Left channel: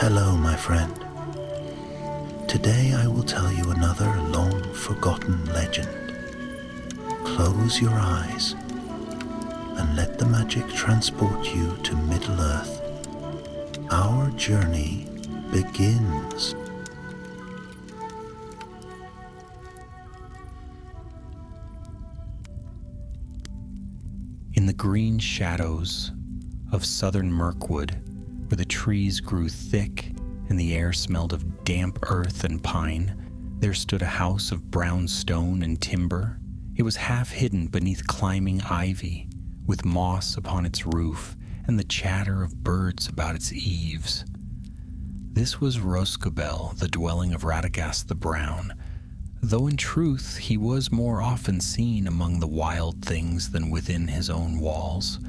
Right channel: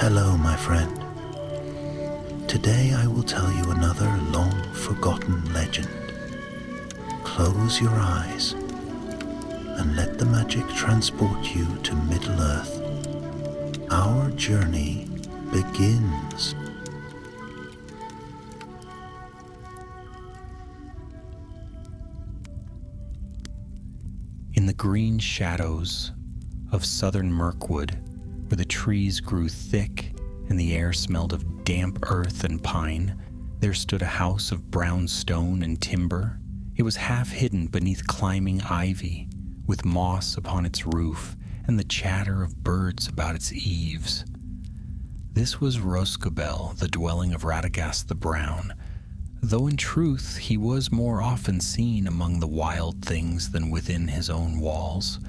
Hello, my friend. Today I will tell you another long-forgotten legend. Close your eyes and let the magic transport you to Middle-earth. Our journey begins. In the green shadows of southern Mirkwood, where the trees grew thick and the air smelled of damp earth and pine, there stood a house of brown stone and timber. It was half hidden beneath climbing ivy, with moss upon its roof and the chatter of birds about its eaves. This was Rhosgobel, the dwelling of Radagast the Brown, though in truth he was more often seen among the wild things than within his own walls.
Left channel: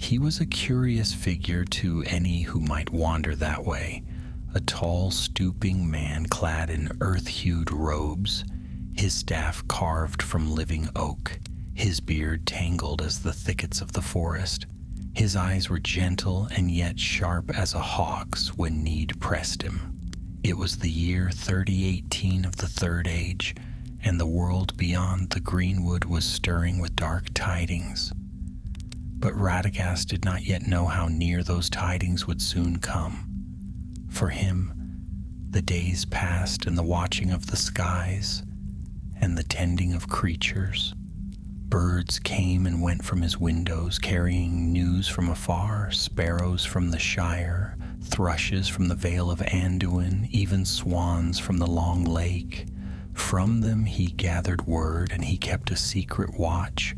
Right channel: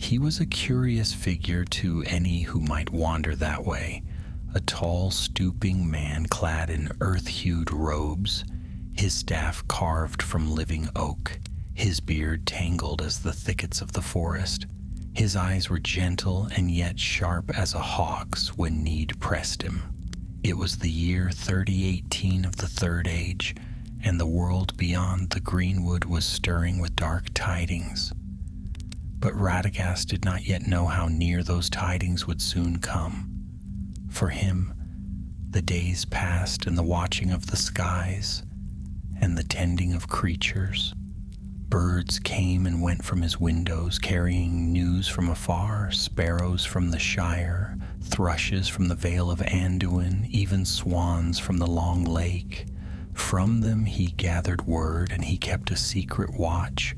He was a curious figure to any who might wander that way, a tall, stooping man clad in earth-hued robes, his staff carved from living oak, his beard tangled as the thickets of the forest. His eyes were gentle and yet sharp as a hawk's when need pressed him. It was the year 3018 of the Third Age, and the world beyond the greenwood was stirring with dark tidings. But Radagast did not yet know how near those tidings would soon come. For him, the days passed in the watching of the skies and the tending of creatures. Birds came and went from his windows, carrying news from afar, sparrows from the Shire, thrushes from the Vale of Anduin, even swans from the long lake. From them he gathered word, and he kept a secret watch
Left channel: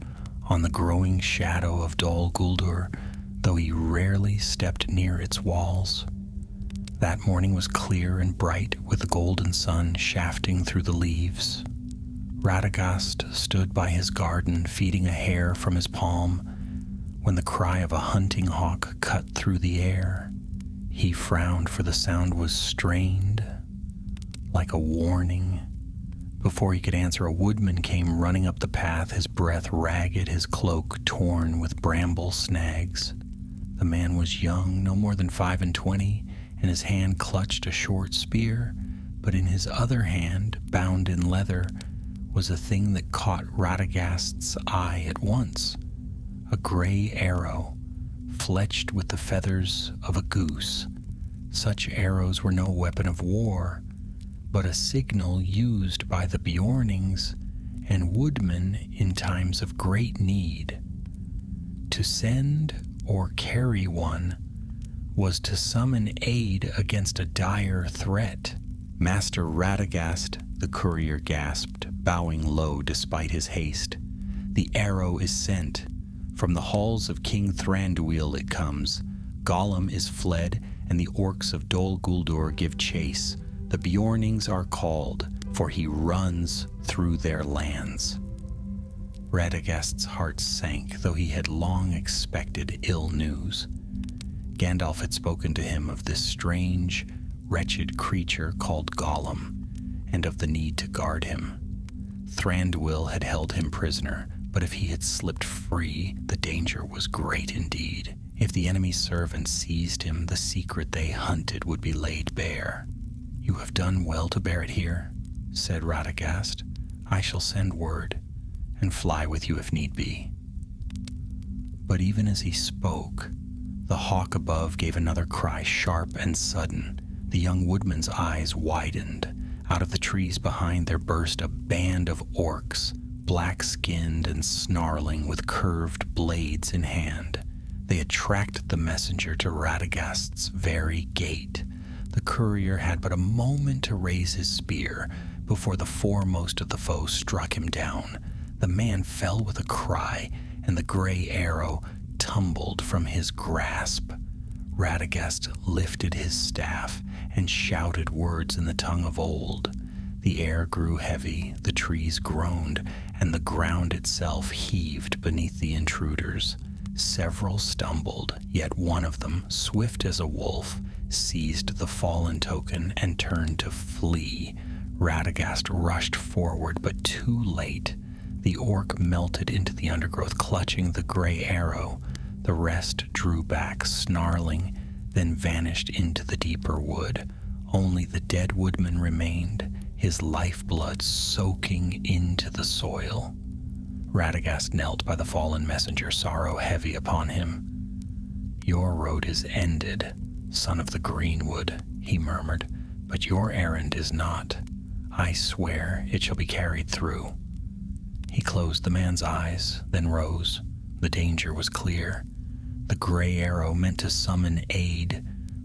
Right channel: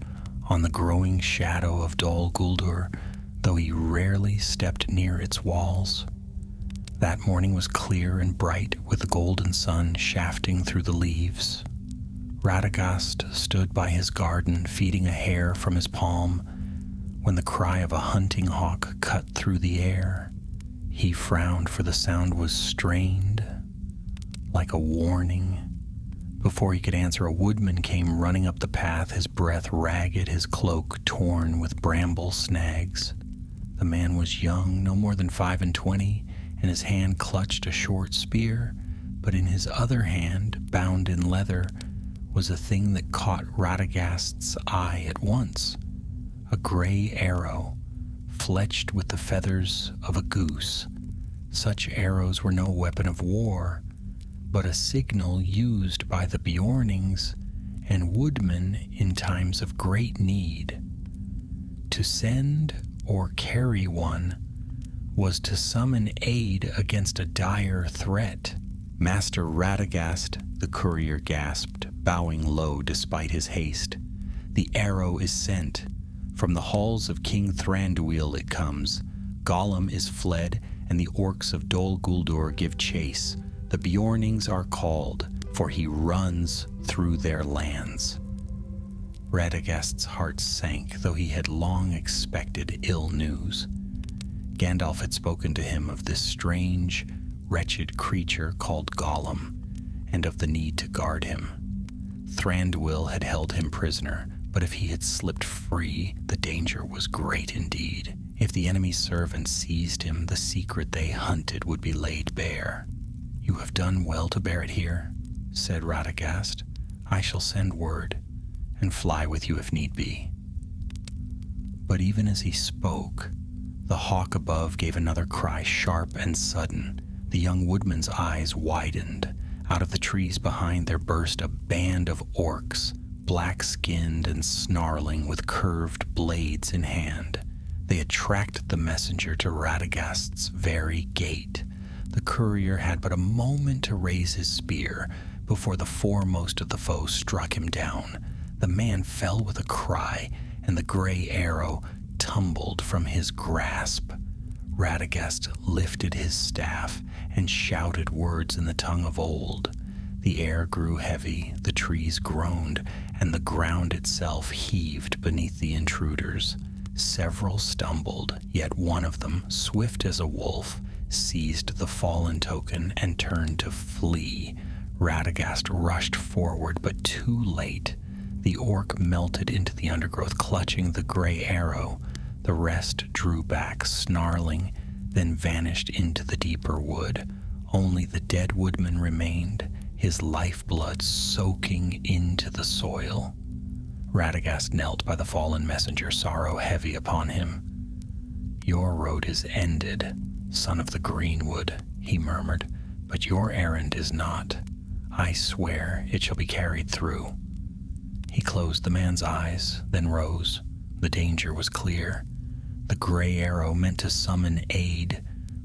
on the growing shadow of Dol Guldur, though he rarely stepped near its walls. That morning was clear and bright, with the golden sun shafting through the leaves. Radagast stood by his garden, feeding a hare from his palm, when the cry of a hunting hawk cut through the air. He frowned, for the sound was strained, like a warning. Before he could answer, a woodman came running up the path, his breath ragged, his cloak torn with bramble snags. The man was young, no more than 25, and his hand clutched a short spear, but in his other hand, bound in leather, was a thing that caught Radagast's eye at once. A gray arrow, fletched with the feathers of a goose. Such arrows were no weapon of war, but a signal used by the Bjornings and woodmen in times of great need. To send or carry one was to summon aid against a dire threat. Master Radagast, the courier gasped, bowing low despite his haste. The arrow is sent. From the halls of King Thranduil it comes. Gollum is fled, and the orcs of Dol Guldur give chase. The Bjornings are called, for he runs through their lands. Radagast's heart sank, though he had long expected ill news. Gandalf had spoken to him of this strange, wretched creature called Gollum, and of the need to guard him. Thranduil had held him prisoner, but if he had slipped free, the danger was great indeed. If the enemy's servants seized him, the secret they hunted would be laid bare. "You have done well to bear it here," said Radagast. "I shall send word, and fly with you if need be." But even as he spoke, the hawk above gave another cry, sharp and sudden. The young woodman's eyes widened. Out of the trees behind there burst a band of orcs, black-skinned and snarling, with curved blades in hand. They had tracked the messenger to Radagast's very gate. The courier had but a moment to raise his spear before the foremost of the foe struck him down. The man fell with a cry, and the gray arrow tumbled from his grasp. Radagast lifted his staff and shouted words in the tongue of old. The air grew heavy, the trees groaned, and the ground itself heaved beneath the intruders. Several stumbled, yet one of them, swift as a wolf, seized the fallen token and turned to flee. Radagast rushed forward, but too late. The orc melted into the undergrowth, clutching the gray arrow. The rest drew back, snarling, then vanished into the deeper wood. Only the dead woodman remained, his lifeblood soaking into the soil. Radagast knelt by the fallen messenger, sorrow heavy upon him. "Your road is ended, son of the greenwood," he murmured, "but your errand is not. I swear it shall be carried through." He closed the man's eyes, then rose. The danger was clear. The gray arrow meant to summon aid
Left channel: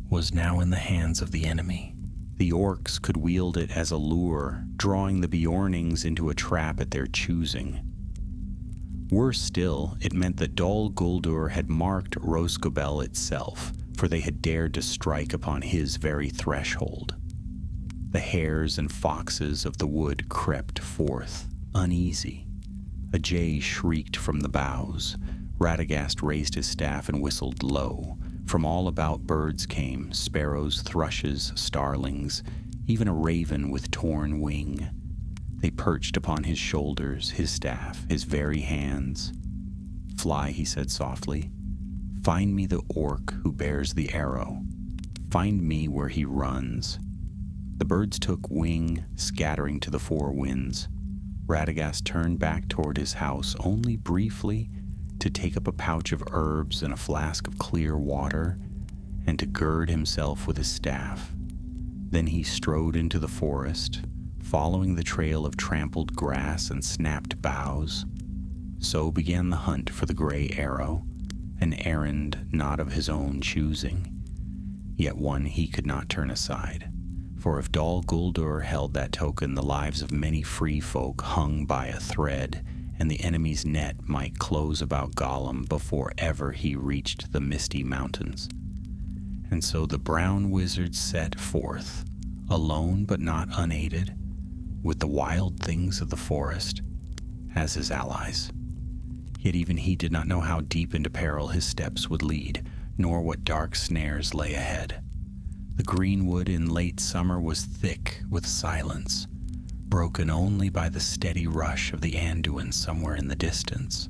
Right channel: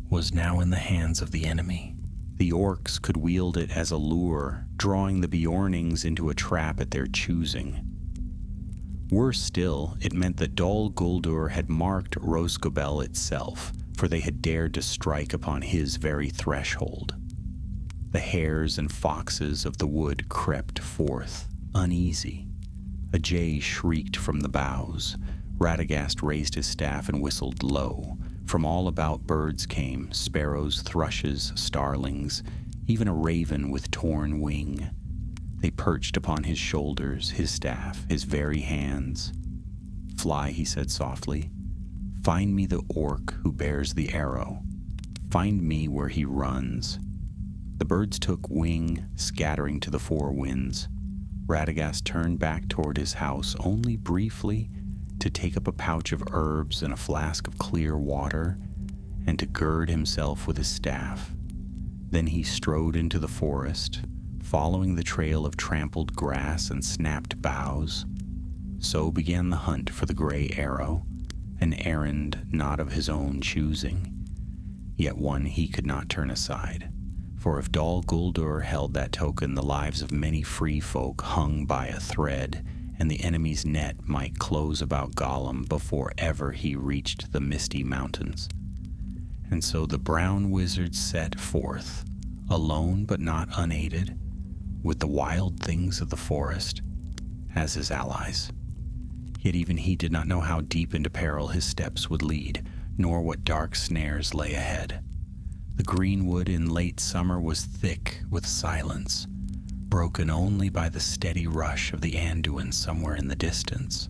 was now in the hands of the enemy. The orcs could wield it as a lure, drawing the Bjornings into a trap at their choosing. Worse still, it meant that Dol Guldur had marked Rhosgobel itself, for they had dared to strike upon his very threshold. The hares and foxes of the wood crept forth, uneasy. A jay shrieked from the boughs. Radagast raised his staff and whistled low. From all about birds came, sparrows, thrushes, starlings, even a raven with torn wing. They perched upon his shoulders, his staff, his very hands. "Fly," he said softly. "Find me the orc who bears the arrow. Find me where he runs." The birds took wing, scattering to the four winds. Radagast turned back toward his house only briefly to take up a pouch of herbs and a flask of clear water, and to gird himself with his staff. Then he strode into the forest, following the trail of trampled grass and snapped boughs. So began the hunt for the gray arrow, an errand not of his own choosing, yet one he could not turn aside. For if Dol Guldur held that token, the lives of many free folk hung by a thread, and the enemy's net might close about Gollum before ever he reached the misty mountains. And so the brown wizard set forth, alone but not unaided, with the wild things of the forest as his allies. Yet even he did not know how deep into peril his steps would lead, nor what dark snares lay ahead. The greenwood in late summer was thick with silence, broken only by the steady rush of the Anduin somewhere in the distance.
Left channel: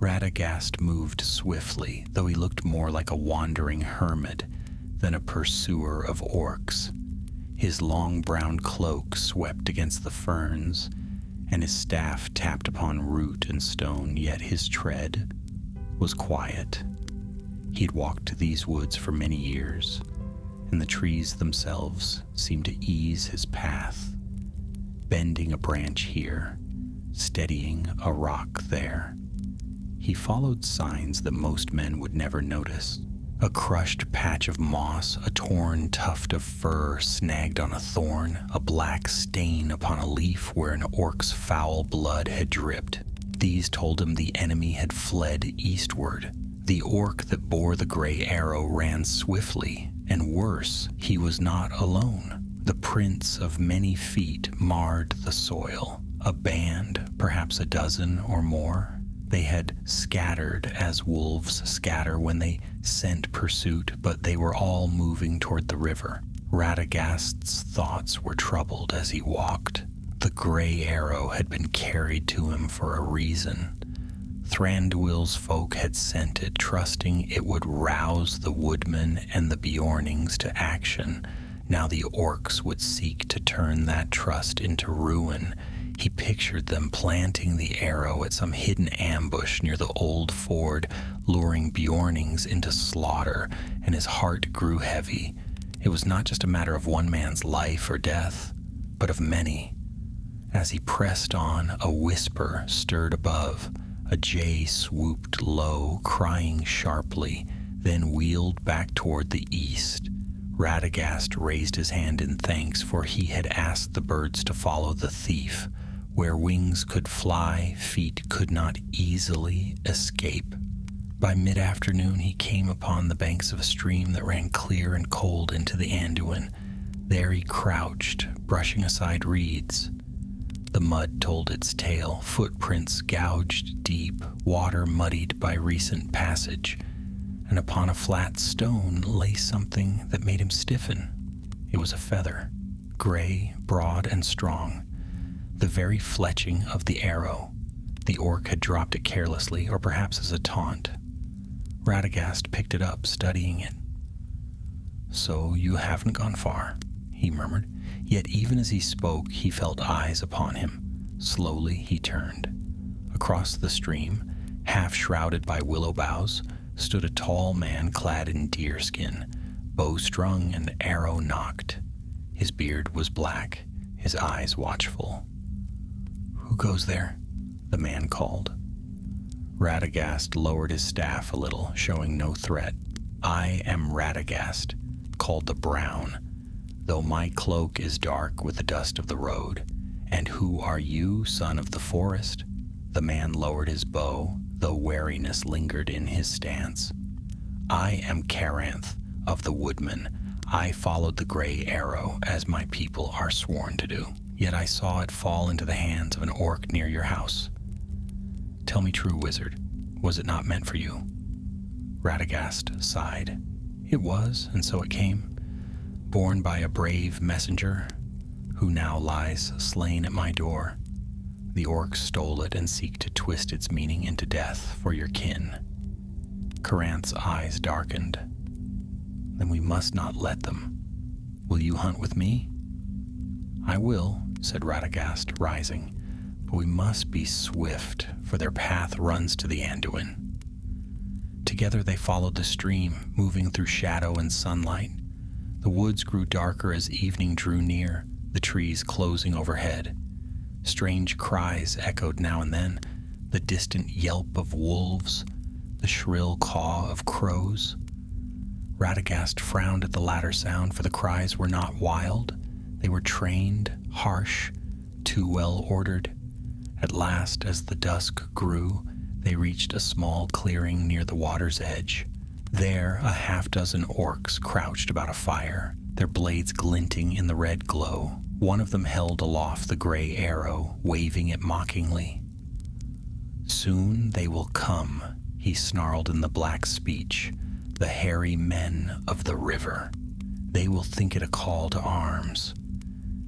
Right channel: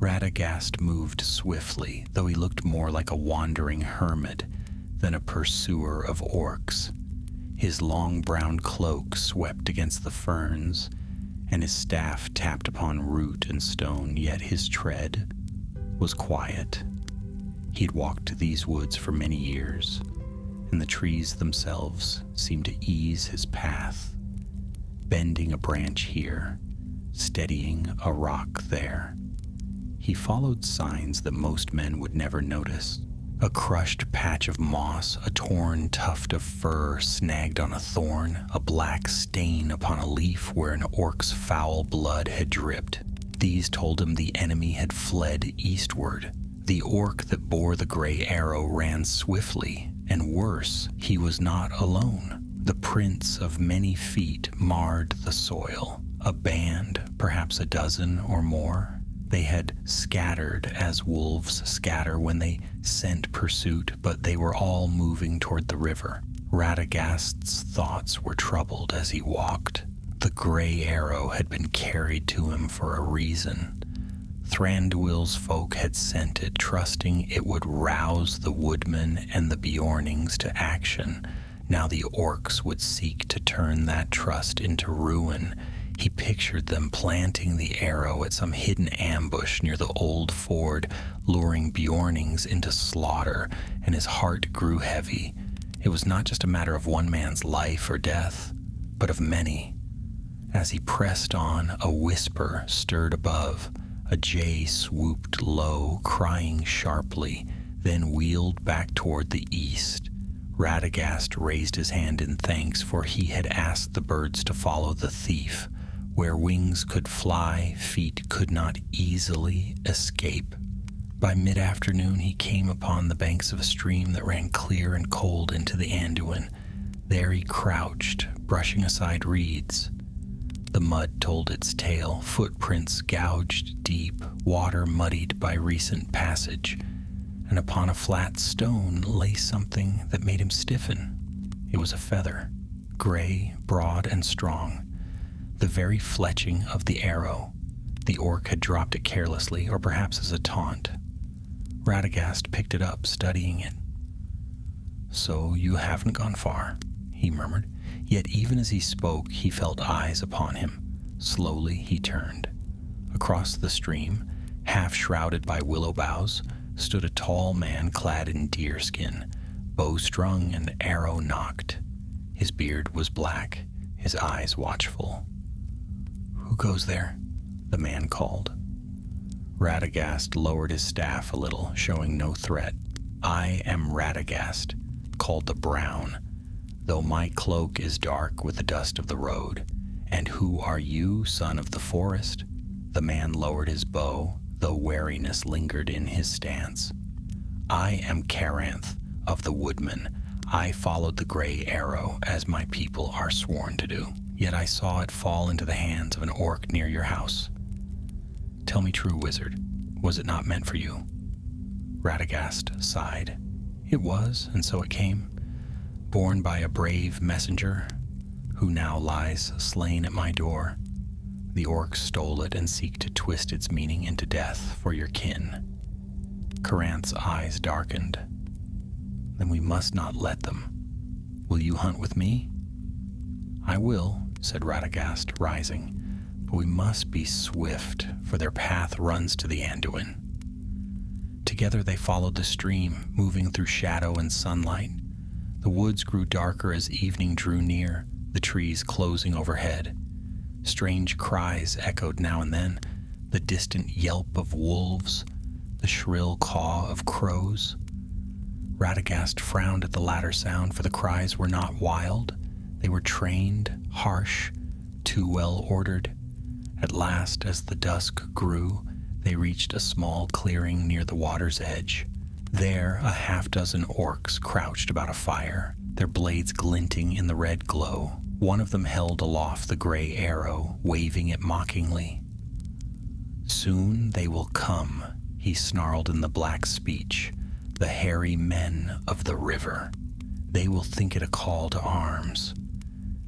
Radagast moved swiftly, though he looked more like a wandering hermit than a pursuer of orcs. His long brown cloak swept against the ferns, and his staff tapped upon root and stone, yet his tread was quiet. He'd walked these woods for many years, and the trees themselves seemed to ease his path, bending a branch here, steadying a rock there. He followed signs that most men would never notice. A crushed patch of moss, a torn tuft of fur snagged on a thorn, a black stain upon a leaf where an orc's foul blood had dripped. These told him the enemy had fled eastward. The orc that bore the gray arrow ran swiftly, and worse, he was not alone. The prints of many feet marred the soil. A band, perhaps a dozen or more. They had scattered as wolves scatter when they scent pursuit, but they were all moving toward the river. Radagast's thoughts were troubled as he walked. The gray arrow had been carried to him for a reason. Thranduil's folk had sent it, trusting it would rouse the woodmen and the Bjornings to action. Now the orcs would seek to turn that trust into ruin. He pictured them planting the arrow at some hidden ambush near the old ford, luring Bjornings into slaughter, and his heart grew heavy. It was not just a matter of one man's life or death, but of many. As he pressed on, a whisper stirred above. A jay swooped low, crying sharply, then wheeled back toward the east. Radagast raised his hand in thanks, for he had asked the birds to follow the thief. Where wings could fly, feet could not easily escape. By mid-afternoon he came upon the banks of a stream that ran clear and cold into the Anduin. There he crouched, brushing aside reeds. The mud told its tale, footprints gouged deep, water muddied by recent passage, and upon a flat stone lay something that made him stiffen. It was a feather, gray, broad, and strong, the very fletching of the arrow. The orc had dropped it carelessly, or perhaps as a taunt. Radagast picked it up, studying it. So you haven't gone far, he murmured. Yet even as he spoke, he felt eyes upon him. Slowly he turned. Across the stream, half shrouded by willow boughs, stood a tall man clad in deerskin, bow strung and arrow nocked. His beard was black, his eyes watchful. "Who goes there?" the man called. Radagast lowered his staff a little, showing no threat. "I am Radagast, called the Brown, though my cloak is dark with the dust of the road. And who are you, son of the forest?" The man lowered his bow, though wariness lingered in his stance. "I am Caranth of the Woodmen. I followed the gray arrow, as my people are sworn to do. Yet I saw it fall into the hands of an orc near your house. Tell me true, wizard, was it not meant for you?" Radagast sighed. "It was, and so it came. Borne by a brave messenger, who now lies slain at my door. The orcs stole it and seek to twist its meaning into death for your kin." Caranth's eyes darkened. "Then we must not let them. Will you hunt with me?" "I will," said Radagast, rising, "but we must be swift, for their path runs to the Anduin." Together they followed the stream, moving through shadow and sunlight. The woods grew darker as evening drew near, the trees closing overhead. Strange cries echoed now and then, the distant yelp of wolves, the shrill caw of crows. Radagast frowned at the latter sound, for the cries were not wild. They were trained, harsh, too well ordered. At last, as the dusk grew, they reached a small clearing near the water's edge. There, a half-dozen orcs crouched about a fire, their blades glinting in the red glow. One of them held aloft the gray arrow, waving it mockingly. "Soon they will come," he snarled in the black speech, "the hairy men of the river. They will think it a call to arms.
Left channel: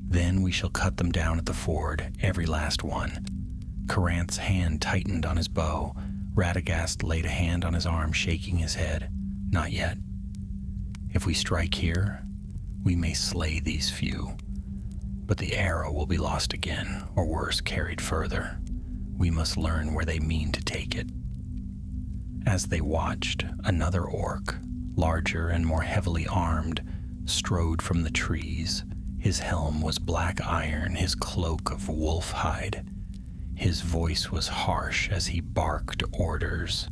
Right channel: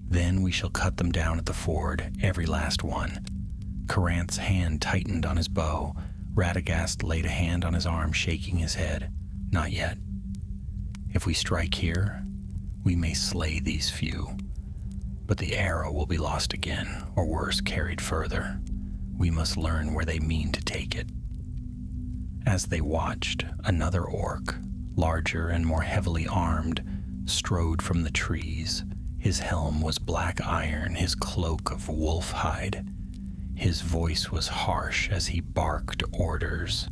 Then we shall cut them down at the ford, every last one." Caranth's hand tightened on his bow. Radagast laid a hand on his arm, shaking his head. "Not yet. If we strike here, we may slay these few. But the arrow will be lost again, or worse, carried further. We must learn where they mean to take it." As they watched, another orc, larger and more heavily armed, strode from the trees. His helm was black iron, his cloak of wolf hide. His voice was harsh as he barked orders.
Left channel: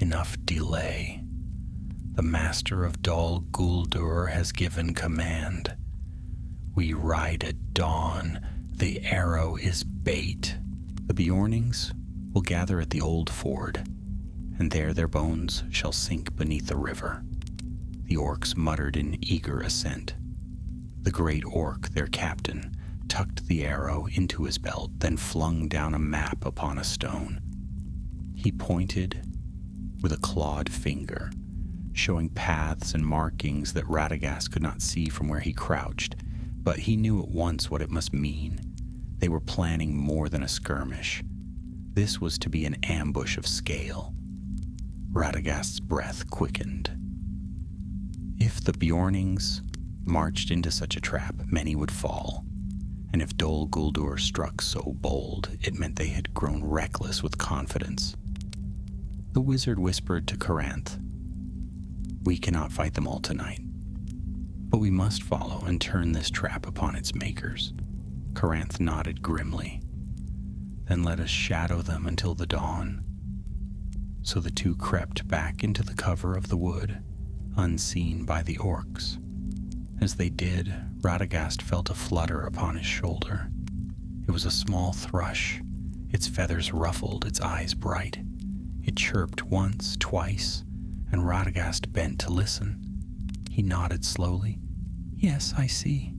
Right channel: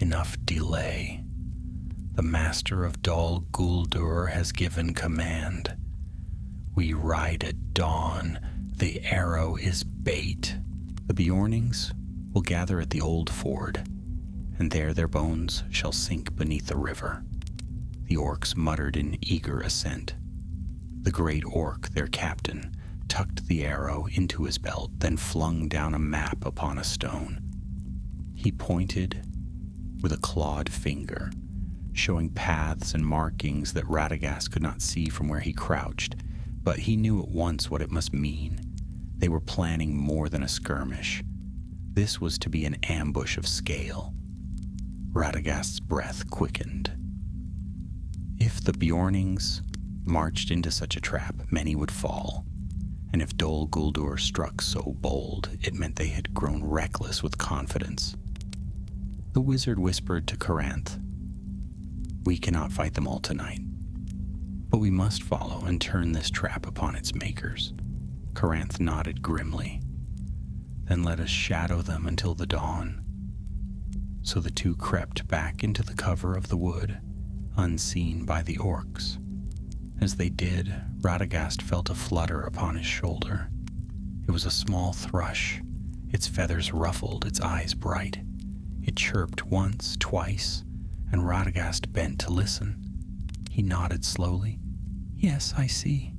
"Enough delay. The master of Dol Guldur has given command. We ride at dawn. The arrow is bait. The Bjornings will gather at the old ford, and there their bones shall sink beneath the river." The orcs muttered in eager assent. The great orc, their captain, tucked the arrow into his belt, then flung down a map upon a stone. He pointed with a clawed finger, showing paths and markings that Radagast could not see from where he crouched, but he knew at once what it must mean. They were planning more than a skirmish. This was to be an ambush of scale. Radagast's breath quickened. If the Bjornings marched into such a trap, many would fall. And if Dol Guldur struck so bold, it meant they had grown reckless with confidence. The wizard whispered to Caranth, "We cannot fight them all tonight, but we must follow and turn this trap upon its makers." Caranth nodded grimly. "Then let us shadow them until the dawn." So the two crept back into the cover of the wood, unseen by the orcs. As they did, Radagast felt a flutter upon his shoulder. It was a small thrush, its feathers ruffled, its eyes bright. It chirped once, twice, and Radagast bent to listen. He nodded slowly. "Yes, I see.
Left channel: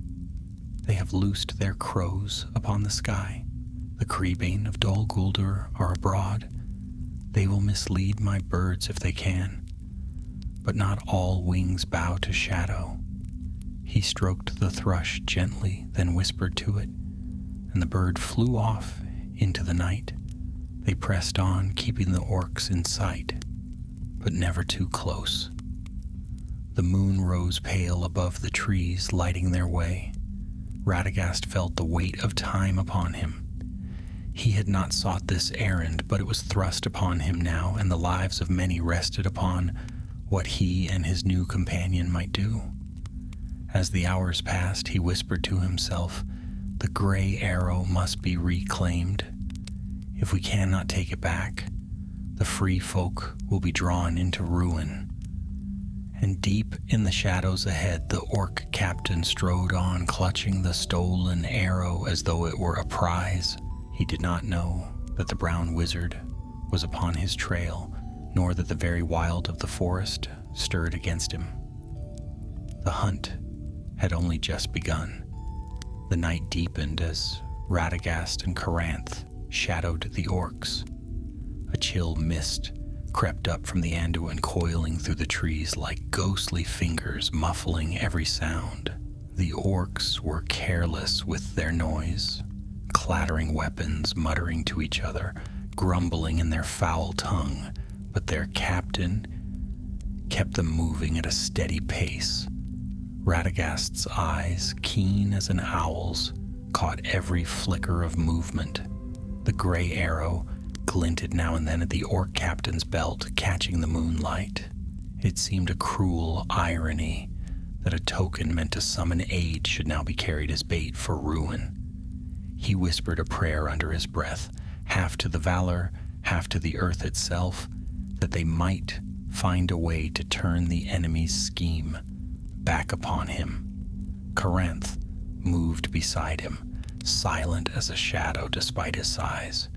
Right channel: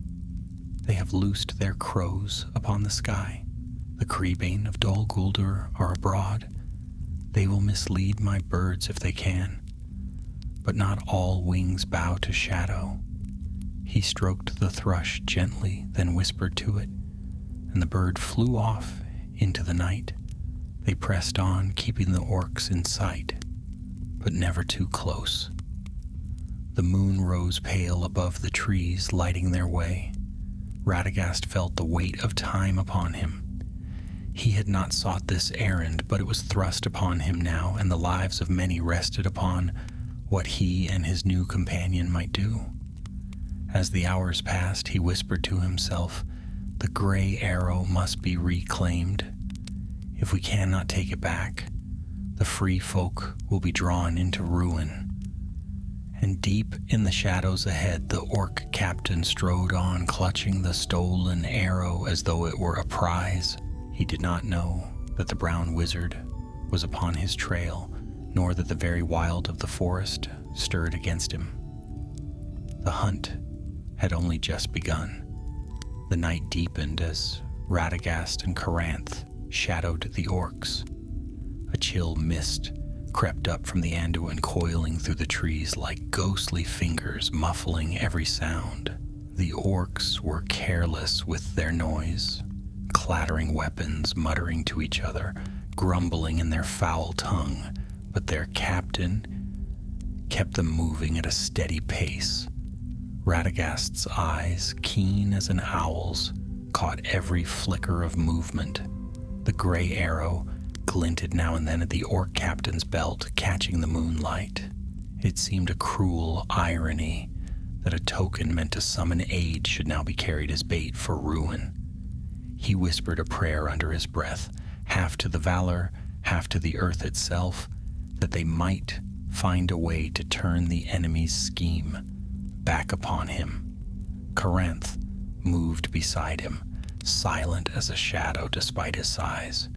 They have loosed their crows upon the sky. The Creebane of Dol Guldur are abroad. They will mislead my birds if they can. But not all wings bow to shadow." He stroked the thrush gently, then whispered to it, and the bird flew off into the night. They pressed on, keeping the orcs in sight, but never too close. The moon rose pale above the trees, lighting their way. Radagast felt the weight of time upon him. He had not sought this errand, but it was thrust upon him now, and the lives of many rested upon what he and his new companion might do. As the hours passed, he whispered to himself, "The gray arrow must be reclaimed. If we cannot take it back, the free folk will be drawn into ruin." And deep in the shadows ahead, the orc captain strode on, clutching the stolen arrow as though it were a prize. He did not know that the brown wizard was upon his trail, nor that the very wild of the forest stirred against him. The hunt had only just begun. The night deepened as Radagast and Coranth shadowed the orcs. A chill mist crept up from the Anduin, coiling through the trees like ghostly fingers, muffling every sound. The orcs were careless with their noise, clattering weapons, muttering to each other, grumbling in their foul tongue, but their captain kept them moving at a steady pace. Radagast's eyes, keen as an owl's, caught every flicker of movement. The gray arrow glinted now and then at the orc captain's belt, catching the moonlight. It seemed a cruel irony that a token meant to summon aid should now be carried as bait for ruin. He whispered a prayer under his breath, half to the valor, half to the earth itself, that they might find a way to turn the enemy's scheme back upon him. Coranth moved beside him, silent as a shadow despite his size.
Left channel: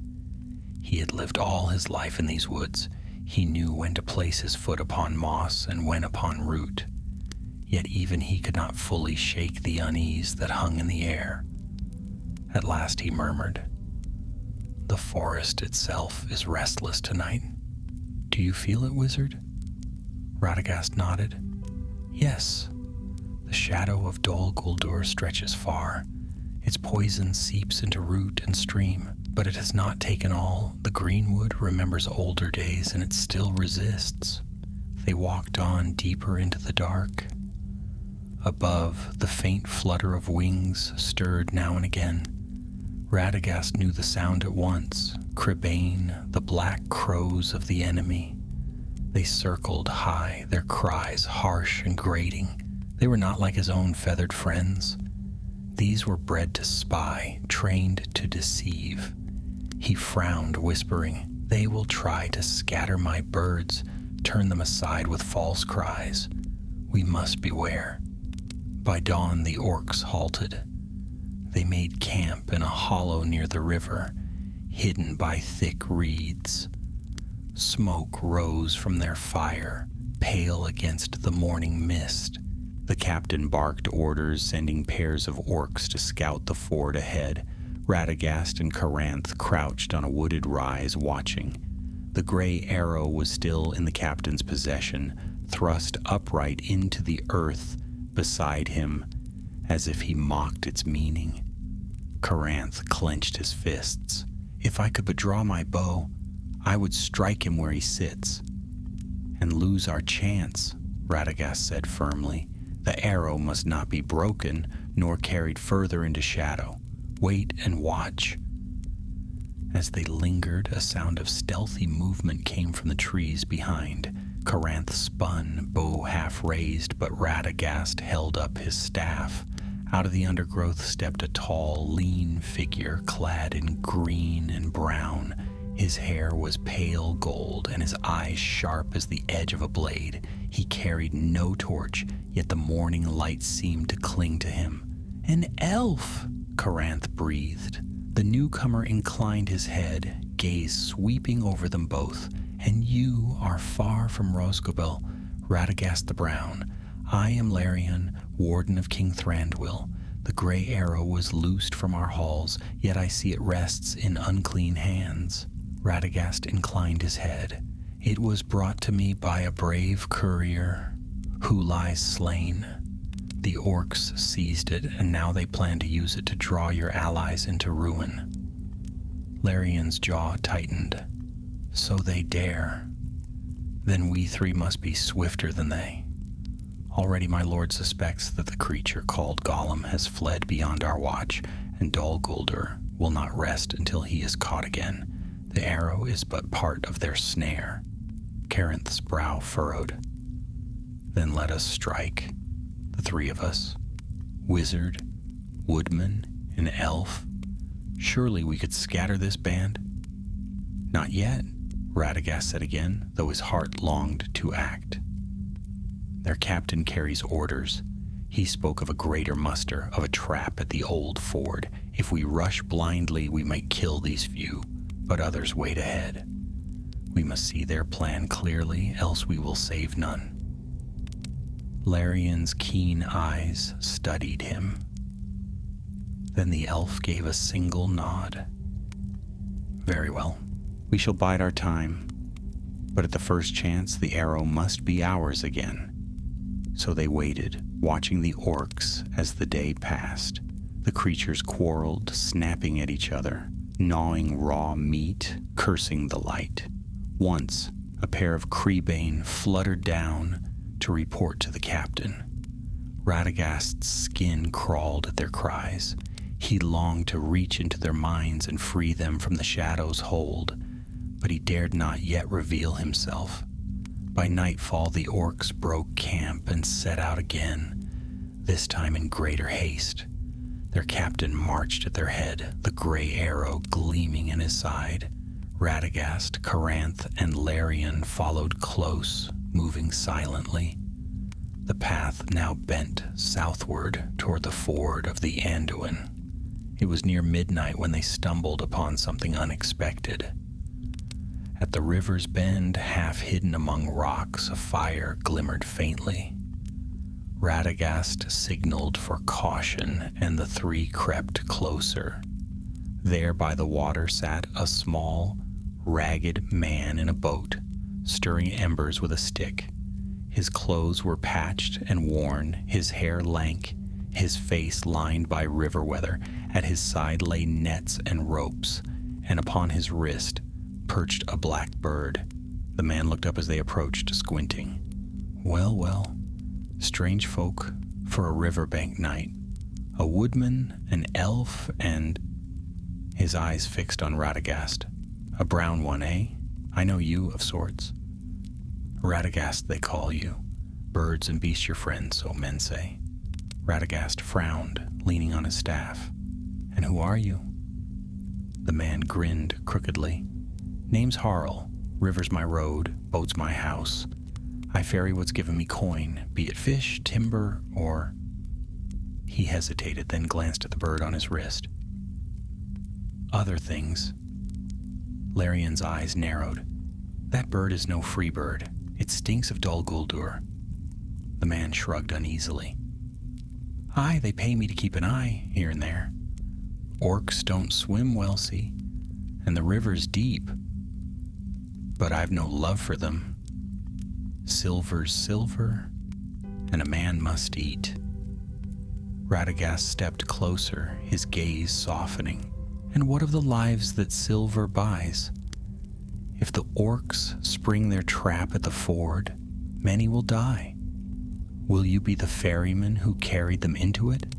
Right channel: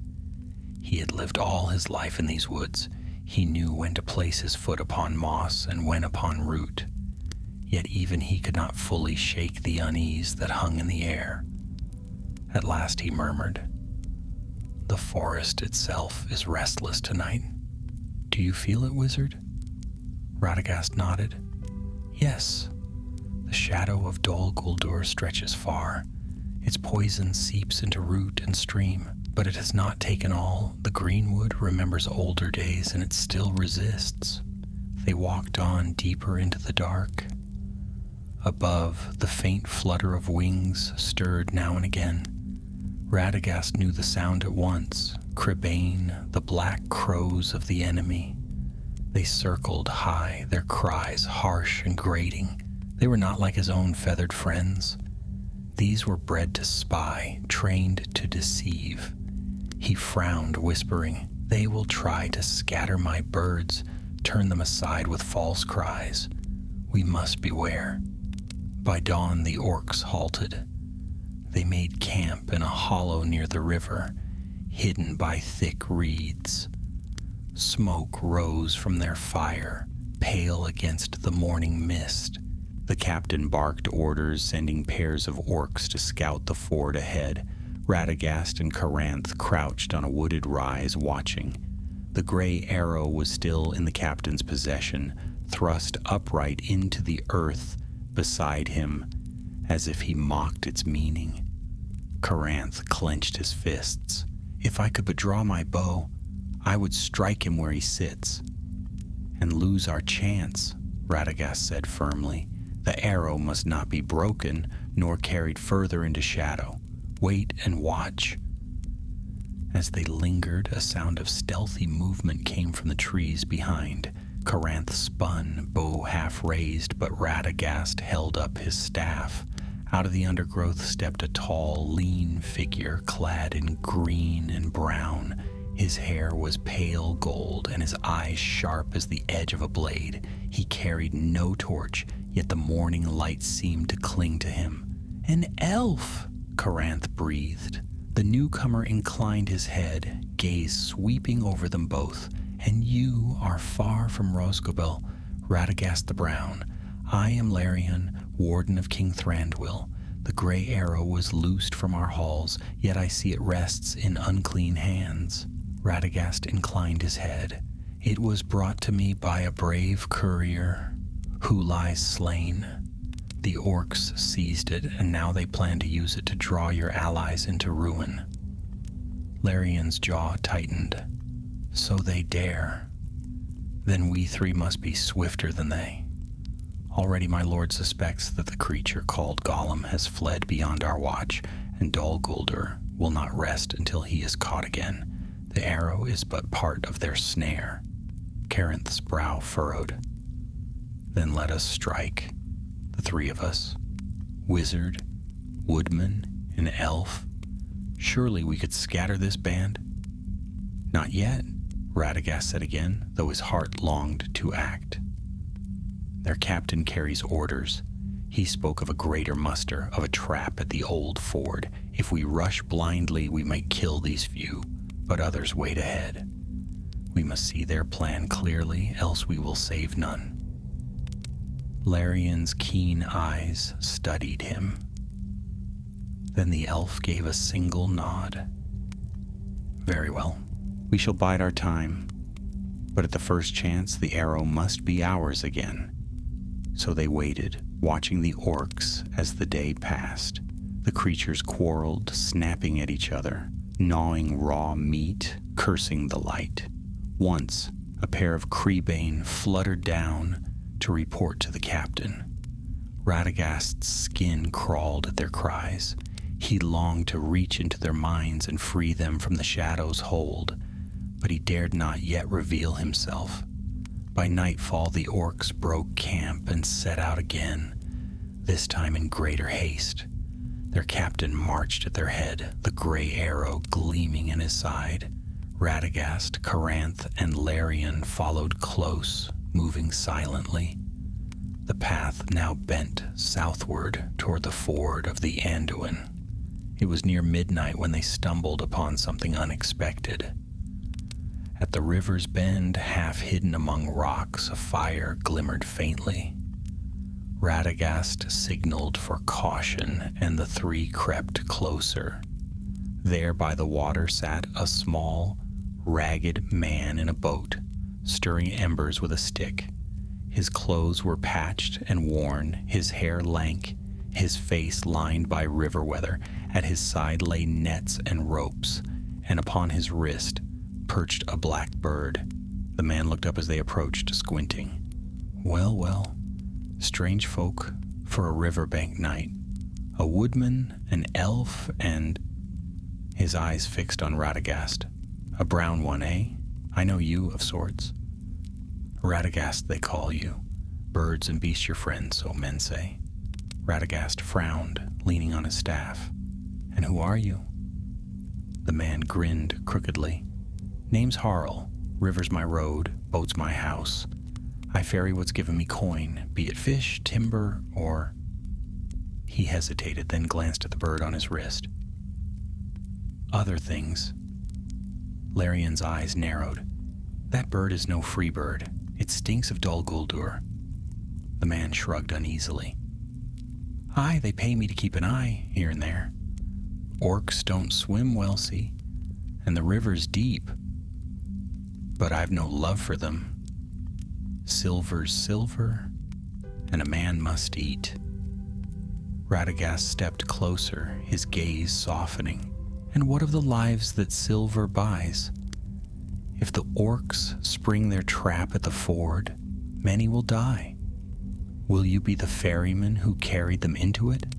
He had lived all his life in these woods. He knew when to place his foot upon moss and when upon root. Yet even he could not fully shake the unease that hung in the air. At last he murmured, "The forest itself is restless tonight. Do you feel it, wizard?" Radagast nodded. "Yes. The shadow of Dol Guldur stretches far. Its poison seeps into root and stream, but it has not taken all. The greenwood remembers older days, and it still resists." They walked on deeper into the dark. Above, the faint flutter of wings stirred now and again. Radagast knew the sound at once, Cribane, the black crows of the enemy. They circled high, their cries harsh and grating. They were not like his own feathered friends. These were bred to spy, trained to deceive. He frowned, whispering, "They will try to scatter my birds, turn them aside with false cries. We must beware." By dawn, the orcs halted. They made camp in a hollow near the river, hidden by thick reeds. Smoke rose from their fire, pale against the morning mist. The captain barked orders, sending pairs of orcs to scout the ford ahead. Radagast and Coranth crouched on a wooded rise, watching. The gray arrow was still in the captain's possession, thrust upright into the earth beside him, as if he mocked its meaning. Coranth clenched his fists. "If I could but draw my bow, I would strike him where he sits." "And lose our chance," Radagast said firmly. "The arrow must not be broken, nor carried further into shadow. Wait and watch." As they lingered, a sound of stealthy movement came from the trees behind. Coranth spun, bow half raised, but Radagast held up his staff. Out of the undergrowth stepped a tall, lean figure clad in green and brown. His hair was pale gold and his eyes sharp as the edge of a blade. He carried no torch, yet the morning light seemed to cling to him. "An elf!" Coranth breathed. The newcomer inclined his head, gaze sweeping over them both. "And you are far from Rosgobel, Radagast the Brown. I am Larion, warden of King Thranduil. The gray arrow was loosed from our halls, yet I see it rests in unclean hands." Radagast inclined his head. "It was brought to me by a brave courier who lies slain. The orcs seized it, and now they plan to use it to draw your allies into ruin." Larion's jaw tightened. "So they dare. Then we three must be swifter than they." Already my lord suspects that the creature called Gollum has fled beyond our watch, and Dol Guldur will not rest until he is caught again. The arrow is but part of their snare. Carinth's brow furrowed. Then let us strike, the three of us. Wizard, woodman, and elf. Surely we could scatter this band? Not yet, Radagast said again, though his heart longed to act. Their captain carries orders. He spoke of a greater muster, of a trap at the old ford. If we rush blindly, we might kill these few, but others wait ahead. We must see their plan clearly, else we will save none. Larion's keen eyes studied him. Then the elf gave a single nod. Very well. We shall bide our time, but at the first chance the arrow must be ours again. So they waited, watching the orcs as the day passed. The creatures quarreled, snapping at each other, gnawing raw meat, cursing the light. Once, a pair of Creebane fluttered down to report to the captain. Radagast's skin crawled at their cries. He longed to reach into their minds and free them from the shadow's hold, but he dared not yet reveal himself. By nightfall, the orcs broke camp and set out again, this time in greater haste. Their captain marched at their head, the gray arrow gleaming in his side. Radagast, Caranth, and Larion followed close, moving silently. The path now bent southward toward the ford of the Anduin. It was near midnight when they stumbled upon something unexpected. At the river's bend, half hidden among rocks, a fire glimmered faintly. Radagast signaled for caution, and the three crept closer. There by the water sat a small, ragged man in a boat, stirring embers with a stick. His clothes were patched and worn, his hair lank, his face lined by river weather. At his side lay nets and ropes, and upon his wrist perched a black bird. The man looked up as they approached, squinting. Well, well, strange folk for a riverbank night. A woodman, an elf, and... His eyes fixed on Radagast. A brown one, eh? I know you of sorts. Radagast they call you. Birds and beasts your friends, so men say. Radagast frowned, leaning on his staff. And who are you? The man grinned crookedly. Name's Harl. River's my road, boat's my house. I ferry what's given me coin, be it fish, timber, or... He hesitated, then glanced at the bird on his wrist. Other things. Larion's eyes narrowed. That bird is no free bird. It stinks of Dol Guldur. The man shrugged uneasily. Aye, they pay me to keep an eye, here and there. Orcs don't swim well, see, and the river's deep. But I've no love for them. Silver's silver, and a man must eat. Radagast stepped closer, his gaze softening. And what of the lives that silver buys? If the orcs spring their trap at the ford, many will die. Will you be the ferryman who carried them into it?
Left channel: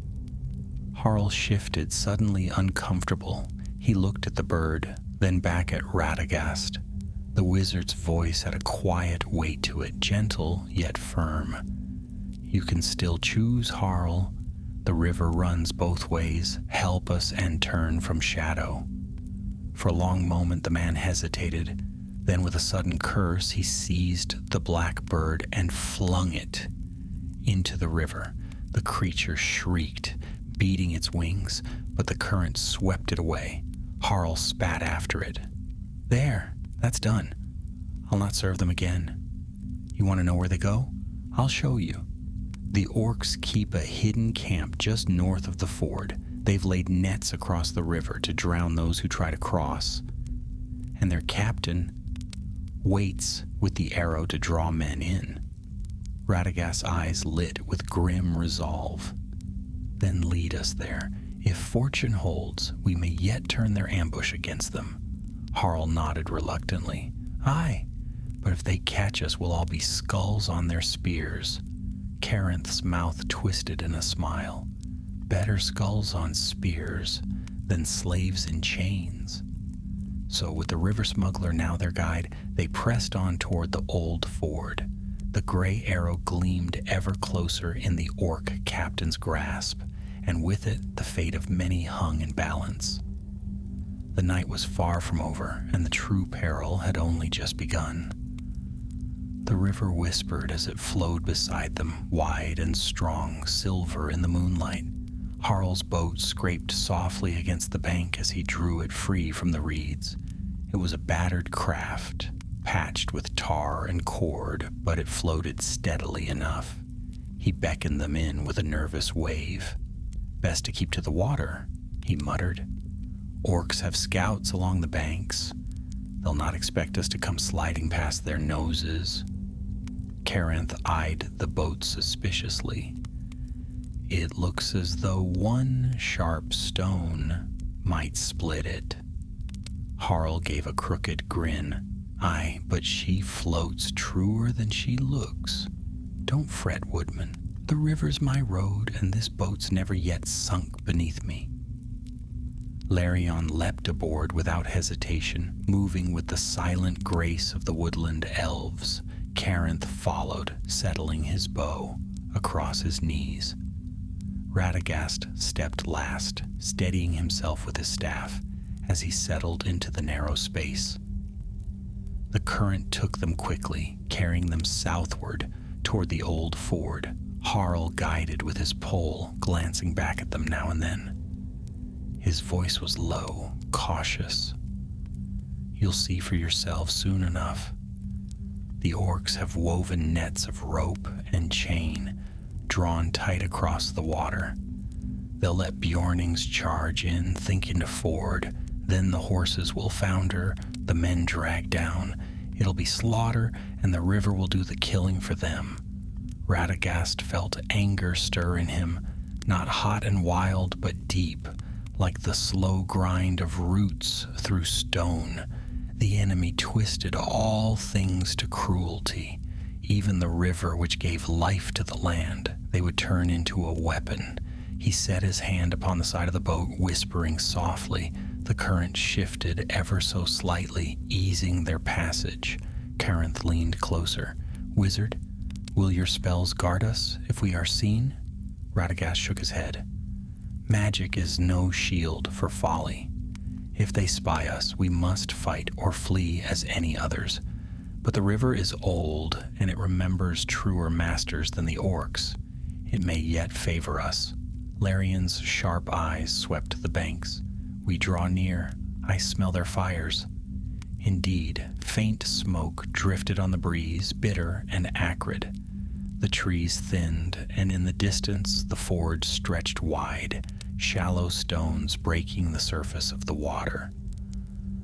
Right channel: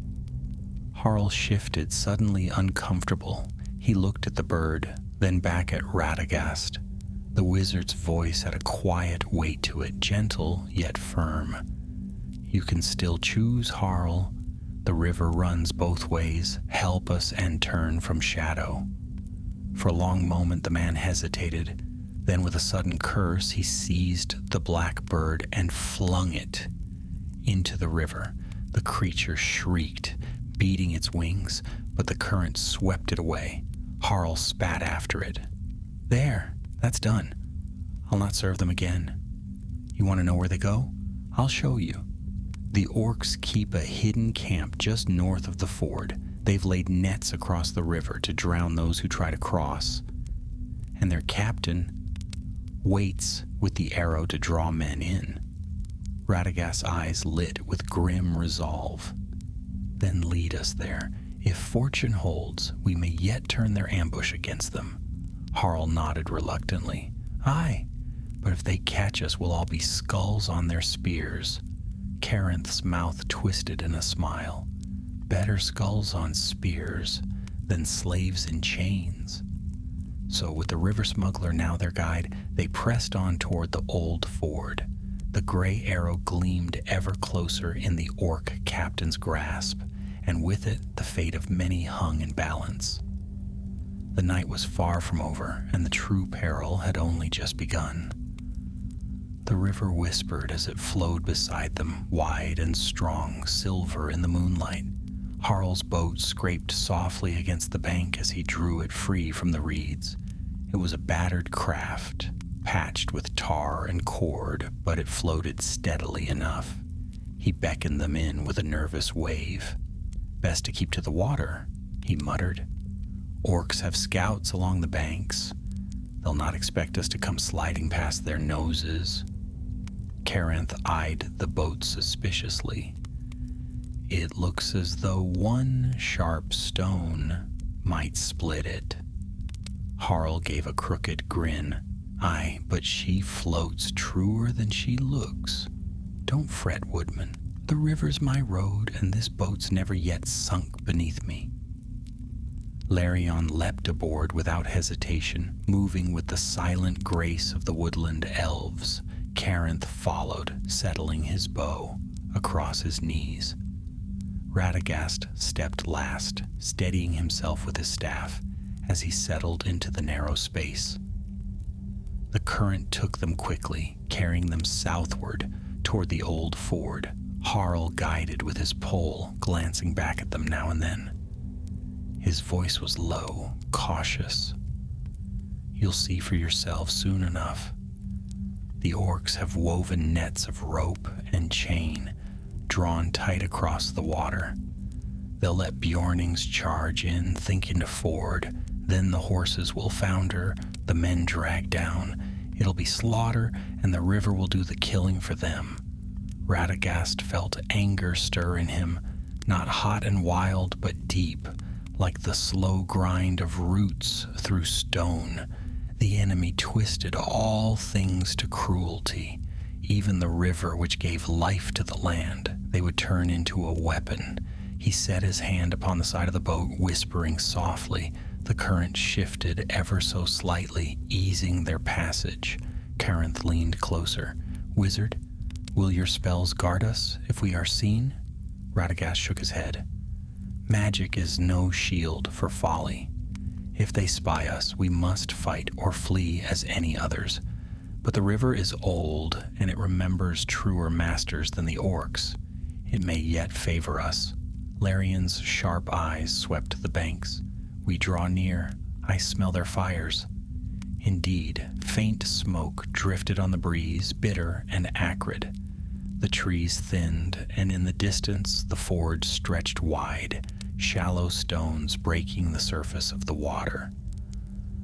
Harl shifted, suddenly uncomfortable. He looked at the bird, then back at Radagast. The wizard's voice had a quiet weight to it, gentle yet firm. You can still choose, Harl. The river runs both ways. Help us and turn from shadow. For a long moment the man hesitated. Then with a sudden curse he seized the black bird and flung it into the river. The creature shrieked, beating its wings, but the current swept it away. Harl spat after it. There, that's done. I'll not serve them again. You want to know where they go? I'll show you. The orcs keep a hidden camp just north of the ford. They've laid nets across the river to drown those who try to cross. And their captain waits with the arrow to draw men in. Radagast's eyes lit with grim resolve. Then lead us there. If fortune holds, we may yet turn their ambush against them. Harl nodded reluctantly. Aye, but if they catch us, we'll all be skulls on their spears. Carinth's mouth twisted in a smile. Better skulls on spears than slaves in chains. So with the river smuggler now their guide, they pressed on toward the old ford. The gray arrow gleamed ever closer in the orc captain's grasp, and with it the fate of many hung in balance. The night was far from over, and the true peril had only just begun. The river whispered as it flowed beside them, wide and strong, silver in the moonlight. Harl's boat scraped softly against the bank as he drew it free from the reeds. It was a battered craft, patched with tar and cord, but it floated steadily enough. He beckoned them in with a nervous wave. "Best to keep to the water," he muttered. "Orcs have scouts along the banks. They'll not expect us to come sliding past their noses." Carinth eyed the boat suspiciously. "It looks as though one sharp stone might split it." Harl gave a crooked grin. "Aye, but she floats truer than she looks. Don't fret, woodman. The river's my road, and this boat's never yet sunk beneath me." Larion leapt aboard without hesitation, moving with the silent grace of the woodland elves. Carinth followed, settling his bow across his knees. Radagast stepped last, steadying himself with his staff as he settled into the narrow space. The current took them quickly, carrying them southward toward the old ford. Harl guided with his pole, glancing back at them now and then. His voice was low, cautious. "You'll see for yourself soon enough. The orcs have woven nets of rope and chain, drawn tight across the water. They'll let Bjornings charge in, thinking to ford. Then the horses will founder, the men drag down. It'll be slaughter, and the river will do the killing for them." Radagast felt anger stir in him, not hot and wild, but deep, like the slow grind of roots through stone. The enemy twisted all things to cruelty, even the river which gave life to the land. They would turn into a weapon. He set his hand upon the side of the boat, whispering softly. The current shifted ever so slightly, easing their passage. Carinth leaned closer. "Wizard, will your spells guard us if we are seen?" Radagast shook his head. "Magic is no shield for folly. If they spy us, we must fight or flee as any others. But the river is old, and it remembers truer masters than the orcs. It may yet favor us." Larion's sharp eyes swept the banks. "We draw near. I smell their fires." Indeed, faint smoke drifted on the breeze, bitter and acrid. The trees thinned, and in the distance the ford stretched wide, shallow stones breaking the surface of the water.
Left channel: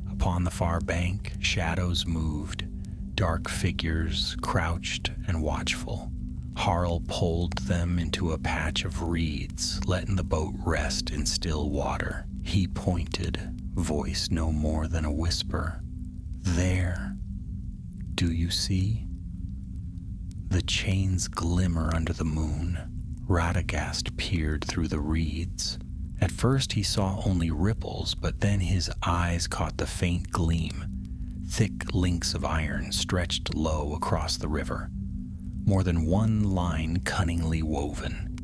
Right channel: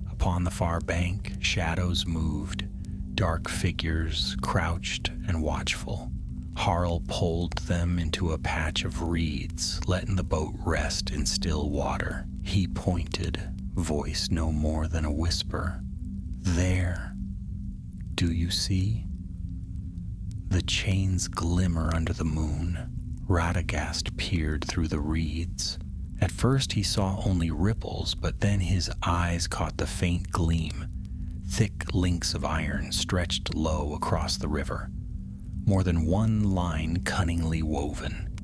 Upon the far bank, shadows moved, dark figures crouched and watchful. Harl poled them into a patch of reeds, letting the boat rest in still water. He pointed, voice no more than a whisper. "There. Do you see?" The chains glimmer under the moon. Radagast peered through the reeds. At first he saw only ripples, but then his eyes caught the faint gleam. Thick links of iron stretched low across the river. More than one line cunningly woven.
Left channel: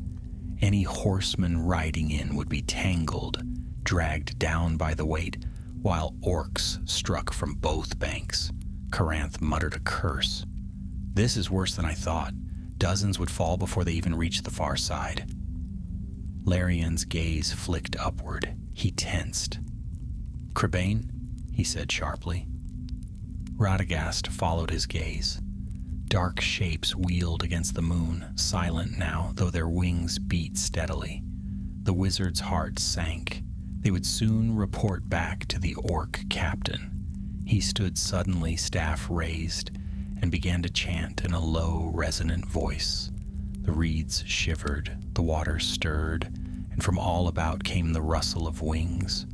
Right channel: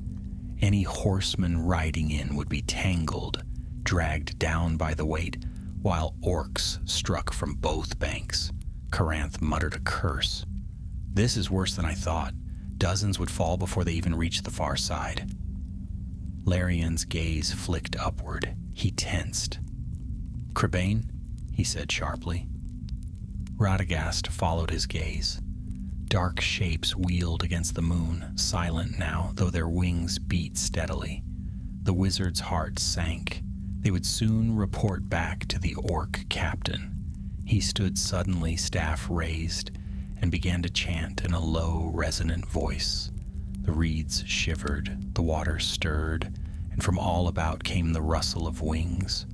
Any horseman riding in would be tangled, dragged down by the weight, while orcs struck from both banks. Carinth muttered a curse. "This is worse than I thought. Dozens would fall before they even reached the far side." Larion's gaze flicked upward. He tensed. "Crebain?" he said sharply. Radagast followed his gaze. Dark shapes wheeled against the moon, silent now, though their wings beat steadily. The wizard's heart sank. They would soon report back to the orc captain. He stood suddenly, staff raised, and began to chant in a low, resonant voice. The reeds shivered, the water stirred, and from all about came the rustle of wings.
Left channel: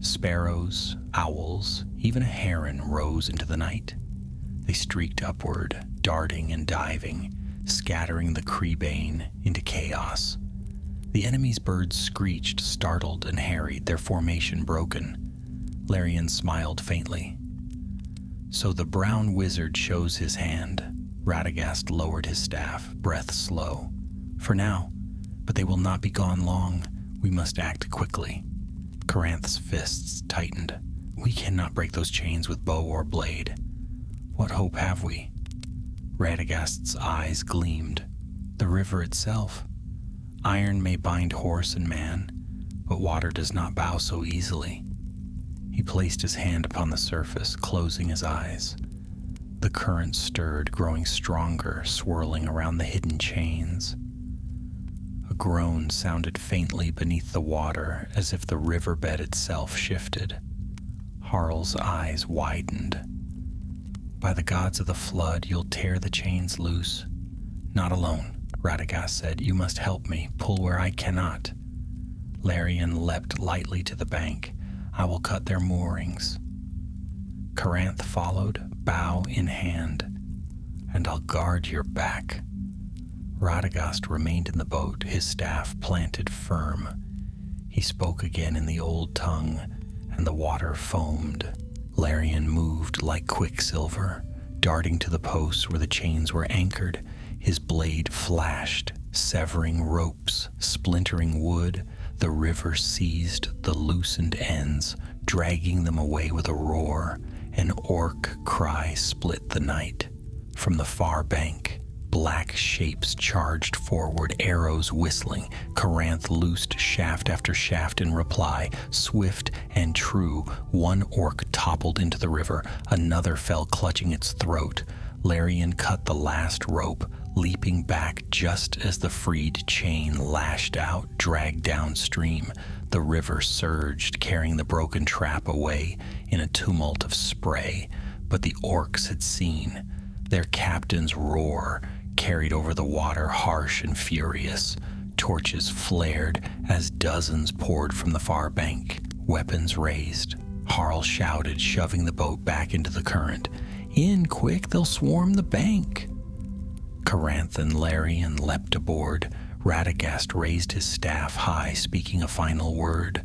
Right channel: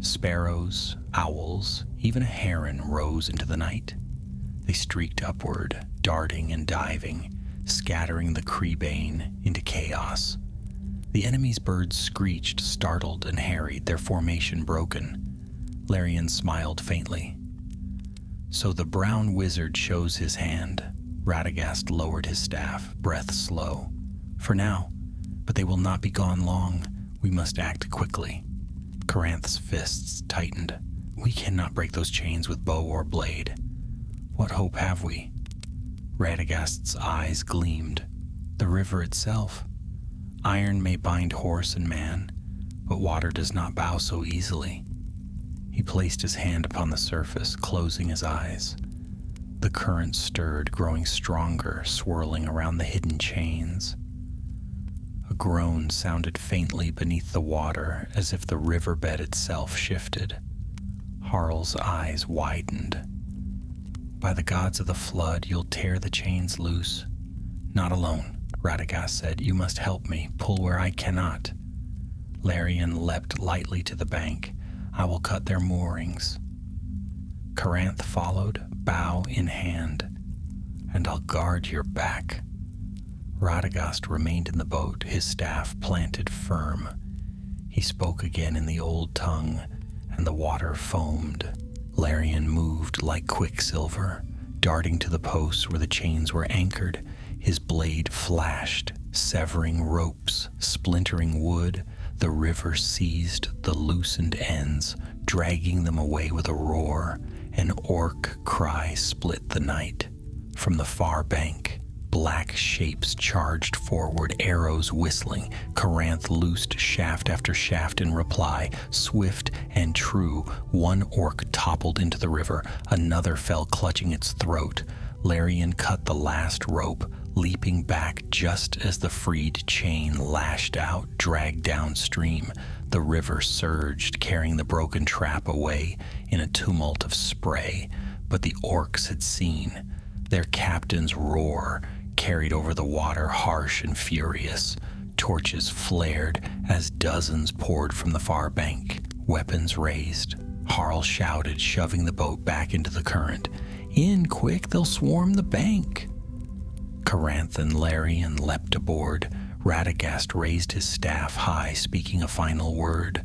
Sparrows, owls, even a heron rose into the night. They streaked upward, darting and diving, scattering the Creebane into chaos. The enemy's birds screeched, startled and harried, their formation broken. Larian smiled faintly. So the brown wizard shows his hand. Radagast lowered his staff, breath slow. For now, but they will not be gone long. We must act quickly. Caranth's fists tightened. We cannot break those chains with bow or blade. What hope have we? Radagast's eyes gleamed. The river itself. Iron may bind horse and man, but water does not bow so easily. He placed his hand upon the surface, closing his eyes. The current stirred, growing stronger, swirling around the hidden chains. A groan sounded faintly beneath the water, as if the riverbed itself shifted. Harl's eyes widened. By the gods of the flood, you'll tear the chains loose. Not alone, Radagast said. You must help me, pull where I cannot. Larian leapt lightly to the bank. I will cut their moorings. Caranth followed, bow in hand. And I'll guard your back. Radagast remained in the boat, his staff planted firm. He spoke again in the old tongue, and the water foamed. Larian moved like quicksilver, darting to the posts where the chains were anchored. His blade flashed, severing ropes, splintering wood. The river seized the loosened ends, dragging them away with a roar. An orc cry split the night. From the far bank, black shapes charged forward, arrows whistling. Caranth loosed shaft after shaft in reply. Swift and true, one orc toppled into the river. Another fell clutching its throat. Larian cut the last rope, leaping back just as the freed chain lashed out, dragged downstream. The river surged, carrying the broken trap away in a tumult of spray. But the orcs had seen. Their captain's roar carried over the water, harsh and furious. Torches flared as dozens poured from the far bank, weapons raised. Harl shouted, shoving the boat back into the current. In, quick, they'll swarm the bank. Caranth and Larian leapt aboard. Radagast raised his staff high, speaking a final word.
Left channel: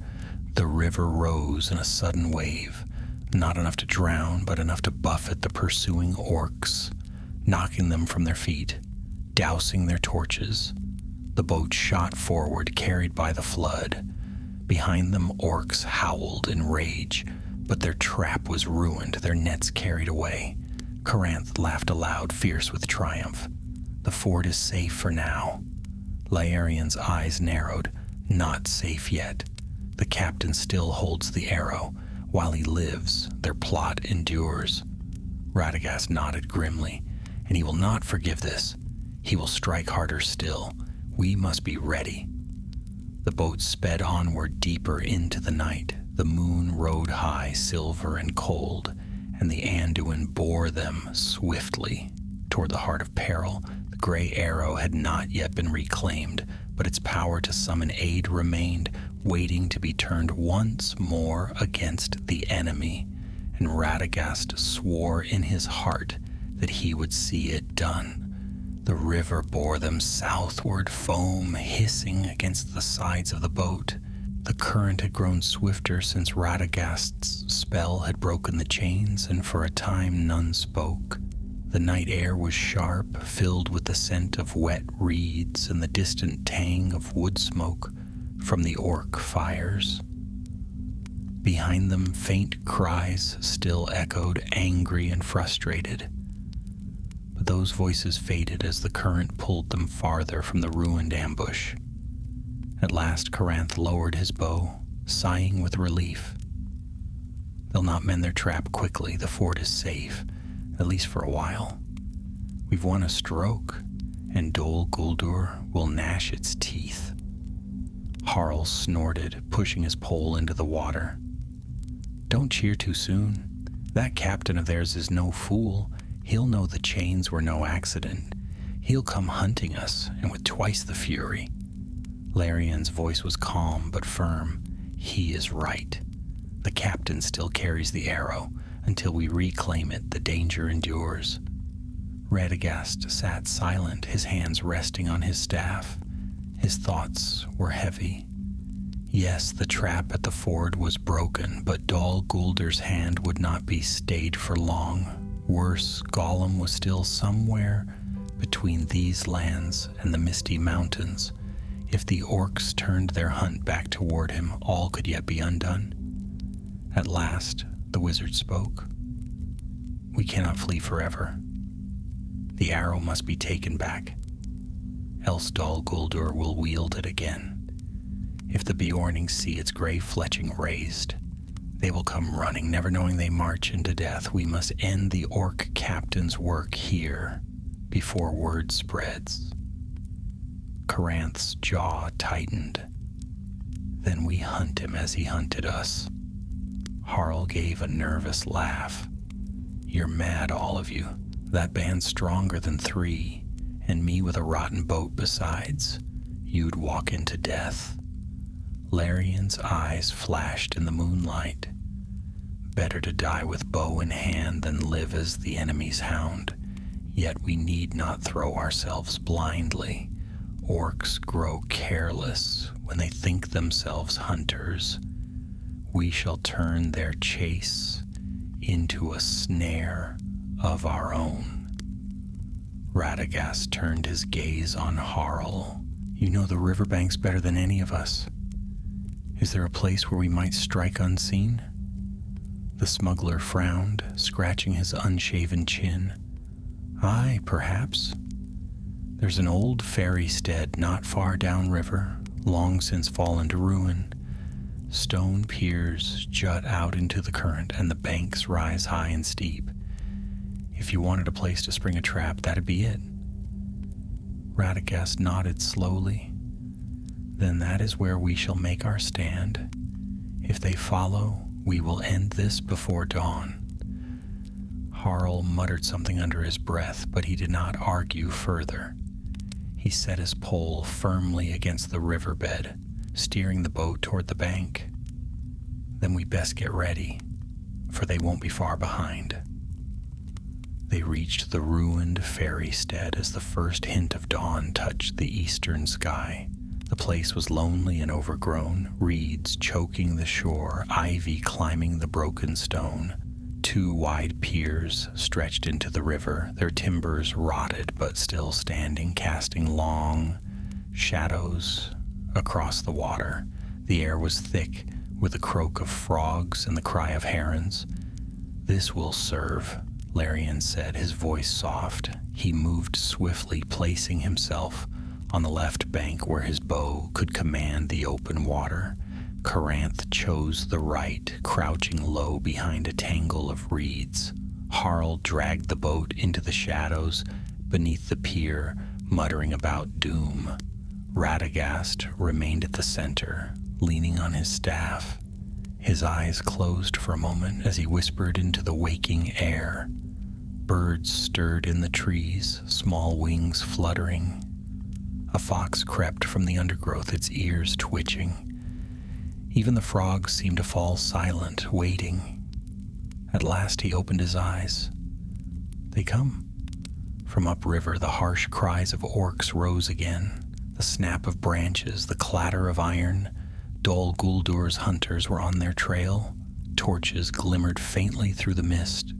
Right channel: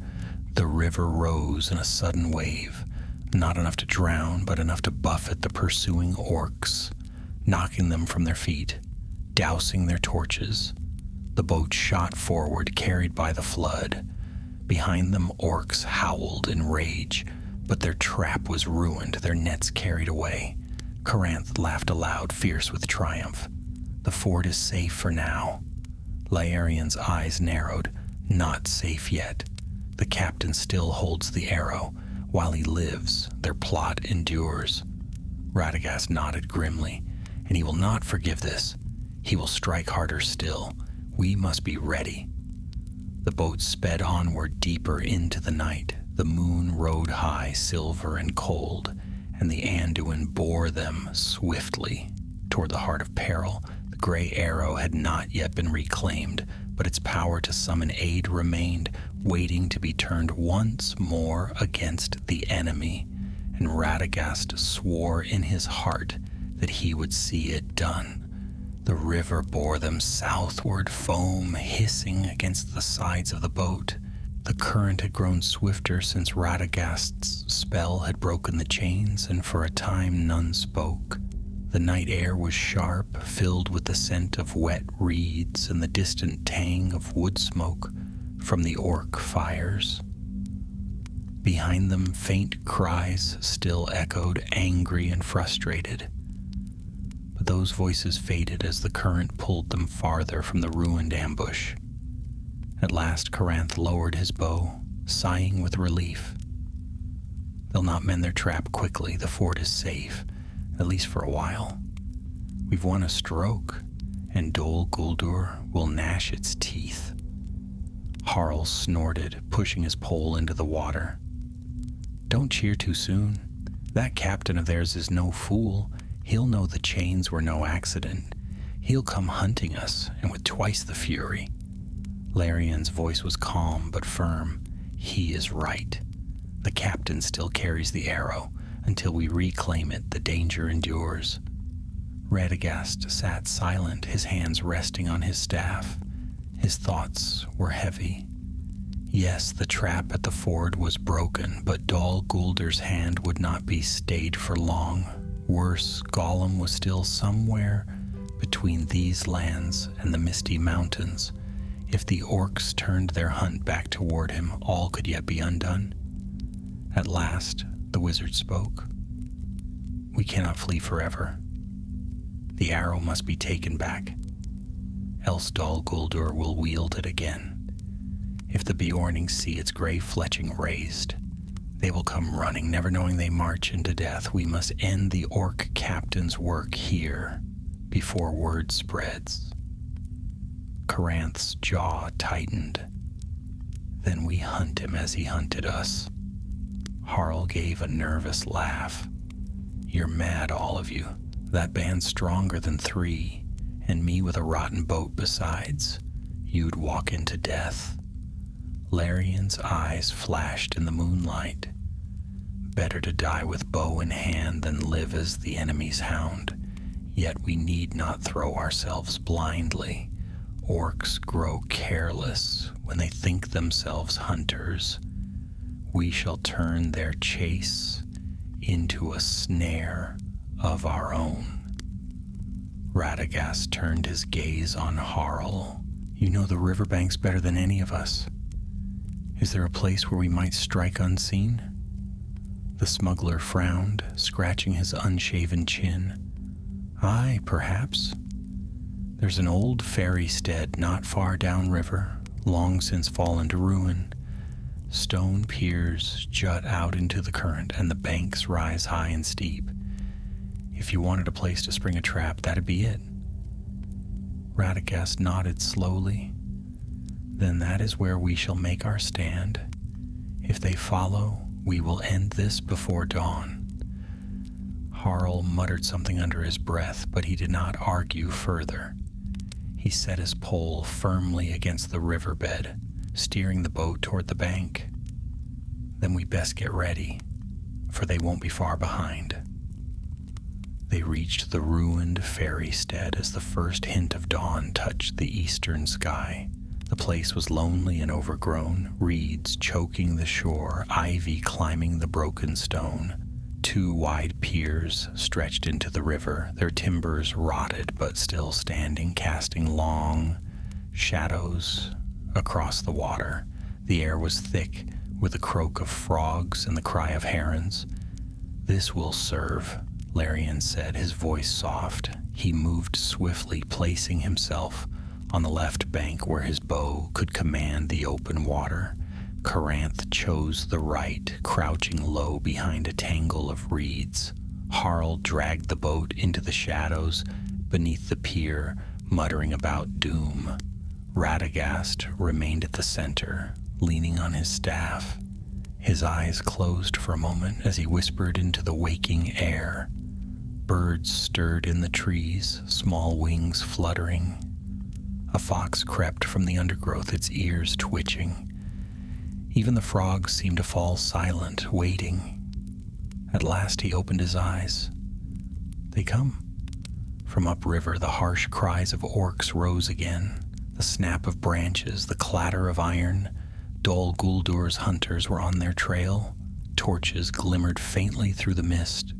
The river rose in a sudden wave, not enough to drown, but enough to buffet the pursuing orcs, knocking them from their feet, dousing their torches. The boat shot forward, carried by the flood. Behind them, orcs howled in rage, but their trap was ruined, their nets carried away. Caranth laughed aloud, fierce with triumph. The fort is safe for now. Larian's eyes narrowed. Not safe yet. The captain still holds the arrow. While he lives, their plot endures. Radagast nodded grimly. And he will not forgive this. He will strike harder still. We must be ready. The boat sped onward deeper into the night. The moon rode high, silver and cold, and the Anduin bore them swiftly toward the heart of peril. The gray arrow had not yet been reclaimed, but its power to summon aid remained, waiting to be turned once more against the enemy. And Radagast swore in his heart that he would see it done. The river bore them southward, foam hissing against the sides of the boat. The current had grown swifter since Radagast's spell had broken the chains, and for a time none spoke. The night air was sharp, filled with the scent of wet reeds and the distant tang of wood smoke from the orc fires. Behind them, faint cries still echoed, angry and frustrated. But those voices faded as the current pulled them farther from the ruined ambush. At last, Caranth lowered his bow, sighing with relief. They'll not mend their trap quickly. The fort is safe, at least for a while. We've won a stroke, and Dol Guldur will gnash its teeth. Harl snorted, pushing his pole into the water. Don't cheer too soon. That captain of theirs is no fool. He'll know the chains were no accident. He'll come hunting us, and with twice the fury. Larian's voice was calm but firm. He is right. The captain still carries the arrow. Until we reclaim it, the danger endures. Radagast sat silent, his hands resting on his staff. His thoughts were heavy. Yes, the trap at the ford was broken, but Dol Gulder's hand would not be stayed for long. Worse, Gollum was still somewhere between these lands and the Misty Mountains. If the orcs turned their hunt back toward him, all could yet be undone. At last, the wizard spoke. "We cannot flee forever. The arrow must be taken back, else Dol Guldur will wield it again. If the Beornings see its gray fletching raised, they will come running, never knowing they march into death. We must end the orc captain's work here before word spreads." Caranth's jaw tightened. "Then we hunt him as he hunted us." Harl gave a nervous laugh. "You're mad, all of you. That band's stronger than 3, and me with a rotten boat besides. You'd walk into death." Larian's eyes flashed in the moonlight. "Better to die with bow in hand than live as the enemy's hound. Yet we need not throw ourselves blindly. Orcs grow careless when they think themselves hunters. We shall turn their chase into a snare of our own." Radagast turned his gaze on Harl. "You know the riverbanks better than any of us. Is there a place where we might strike unseen?" The smuggler frowned, scratching his unshaven chin. "Aye, perhaps. There's an old ferry stead not far downriver, long since fallen to ruin. Stone piers jut out into the current, and the banks rise high and steep. If you wanted a place to spring a trap, that'd be it." Radagast nodded slowly. "Then that is where we shall make our stand. If they follow, we will end this before dawn." Harl muttered something under his breath, but he did not argue further. He set his pole firmly against the riverbed, steering the boat toward the bank. "Then we best get ready, for they won't be far behind." They reached the ruined ferry stead as the first hint of dawn touched the eastern sky. The place was lonely and overgrown, reeds choking the shore, ivy climbing the broken stone. 2 wide piers stretched into the river, their timbers rotted but still standing, casting long shadows across the water. The air was thick with the croak of frogs and the cry of herons. "This will serve," Larian said, his voice soft. He moved swiftly, placing himself on the left bank where his bow could command the open water. Caranth chose the right, crouching low behind a tangle of reeds. Harl dragged the boat into the shadows beneath the pier, muttering about doom. Radagast remained at the center, leaning on his staff. His eyes closed for a moment as he whispered into the waking air. Birds stirred in the trees, small wings fluttering. A fox crept from the undergrowth, its ears twitching. Even the frogs seemed to fall silent, waiting. At last he opened his eyes. "They come." From upriver, the harsh cries of orcs rose again. The snap of branches, the clatter of iron. Dol Guldur's hunters were on their trail. Torches glimmered faintly through the mist,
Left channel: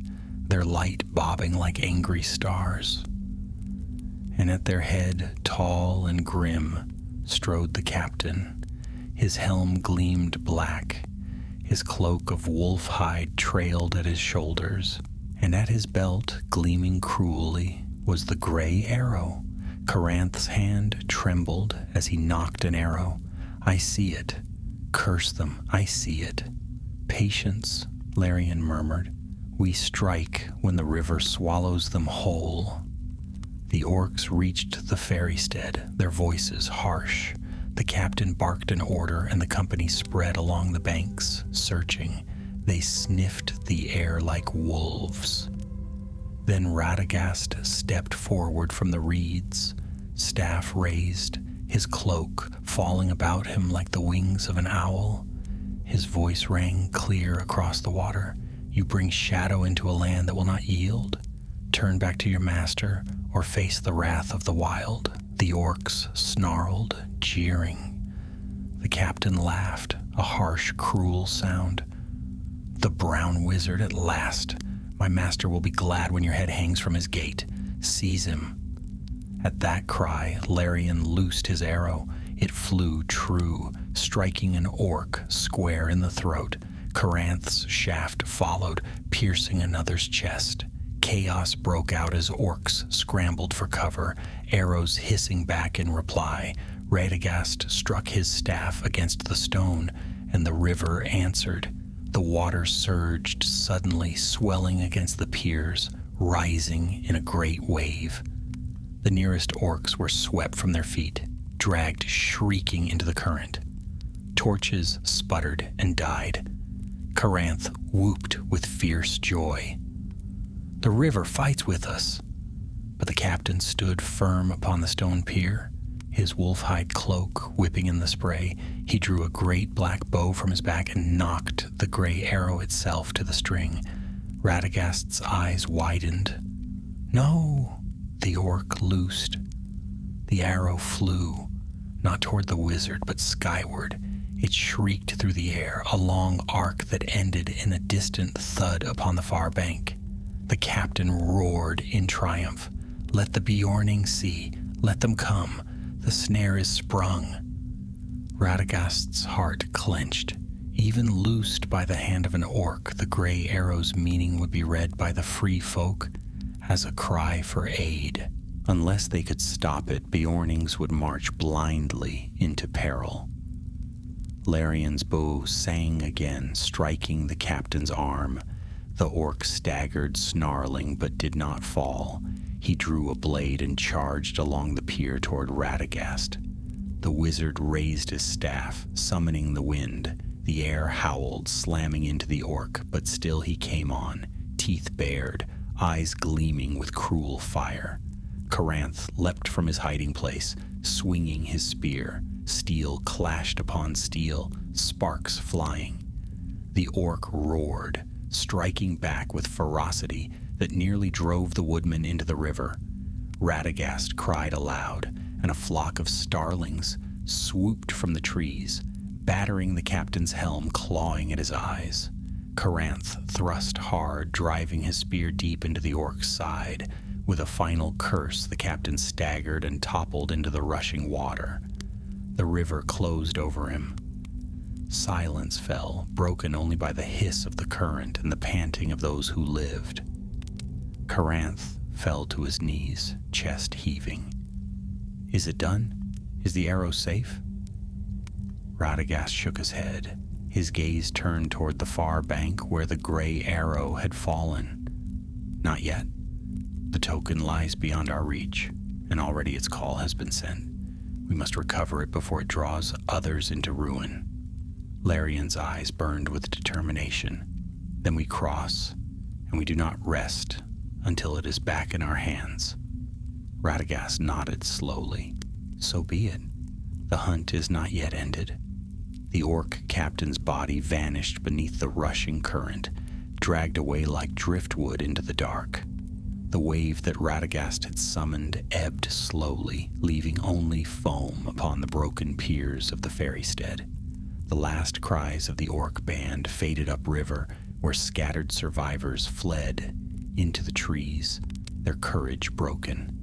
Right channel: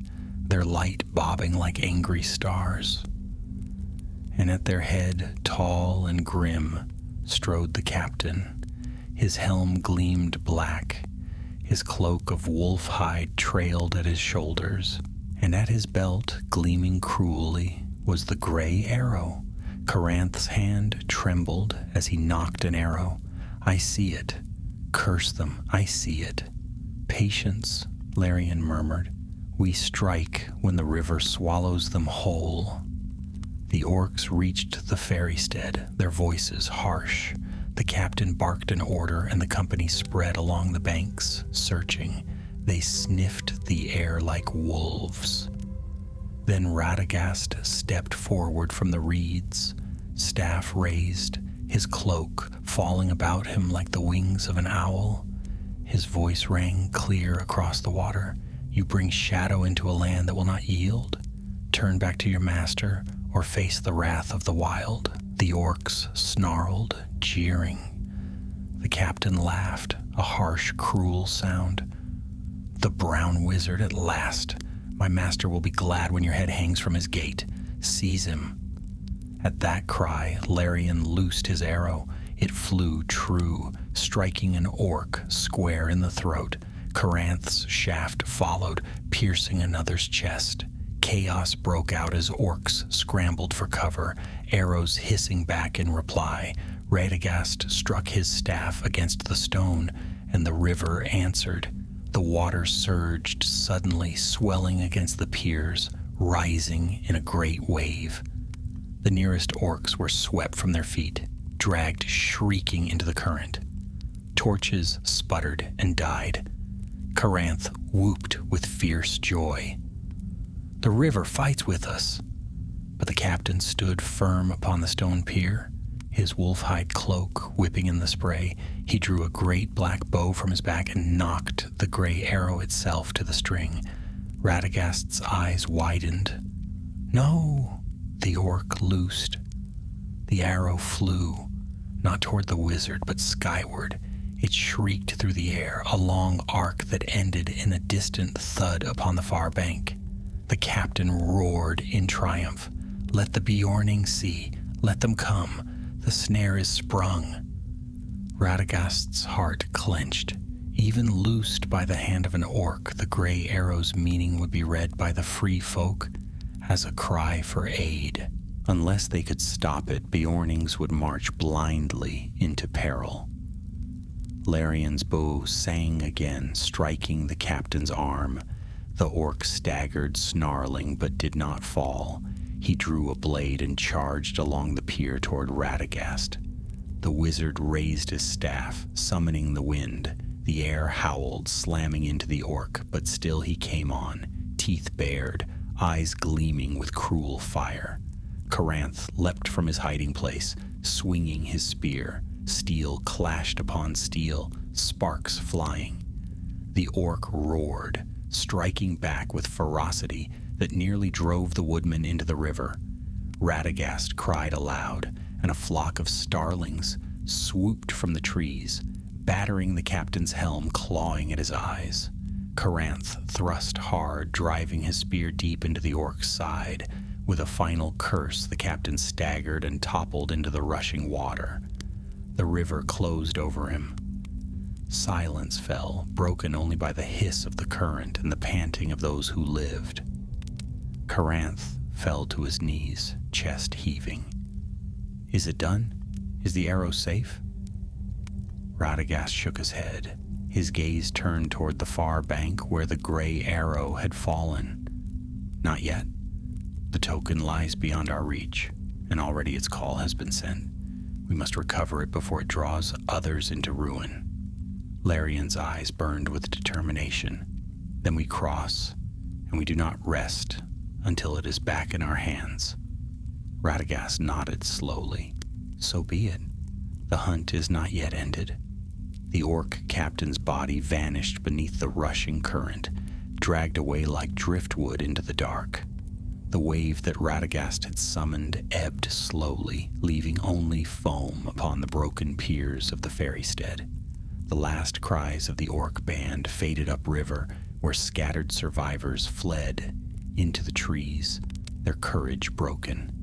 their light bobbing like angry stars. And at their head, tall and grim, strode the captain. His helm gleamed black. His cloak of wolf hide trailed at his shoulders, and at his belt, gleaming cruelly, was the gray arrow. Caranth's hand trembled as he knocked an arrow. "I see it. Curse them, I see it." "Patience," Larian murmured. "We strike when the river swallows them whole." The orcs reached the ferrystead, their voices harsh. The captain barked an order, and the company spread along the banks, searching. They sniffed the air like wolves. Then Radagast stepped forward from the reeds, staff raised, his cloak falling about him like the wings of an owl. His voice rang clear across the water. "You bring shadow into a land that will not yield? Turn back to your master or face the wrath of the wild. The orcs snarled, jeering. The captain laughed, a harsh, cruel sound. The brown wizard at last. My master will be glad when your head hangs from his gate. Seize him. At that cry, Larian loosed his arrow. It flew true, striking an orc square in the throat. Caranth's shaft followed, piercing another's chest. Chaos broke out as orcs scrambled for cover, arrows hissing back in reply. Radagast struck his staff against the stone, and the river answered. The water surged suddenly, swelling against the piers, rising in a great wave. The nearest orcs were swept from their feet, dragged shrieking into the current. Torches sputtered and died. Caranth whooped with fierce joy. The river fights with us. But the captain stood firm upon the stone pier, his wolf-hide cloak whipping in the spray. He drew a great black bow from his back and knocked the gray arrow itself to the string. Radagast's eyes widened. No! The orc loosed. The arrow flew, not toward the wizard, but skyward. It shrieked through the air, a long arc that ended in a distant thud upon the far bank. The captain roared in triumph. Let the Bjorning see. Let them come. The snare is sprung. Radagast's heart clenched. Even loosed by the hand of an orc, the gray arrow's meaning would be read by the free folk as a cry for aid. Unless they could stop it, Bjornings would march blindly into peril. Larian's bow sang again, striking the captain's arm. The orc staggered, snarling, but did not fall. He drew a blade and charged along the pier toward Radagast. The wizard raised his staff, summoning the wind. The air howled, slamming into the orc, but still he came on, teeth bared, eyes gleaming with cruel fire. Caranth leapt from his hiding place, swinging his spear. Steel clashed upon steel, sparks flying. The orc roared, striking back with ferocity that nearly drove the woodman into the river. Radagast cried aloud, and a flock of starlings swooped from the trees, battering the captain's helm, clawing at his eyes. Caranth thrust hard, driving his spear deep into the orc's side. With a final curse, the captain staggered and toppled into the rushing water. The river closed over him. Silence fell, broken only by the hiss of the current and the panting of those who lived. Caranth fell to his knees, chest heaving. Is it done? Is the arrow safe? Radagast shook his head. His gaze turned toward the far bank where the gray arrow had fallen. Not yet. The token lies beyond our reach, and already its call has been sent. We must recover it before it draws others into ruin. Larian's eyes burned with determination. Then we cross, and we do not rest until it is back in our hands. Radagast nodded slowly. So be it. The hunt is not yet ended. The orc captain's body vanished beneath the rushing current, dragged away like driftwood into the dark. The wave that Radagast had summoned ebbed slowly, leaving only foam upon the broken piers of the ferrystead. The last cries of the orc band faded upriver, where scattered survivors fled into the trees, their courage broken.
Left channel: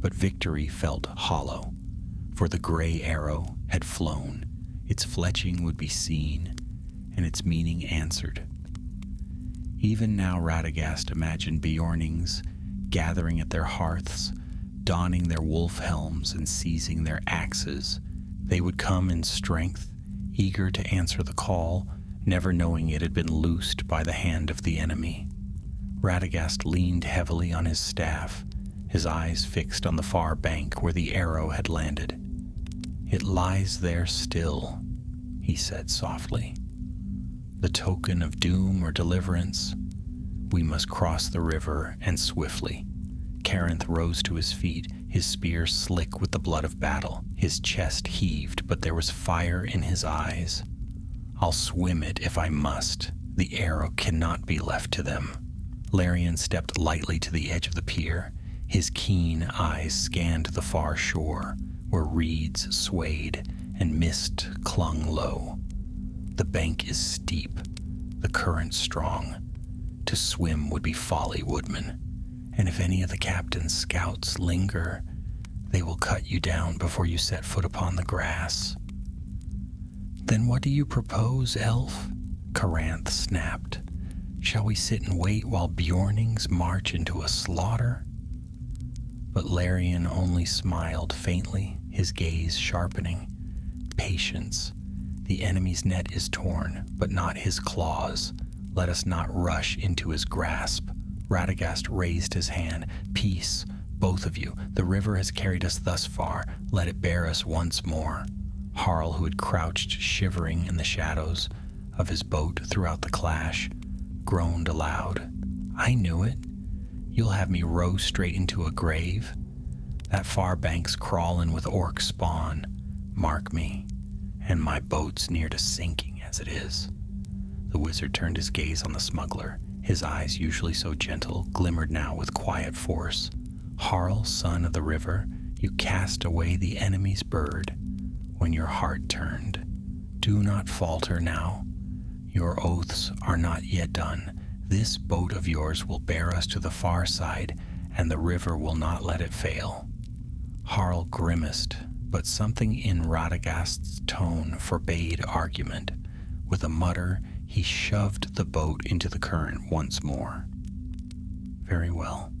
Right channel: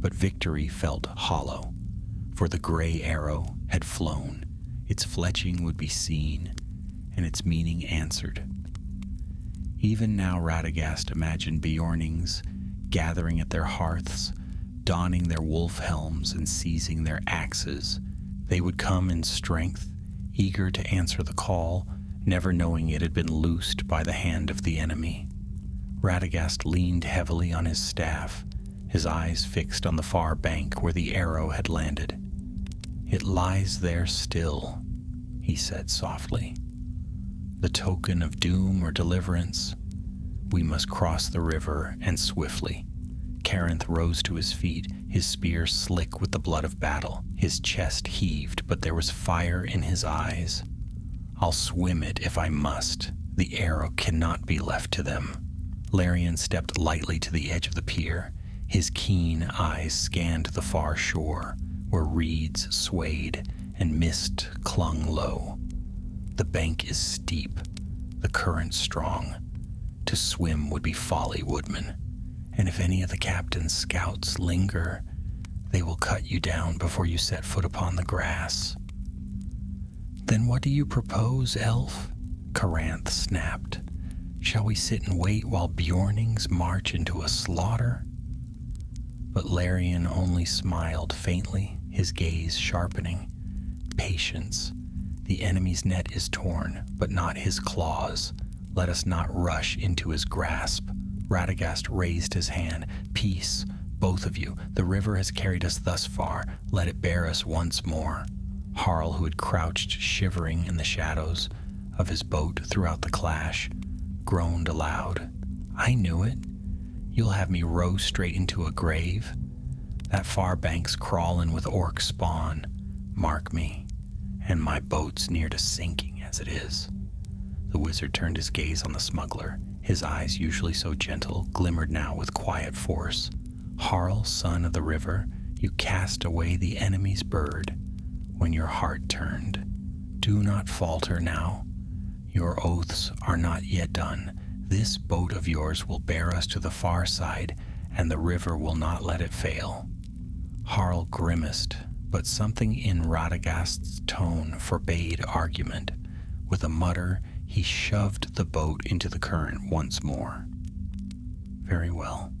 But victory felt hollow, for the gray arrow had flown. Its fletching would be seen, and its meaning answered. Even now Radagast imagined Bjornings gathering at their hearths, donning their wolf helms and seizing their axes. They would come in strength, eager to answer the call, never knowing it had been loosed by the hand of the enemy. Radagast leaned heavily on his staff, his eyes fixed on the far bank where the arrow had landed. It lies there still, he said softly. The token of doom or deliverance. We must cross the river, and swiftly. Caranth rose to his feet, his spear slick with the blood of battle. His chest heaved, but there was fire in his eyes. I'll swim it if I must. The arrow cannot be left to them. Larian stepped lightly to the edge of the pier. His keen eyes scanned the far shore, where reeds swayed and mist clung low. The bank is steep, the current strong. To swim would be folly, woodman, and if any of the captain's scouts linger, they will cut you down before you set foot upon the grass. Then what do you propose, elf? Caranth snapped. Shall we sit and wait while Bjornings march into a slaughter? But Larian only smiled faintly, his gaze sharpening. Patience. The enemy's net is torn, but not his claws. Let us not rush into his grasp. Radagast raised his hand. Peace, both of you. The river has carried us thus far. Let it bear us once more. Harl, who had crouched shivering in the shadows of his boat throughout the clash, groaned aloud. I knew it. You'll have me row straight into a grave. That far bank's crawling with orc spawn. Mark me. And my boat's near to sinking as it is. The wizard turned his gaze on the smuggler. His eyes, usually so gentle, glimmered now with quiet force. Harl, son of the river, you cast away the enemy's bird when your heart turned. Do not falter now. Your oaths are not yet done. This boat of yours will bear us to the far side, and the river will not let it fail. Harl grimaced, but something in Radagast's tone forbade argument. With a mutter, he shoved the boat into the current once more. Very well.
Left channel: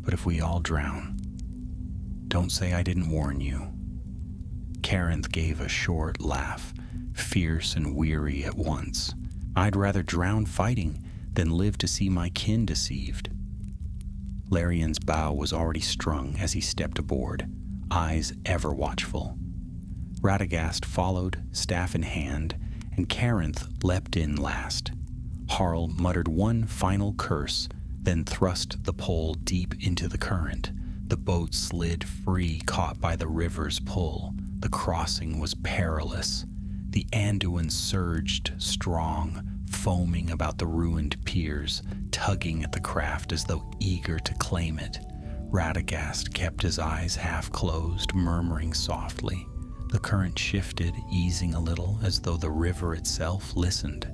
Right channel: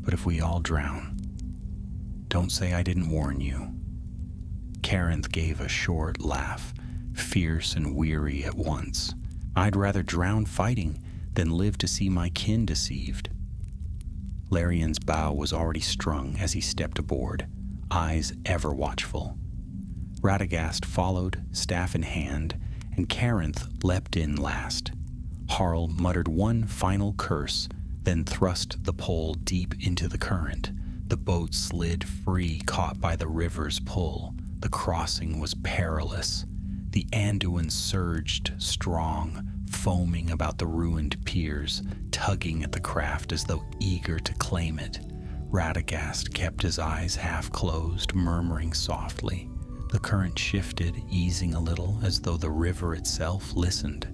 But if we all drown, don't say I didn't warn you. Caranth gave a short laugh, fierce and weary at once. I'd rather drown fighting than live to see my kin deceived. Larian's bow was already strung as he stepped aboard, eyes ever watchful. Radagast followed, staff in hand, and Caranth leapt in last. Harl muttered one final curse, then thrust the pole deep into the current. The boat slid free, caught by the river's pull. The crossing was perilous. The Anduin surged strong, foaming about the ruined piers, tugging at the craft as though eager to claim it. Radagast kept his eyes half closed, murmuring softly. The current shifted, easing a little, as though the river itself listened.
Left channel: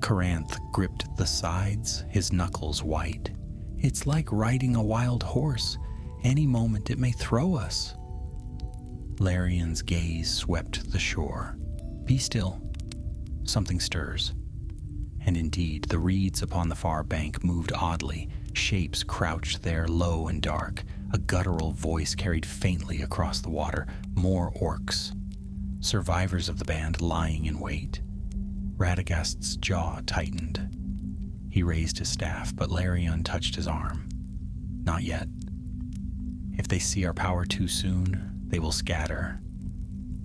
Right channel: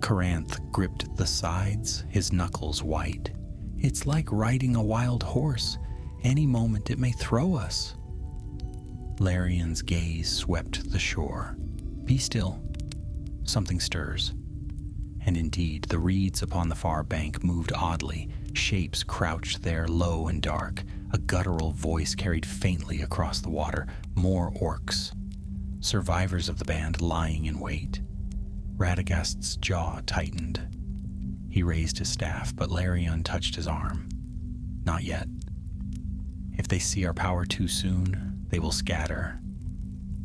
Caranth gripped the sides, his knuckles white. It's like riding a wild horse. Any moment it may throw us. Larian's gaze swept the shore. Be still. Something stirs. And indeed, the reeds upon the far bank moved oddly. Shapes crouched there, low and dark. A guttural voice carried faintly across the water. More orcs. Survivors of the band lying in wait. Radagast's jaw tightened. He raised his staff, but Larian touched his arm. Not yet. If they see our power too soon, they will scatter,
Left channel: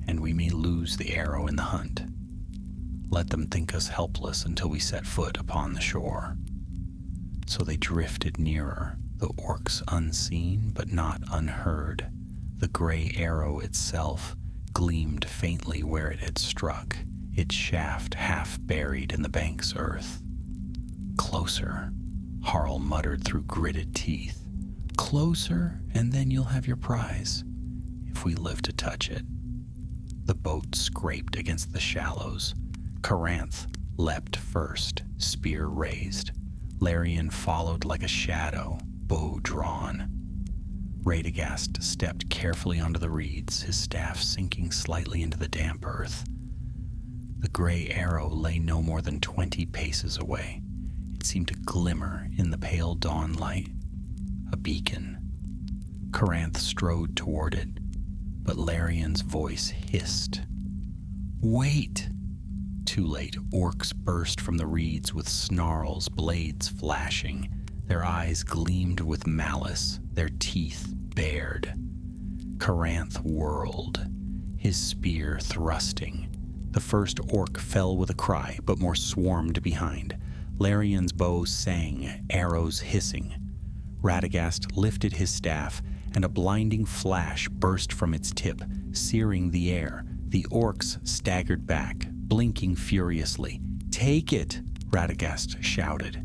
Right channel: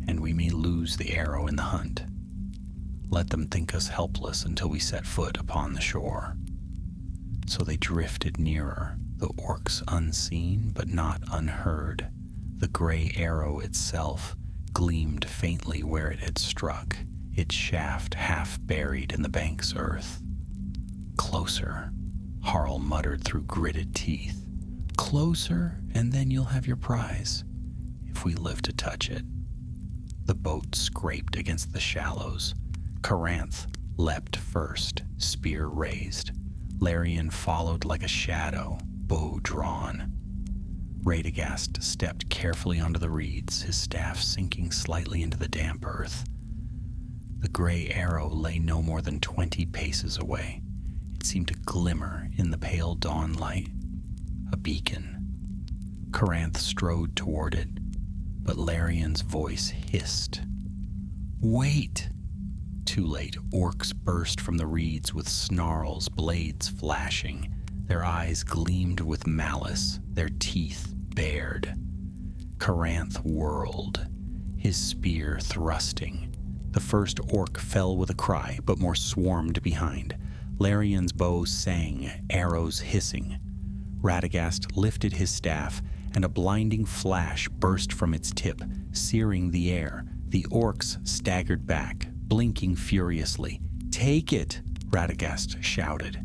and we may lose the arrow in the hunt. Let them think us helpless until we set foot upon the shore. So they drifted nearer, the orcs unseen but not unheard. The gray arrow itself gleamed faintly where it had struck, its shaft half buried in the bank's earth. Closer, Harl muttered through gritted teeth. Closer, and then you'll have your prize, if we live to touch it. The boat scraped against the shallows. Caranth leapt first, spear raised. Larian followed like a shadow, bow drawn. Radagast stepped carefully onto the reeds, his staff sinking slightly into the damp earth. The gray arrow lay no more than 20 paces away. It seemed to glimmer in the pale dawn light. A beacon. Caranth strode toward it, but Larian's voice hissed. Wait! Too late, orcs burst from the reeds with snarls, blades flashing. Their eyes gleamed with malice, their teeth bared. Caranth whirled, his spear thrusting. The first orc fell with a cry, but more swarmed behind. Larian's bow sang, arrows hissing. Radagast lifted his staff, and a blinding flash burst from its tip, searing the air. The orcs staggered back, blinking furiously. Take it, Radagast shouted.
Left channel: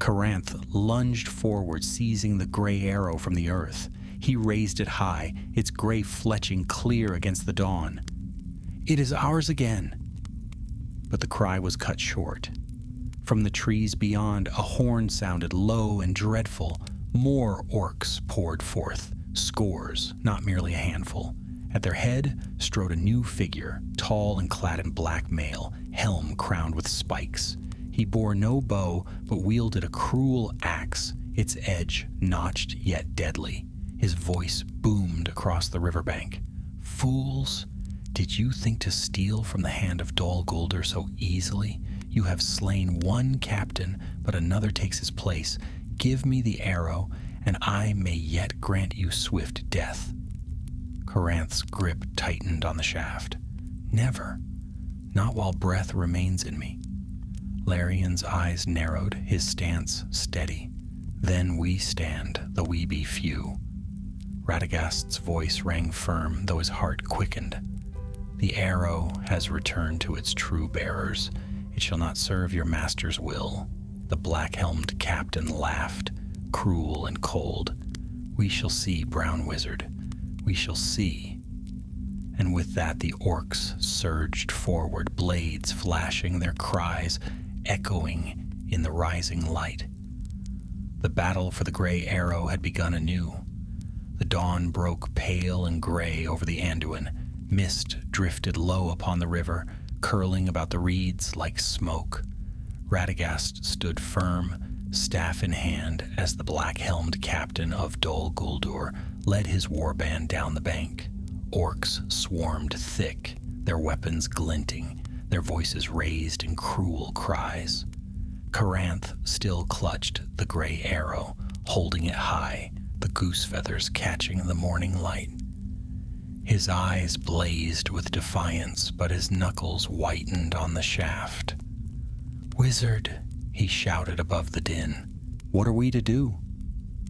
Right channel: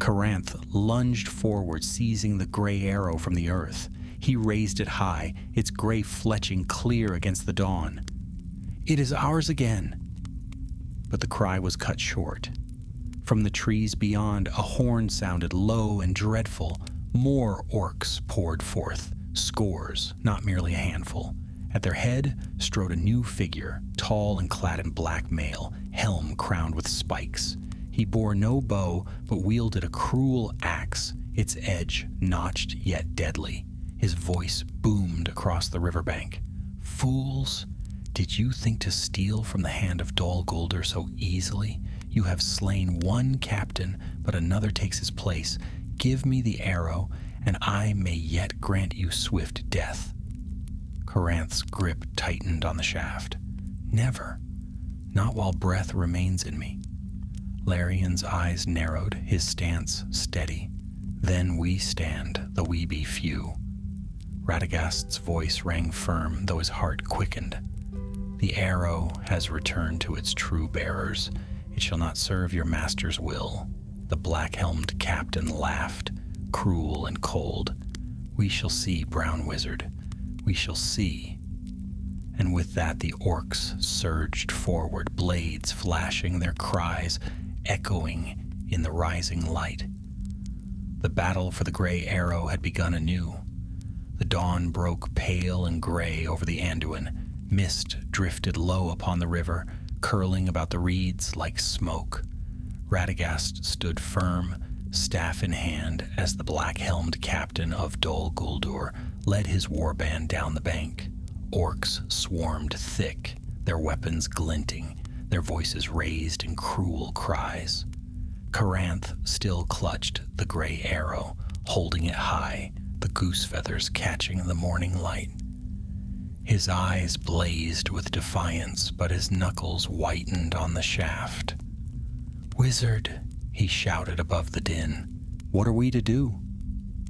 Caranth lunged forward, seizing the gray arrow from the earth. He raised it high, its gray fletching clear against the dawn. "It is ours again!" But the cry was cut short. From the trees beyond, a horn sounded low and dreadful. More orcs poured forth, scores, not merely a handful. At their head strode a new figure, tall and clad in black mail, helm crowned with spikes. He bore no bow, but wielded a cruel axe, its edge notched yet deadly. His voice boomed across the riverbank. "Fools, did you think to steal from the hand of Dol Guldur so easily? You have slain one captain, but another takes his place. Give me the arrow, and I may yet grant you swift death." Caranth's grip tightened on the shaft. "Never. Not while breath remains in me." Larion's eyes narrowed, his stance steady. "Then we stand, though we be few." Radagast's voice rang firm, though his heart quickened. "The arrow has returned to its true bearers. It shall not serve your master's will." The black-helmed captain laughed, cruel and cold. "We shall see, brown wizard. We shall see." And with that the orcs surged forward, blades flashing, their cries echoing in the rising light. The battle for the gray arrow had begun anew. The dawn broke pale and gray over the Anduin. Mist drifted low upon the river, curling about the reeds like smoke. Radagast stood firm, staff in hand, as the black-helmed captain of Dol Guldur led his warband down the bank. Orcs swarmed thick, their weapons glinting, their voices raised in cruel cries. Caranth still clutched the gray arrow, holding it high, the goose feathers catching the morning light. His eyes blazed with defiance, but his knuckles whitened on the shaft. "Wizard," he shouted above the din. "What are we to do?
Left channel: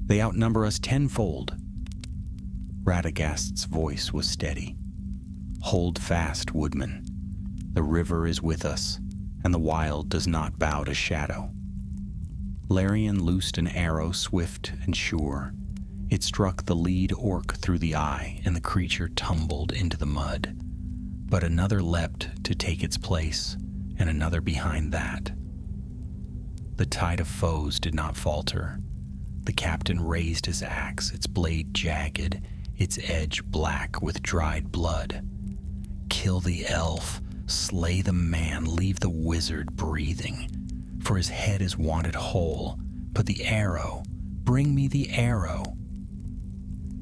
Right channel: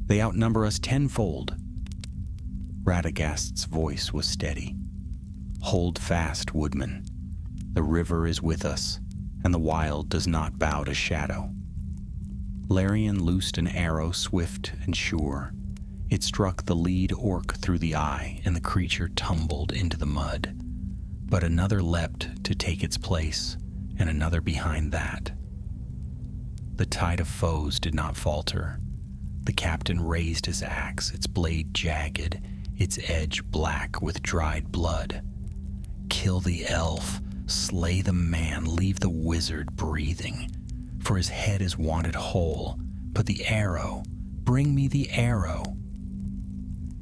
They outnumber us tenfold." Radagast's voice was steady. "Hold fast, woodman. The river is with us, and the wild does not bow to shadow." Larion loosed an arrow swift and sure. It struck the lead orc through the eye, and the creature tumbled into the mud. But another leapt to take its place, and another behind that. The tide of foes did not falter. The captain raised his axe, its blade jagged, its edge black with dried blood. Kill the elf, slay the man, leave the wizard breathing, for his head is wanted whole. But the arrow, bring me the arrow.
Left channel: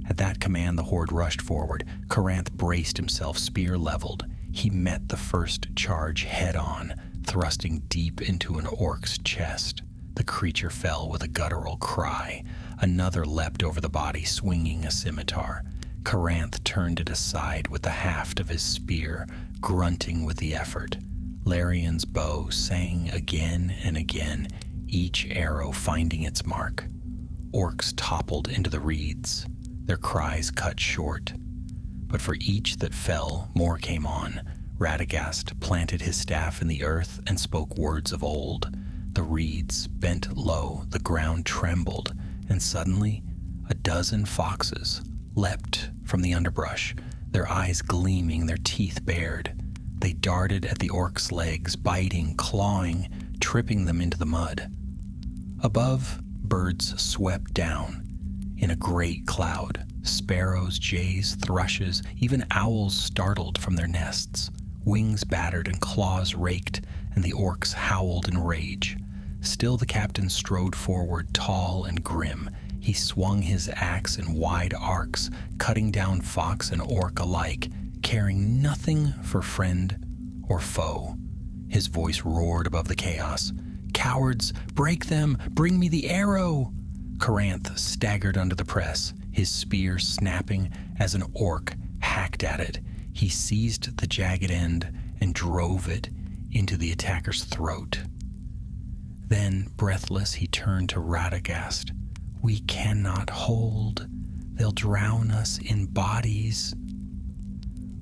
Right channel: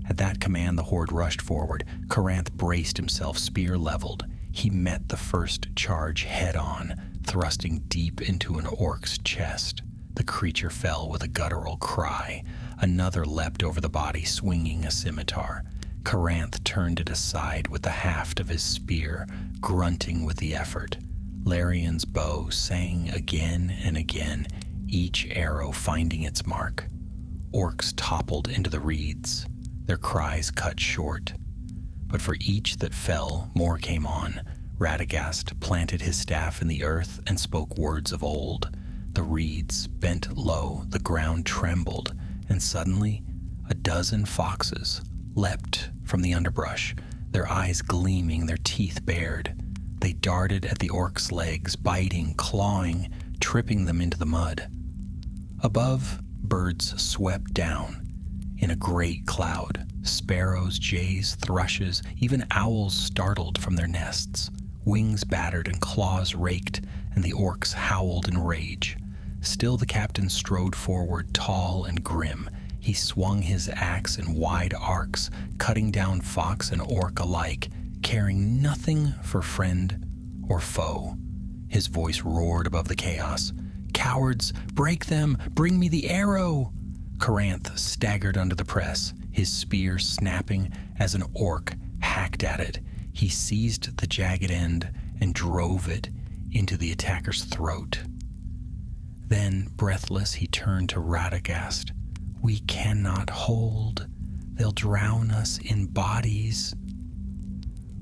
At that command, the horde rushed forward. Caranth braced himself, spear leveled. He met the first charge head-on, thrusting deep into an orc's chest. The creature fell with a guttural cry. Another leapt over the body, swinging a scimitar. Caranth turned it aside with the haft of his spear, grunting with the effort. Larion's bow sang again and again, each arrow finding its mark. Orcs toppled into the reeds, their cries cut short. But for each that fell, more came on. Radagast planted his staff in the earth and spoke words of old. The reeds bent low, the ground trembled, and suddenly a dozen foxes leapt from the underbrush, their eyes gleaming, their teeth bared. They darted at the orc's legs, biting, clawing, tripping them into the mud. Above, birds swept down in a great cloud. Sparrows, jays, thrushes, even owls startled from their nests. Wings battered and claws raked, and the orcs howled in rage. Still the captain strode forward, tall and grim. He swung his axe in wide arcs, cutting down fox and orc alike, caring nothing for friend or foe. His voice roared above the chaos. "Cowards, break them! Bring me the arrow!" Caranth staggered under the press, his spear snapping as an orc hacked at it. He seized the jagged end and drove it into the attacker's throat. Then, breathless, he turned to Radagast. "We cannot hold. They'll drown us in bodies."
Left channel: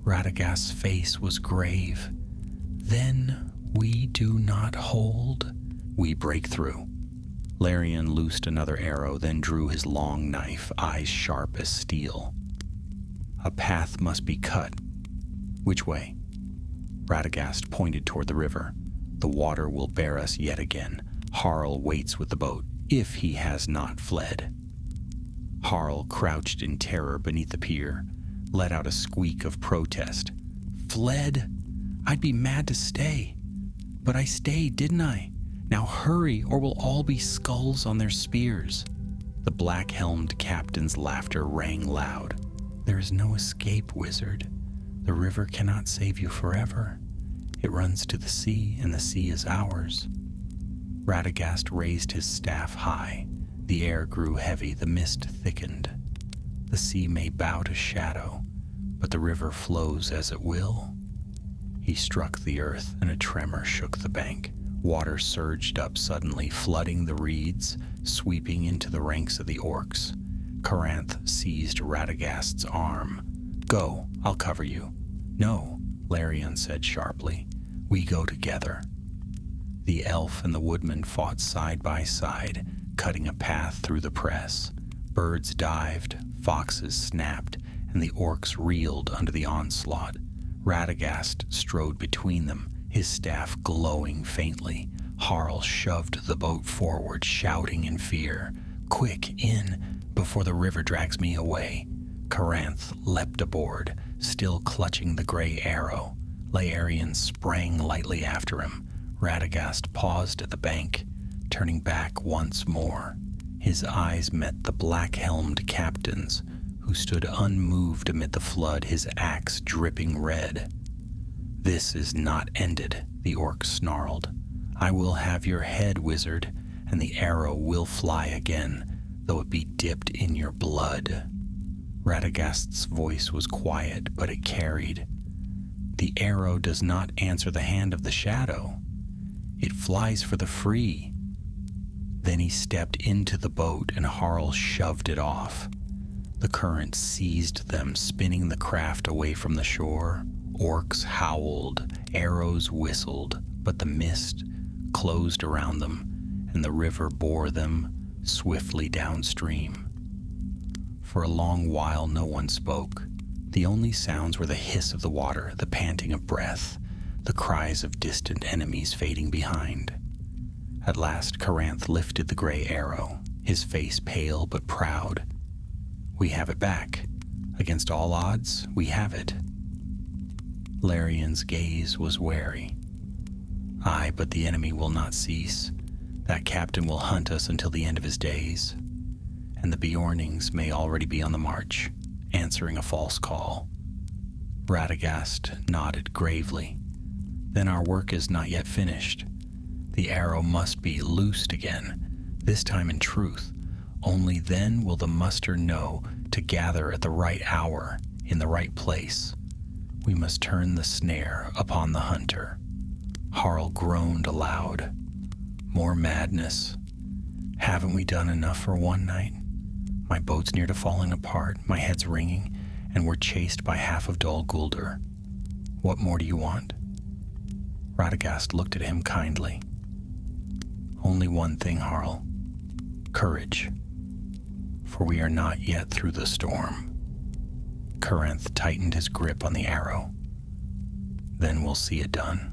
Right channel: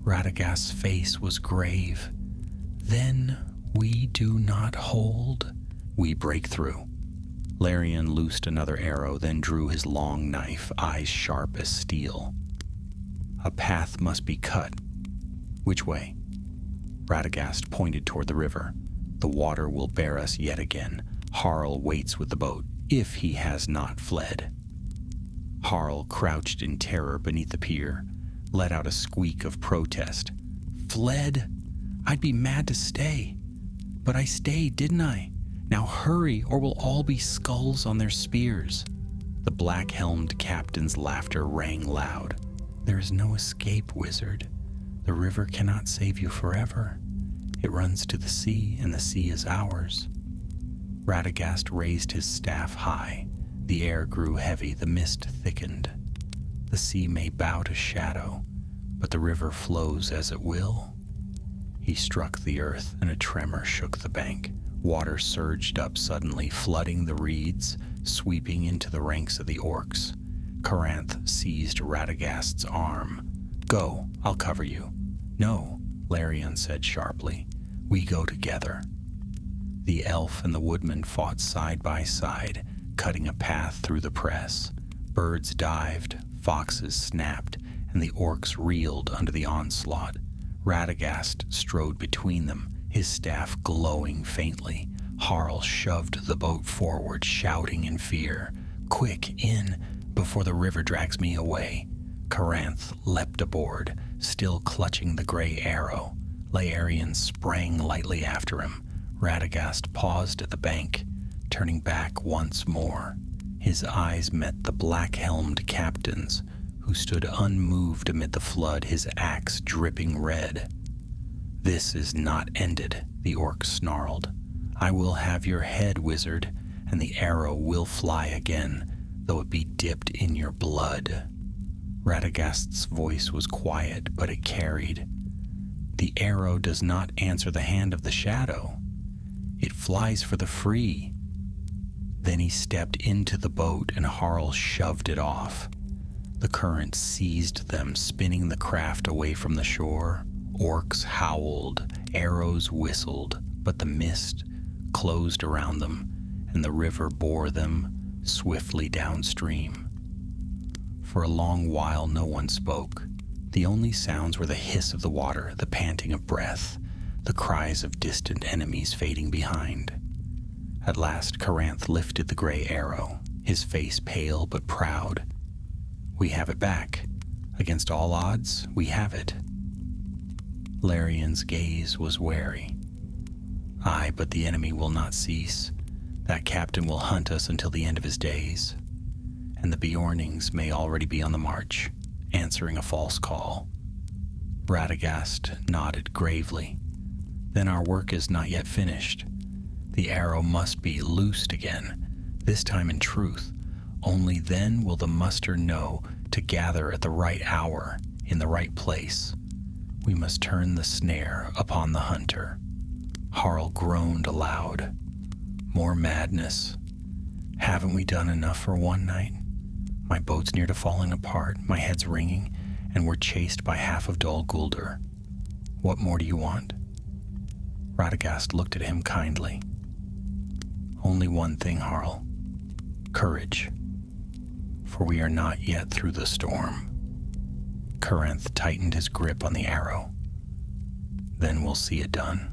Radagast's face was grave. "Then we do not hold. We break through." Larian loosed another arrow, then drew his long knife, eyes sharp as steel. A path must be cut. Which way? Radagast pointed toward the river. The water will bear us yet again. Harl waits with the boat, if he has not fled. Harl crouched in terror beneath the pier, let out a squeak of protest. Fled? I'd be mad to stay. But I stayed, didn't I? Now hurry, or we'll all be skulls on their spears. The black-helmed captain's laughter rang loud. There is no escape, wizard. The river cannot save you forever. It runs to the sea, and the sea is ours. Radagast raised his staff high. The air grew heavy, the mist thickened. The sea may bow to shadow, but the river flows as it will. He struck the earth, and a tremor shook the bank. Water surged up suddenly, flooding the reeds, sweeping into the ranks of the orcs. Caranth seized Radagast's arm. Go, I'll cover you. No, Larian said sharply. We go together. The elf and the woodman fought side by side, cutting a path through the press. Birds dived, foxes snapped, and the orcs reeled under the onslaught. Radagast strode between them, his staff glowing faintly. Harl shoved the boat forward, shouting in fear. Quick, in, before the river drags me away. Caranth leapt aboard, still clutching the gray arrow. Larian sprang lightly after him. Radagast paused at the bank, turning back once more. His eyes met the black-helmed captain's, who stood unmoved amid the flood, his axe dripping red. This is not ended, the orc snarled. I will have your head, wizard, and the arrow will fly again, though it be dipped in your blood. Radagast's voice was quiet, but it carried. The arrow does not answer the hand of the shadow. It flies for the free. Then he stepped into the boat, and Harl shoved it off. The current seized them, spinning the craft away from the shore. Orcs howled, arrows whistled, but the mist closed around them, and the river bore them swiftly downstream. For a long while no one spoke. The only sounds were the hiss of the water, the panting of breath, the cries of distant enemies fading behind. At last Caranth lifted the gray arrow, his face pale but proud. We have it back. Against all odds, we have it. Larian's gaze was wary. Aye, but the enemy will not cease. That captain will hunt us until the end of his days. And the Bjornings may already be on the march, answering a false call. Radagast nodded gravely. Then our work is not yet finished. The arrow must be loosed again, this time in truth. Only then will the muster know to gather at the right hour, in the right place. We must turn the snare upon the hunter. Harl groaned aloud. More madness. Haven't we done enough for one night? My boat's near to falling apart, my head's ringing, and we're chased by half of Dol Guldur. What more do you want? Radagast looked at him kindly. Only one thing, Harl. Courage. For we are not yet through the storm. Caranth tightened his grip on the arrow. Then we'll see it done.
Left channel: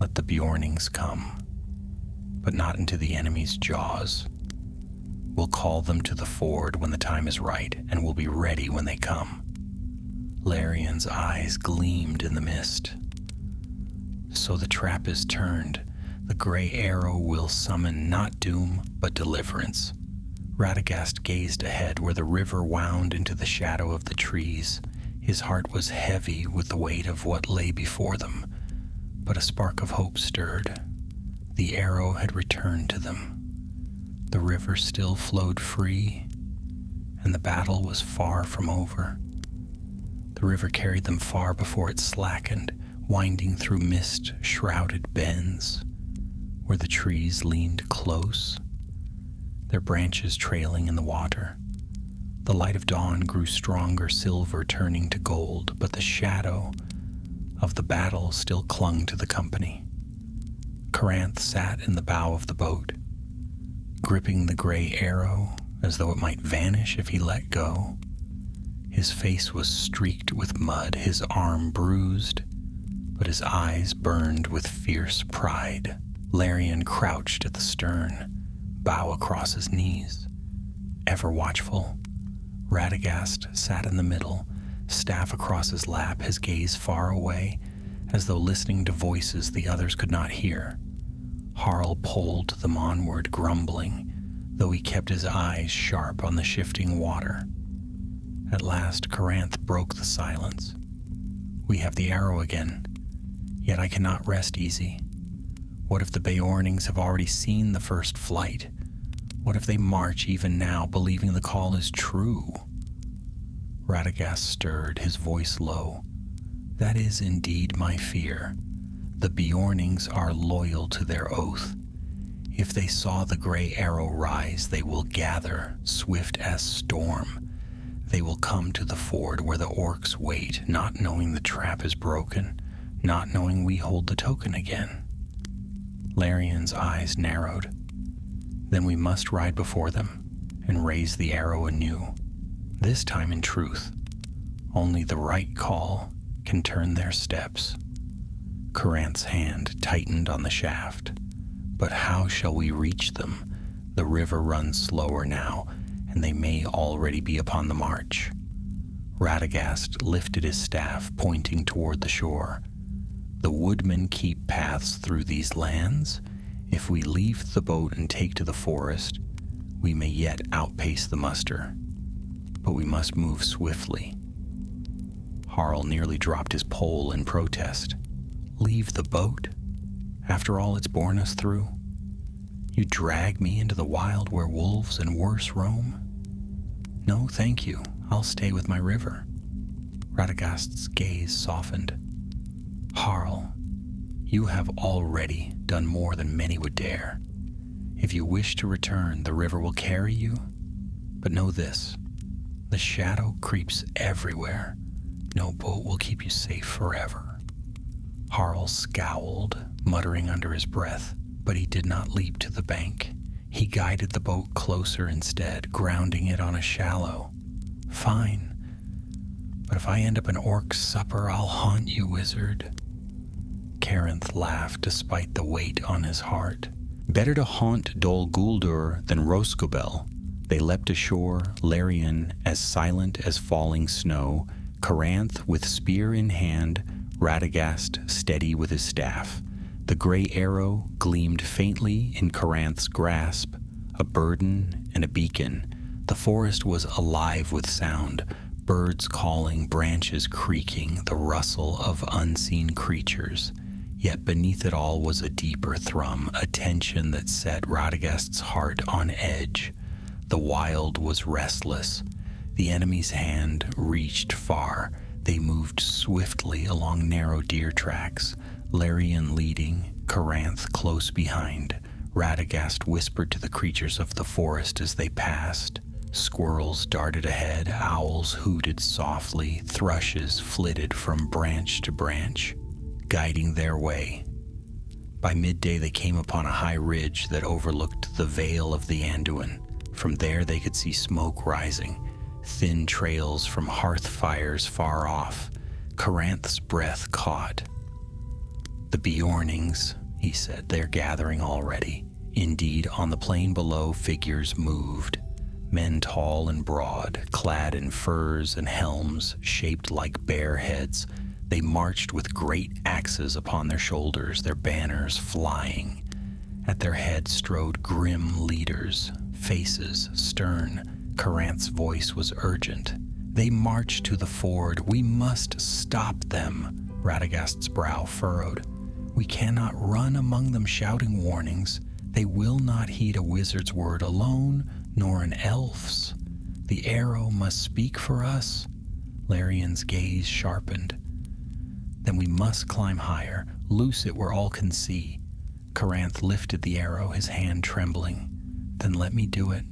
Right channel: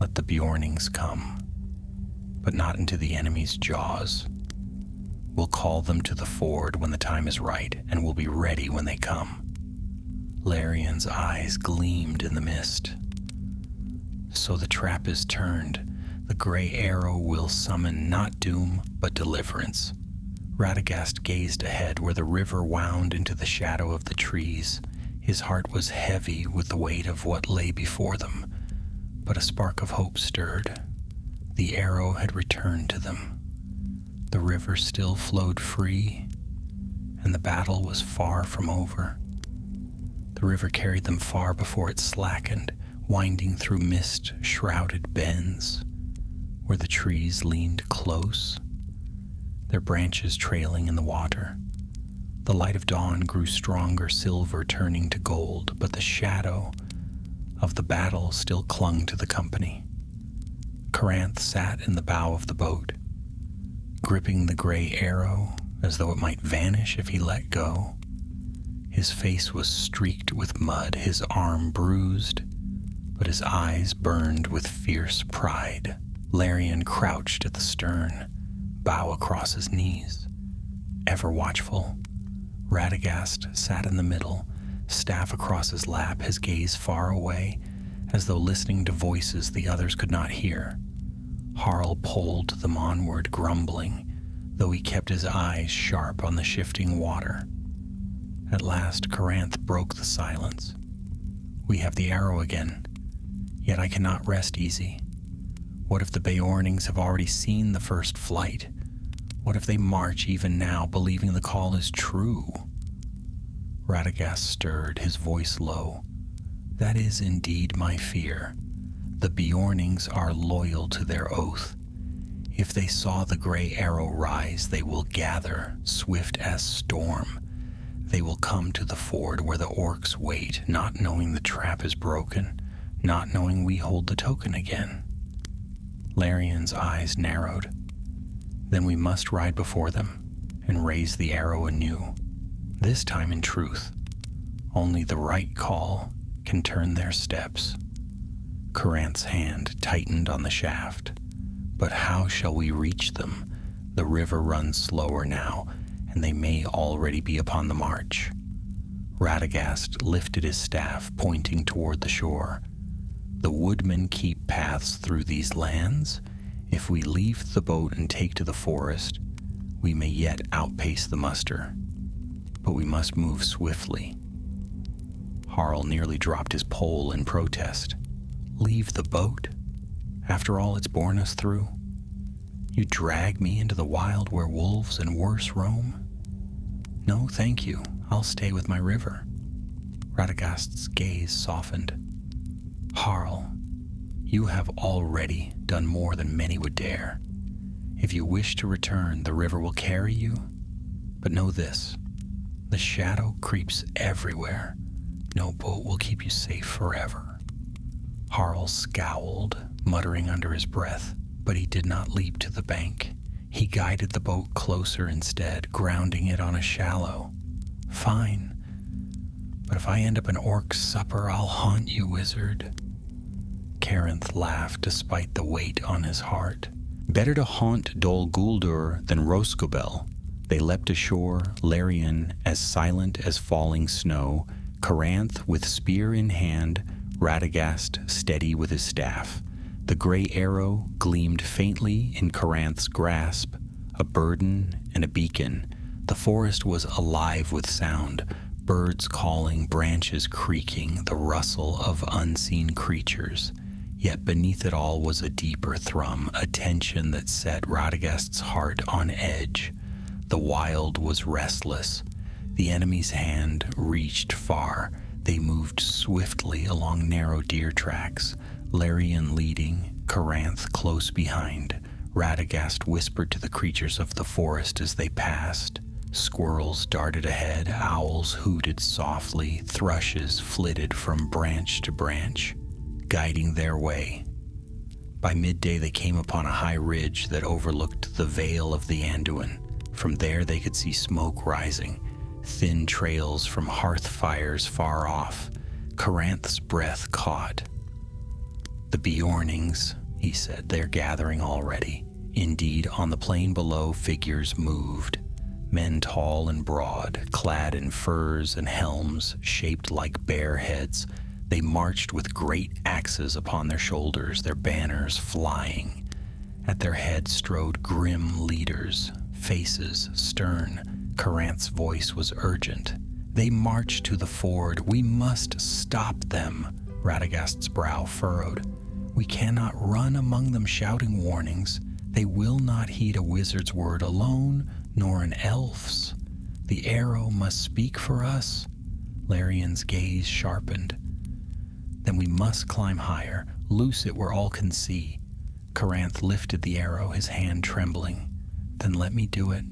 Let the Bjornings come, but not into the enemy's jaws. We'll call them to the ford when the time is right, and we'll be ready when they come. Larian's eyes gleamed in the mist. So the trap is turned. The gray arrow will summon not doom, but deliverance. Radagast gazed ahead where the river wound into the shadow of the trees. His heart was heavy with the weight of what lay before them, but a spark of hope stirred. The arrow had returned to them. The river still flowed free, and the battle was far from over. The river carried them far before it slackened, winding through mist-shrouded bends, where the trees leaned close, their branches trailing in the water. The light of dawn grew stronger, silver turning to gold, but the shadow of the battle still clung to the company. Caranth sat in the bow of the boat. gripping the gray arrow as though it might vanish if he let go. His face was streaked with mud, his arm bruised, but his eyes burned with fierce pride. Larian crouched at the stern, bow across his knees, ever watchful. Radagast sat in the middle, staff across his lap, his gaze far away, as though listening to voices the others could not hear. Harl pulled them onward, grumbling, though he kept his eyes sharp on the shifting water. At last, Coranth broke the silence. "We have the arrow again, yet I cannot rest easy. What if the Beornings have already seen the first flight? What if they march even now, believing the call is true?" Radagast stirred, his voice low. "That is indeed my fear. The Beornings are loyal to their oath. If they saw the gray arrow rise, they will gather, swift as storm. They will come to the ford where the orcs wait, not knowing the trap is broken, not knowing we hold the token again." Larian's eyes narrowed. "Then we must ride before them and raise the arrow anew. This time in truth, only the right call can turn their steps." Coranth's hand tightened on the shaft. "But how shall we reach them? The river runs slower now, and they may already be upon the march." Radagast lifted his staff, pointing toward the shore. "The woodmen keep paths through these lands. If we leave the boat and take to the forest, we may yet outpace the muster. But we must move swiftly." Harl nearly dropped his pole in protest. "Leave the boat? After all it's borne us through? You drag me into the wild where wolves and worse roam? No, thank you. I'll stay with my river." Radagast's gaze softened. "Harl, you have already done more than many would dare. If you wish to return, the river will carry you. But know this, the shadow creeps everywhere. No boat will keep you safe forever." Harl scowled, muttering under his breath, but he did not leap to the bank. He guided the boat closer instead, grounding it on a shallow. "Fine. But if I end up an orc's supper, I'll haunt you, wizard." Coranth laughed despite the weight on his heart. "Better to haunt Dol Guldur than Roscobel." They leapt ashore, Larian as silent as falling snow, Coranth with spear in hand, Radagast steady with his staff. The gray arrow gleamed faintly in Coranth's grasp, a burden and a beacon. The forest was alive with sound, birds calling, branches creaking, the rustle of unseen creatures. Yet beneath it all was a deeper thrum, a tension that set Radagast's heart on edge. The wild was restless. The enemy's hand reached far. They moved swiftly along narrow deer tracks, Larian leading, Coranth close behind. Radagast whispered to the creatures of the forest as they passed. Squirrels darted ahead, owls hooted softly, thrushes flitted from branch to branch, guiding their way. By midday they came upon a high ridge that overlooked the Vale of the Anduin. From there they could see smoke rising, thin trails from hearth fires far off. Coranth's breath caught. "The Beornings," he said, "they're gathering already." Indeed, on the plain below, figures moved. Men tall and broad, clad in furs and helms shaped like bear heads. They marched with great axes upon their shoulders, their banners flying. At their head strode grim leaders, faces stern. Coranth's voice was urgent. "They march to the ford. We must stop them." Radagast's brow furrowed. "We cannot run among them shouting warnings. They will not heed a wizard's word alone, nor an elf's. The arrow must speak for us." Larian's gaze sharpened. "Then we must climb higher, loose it where all can see." Coranth lifted the arrow, his hand trembling. "Then let me do it.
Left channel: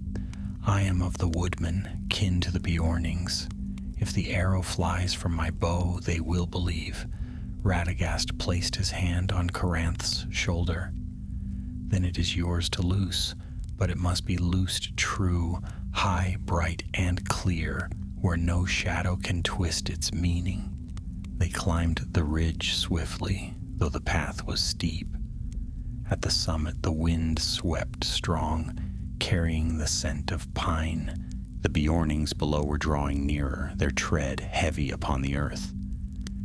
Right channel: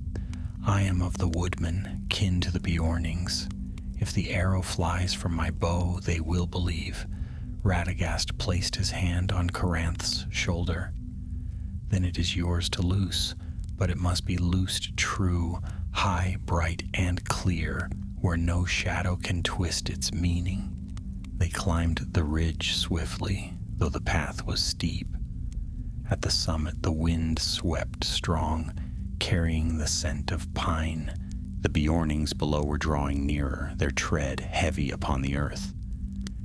I am of the woodmen, kin to the Beornings. If the arrow flies from my bow, they will believe." Radagast placed his hand on Coranth's shoulder. "Then it is yours to loose. but it must be loosed true, high, bright, and clear, where no shadow can twist its meaning. They climbed the ridge swiftly, though the path was steep. At the summit the wind swept strong, carrying the scent of pine. The Bjornings below were drawing nearer, their tread heavy upon the earth.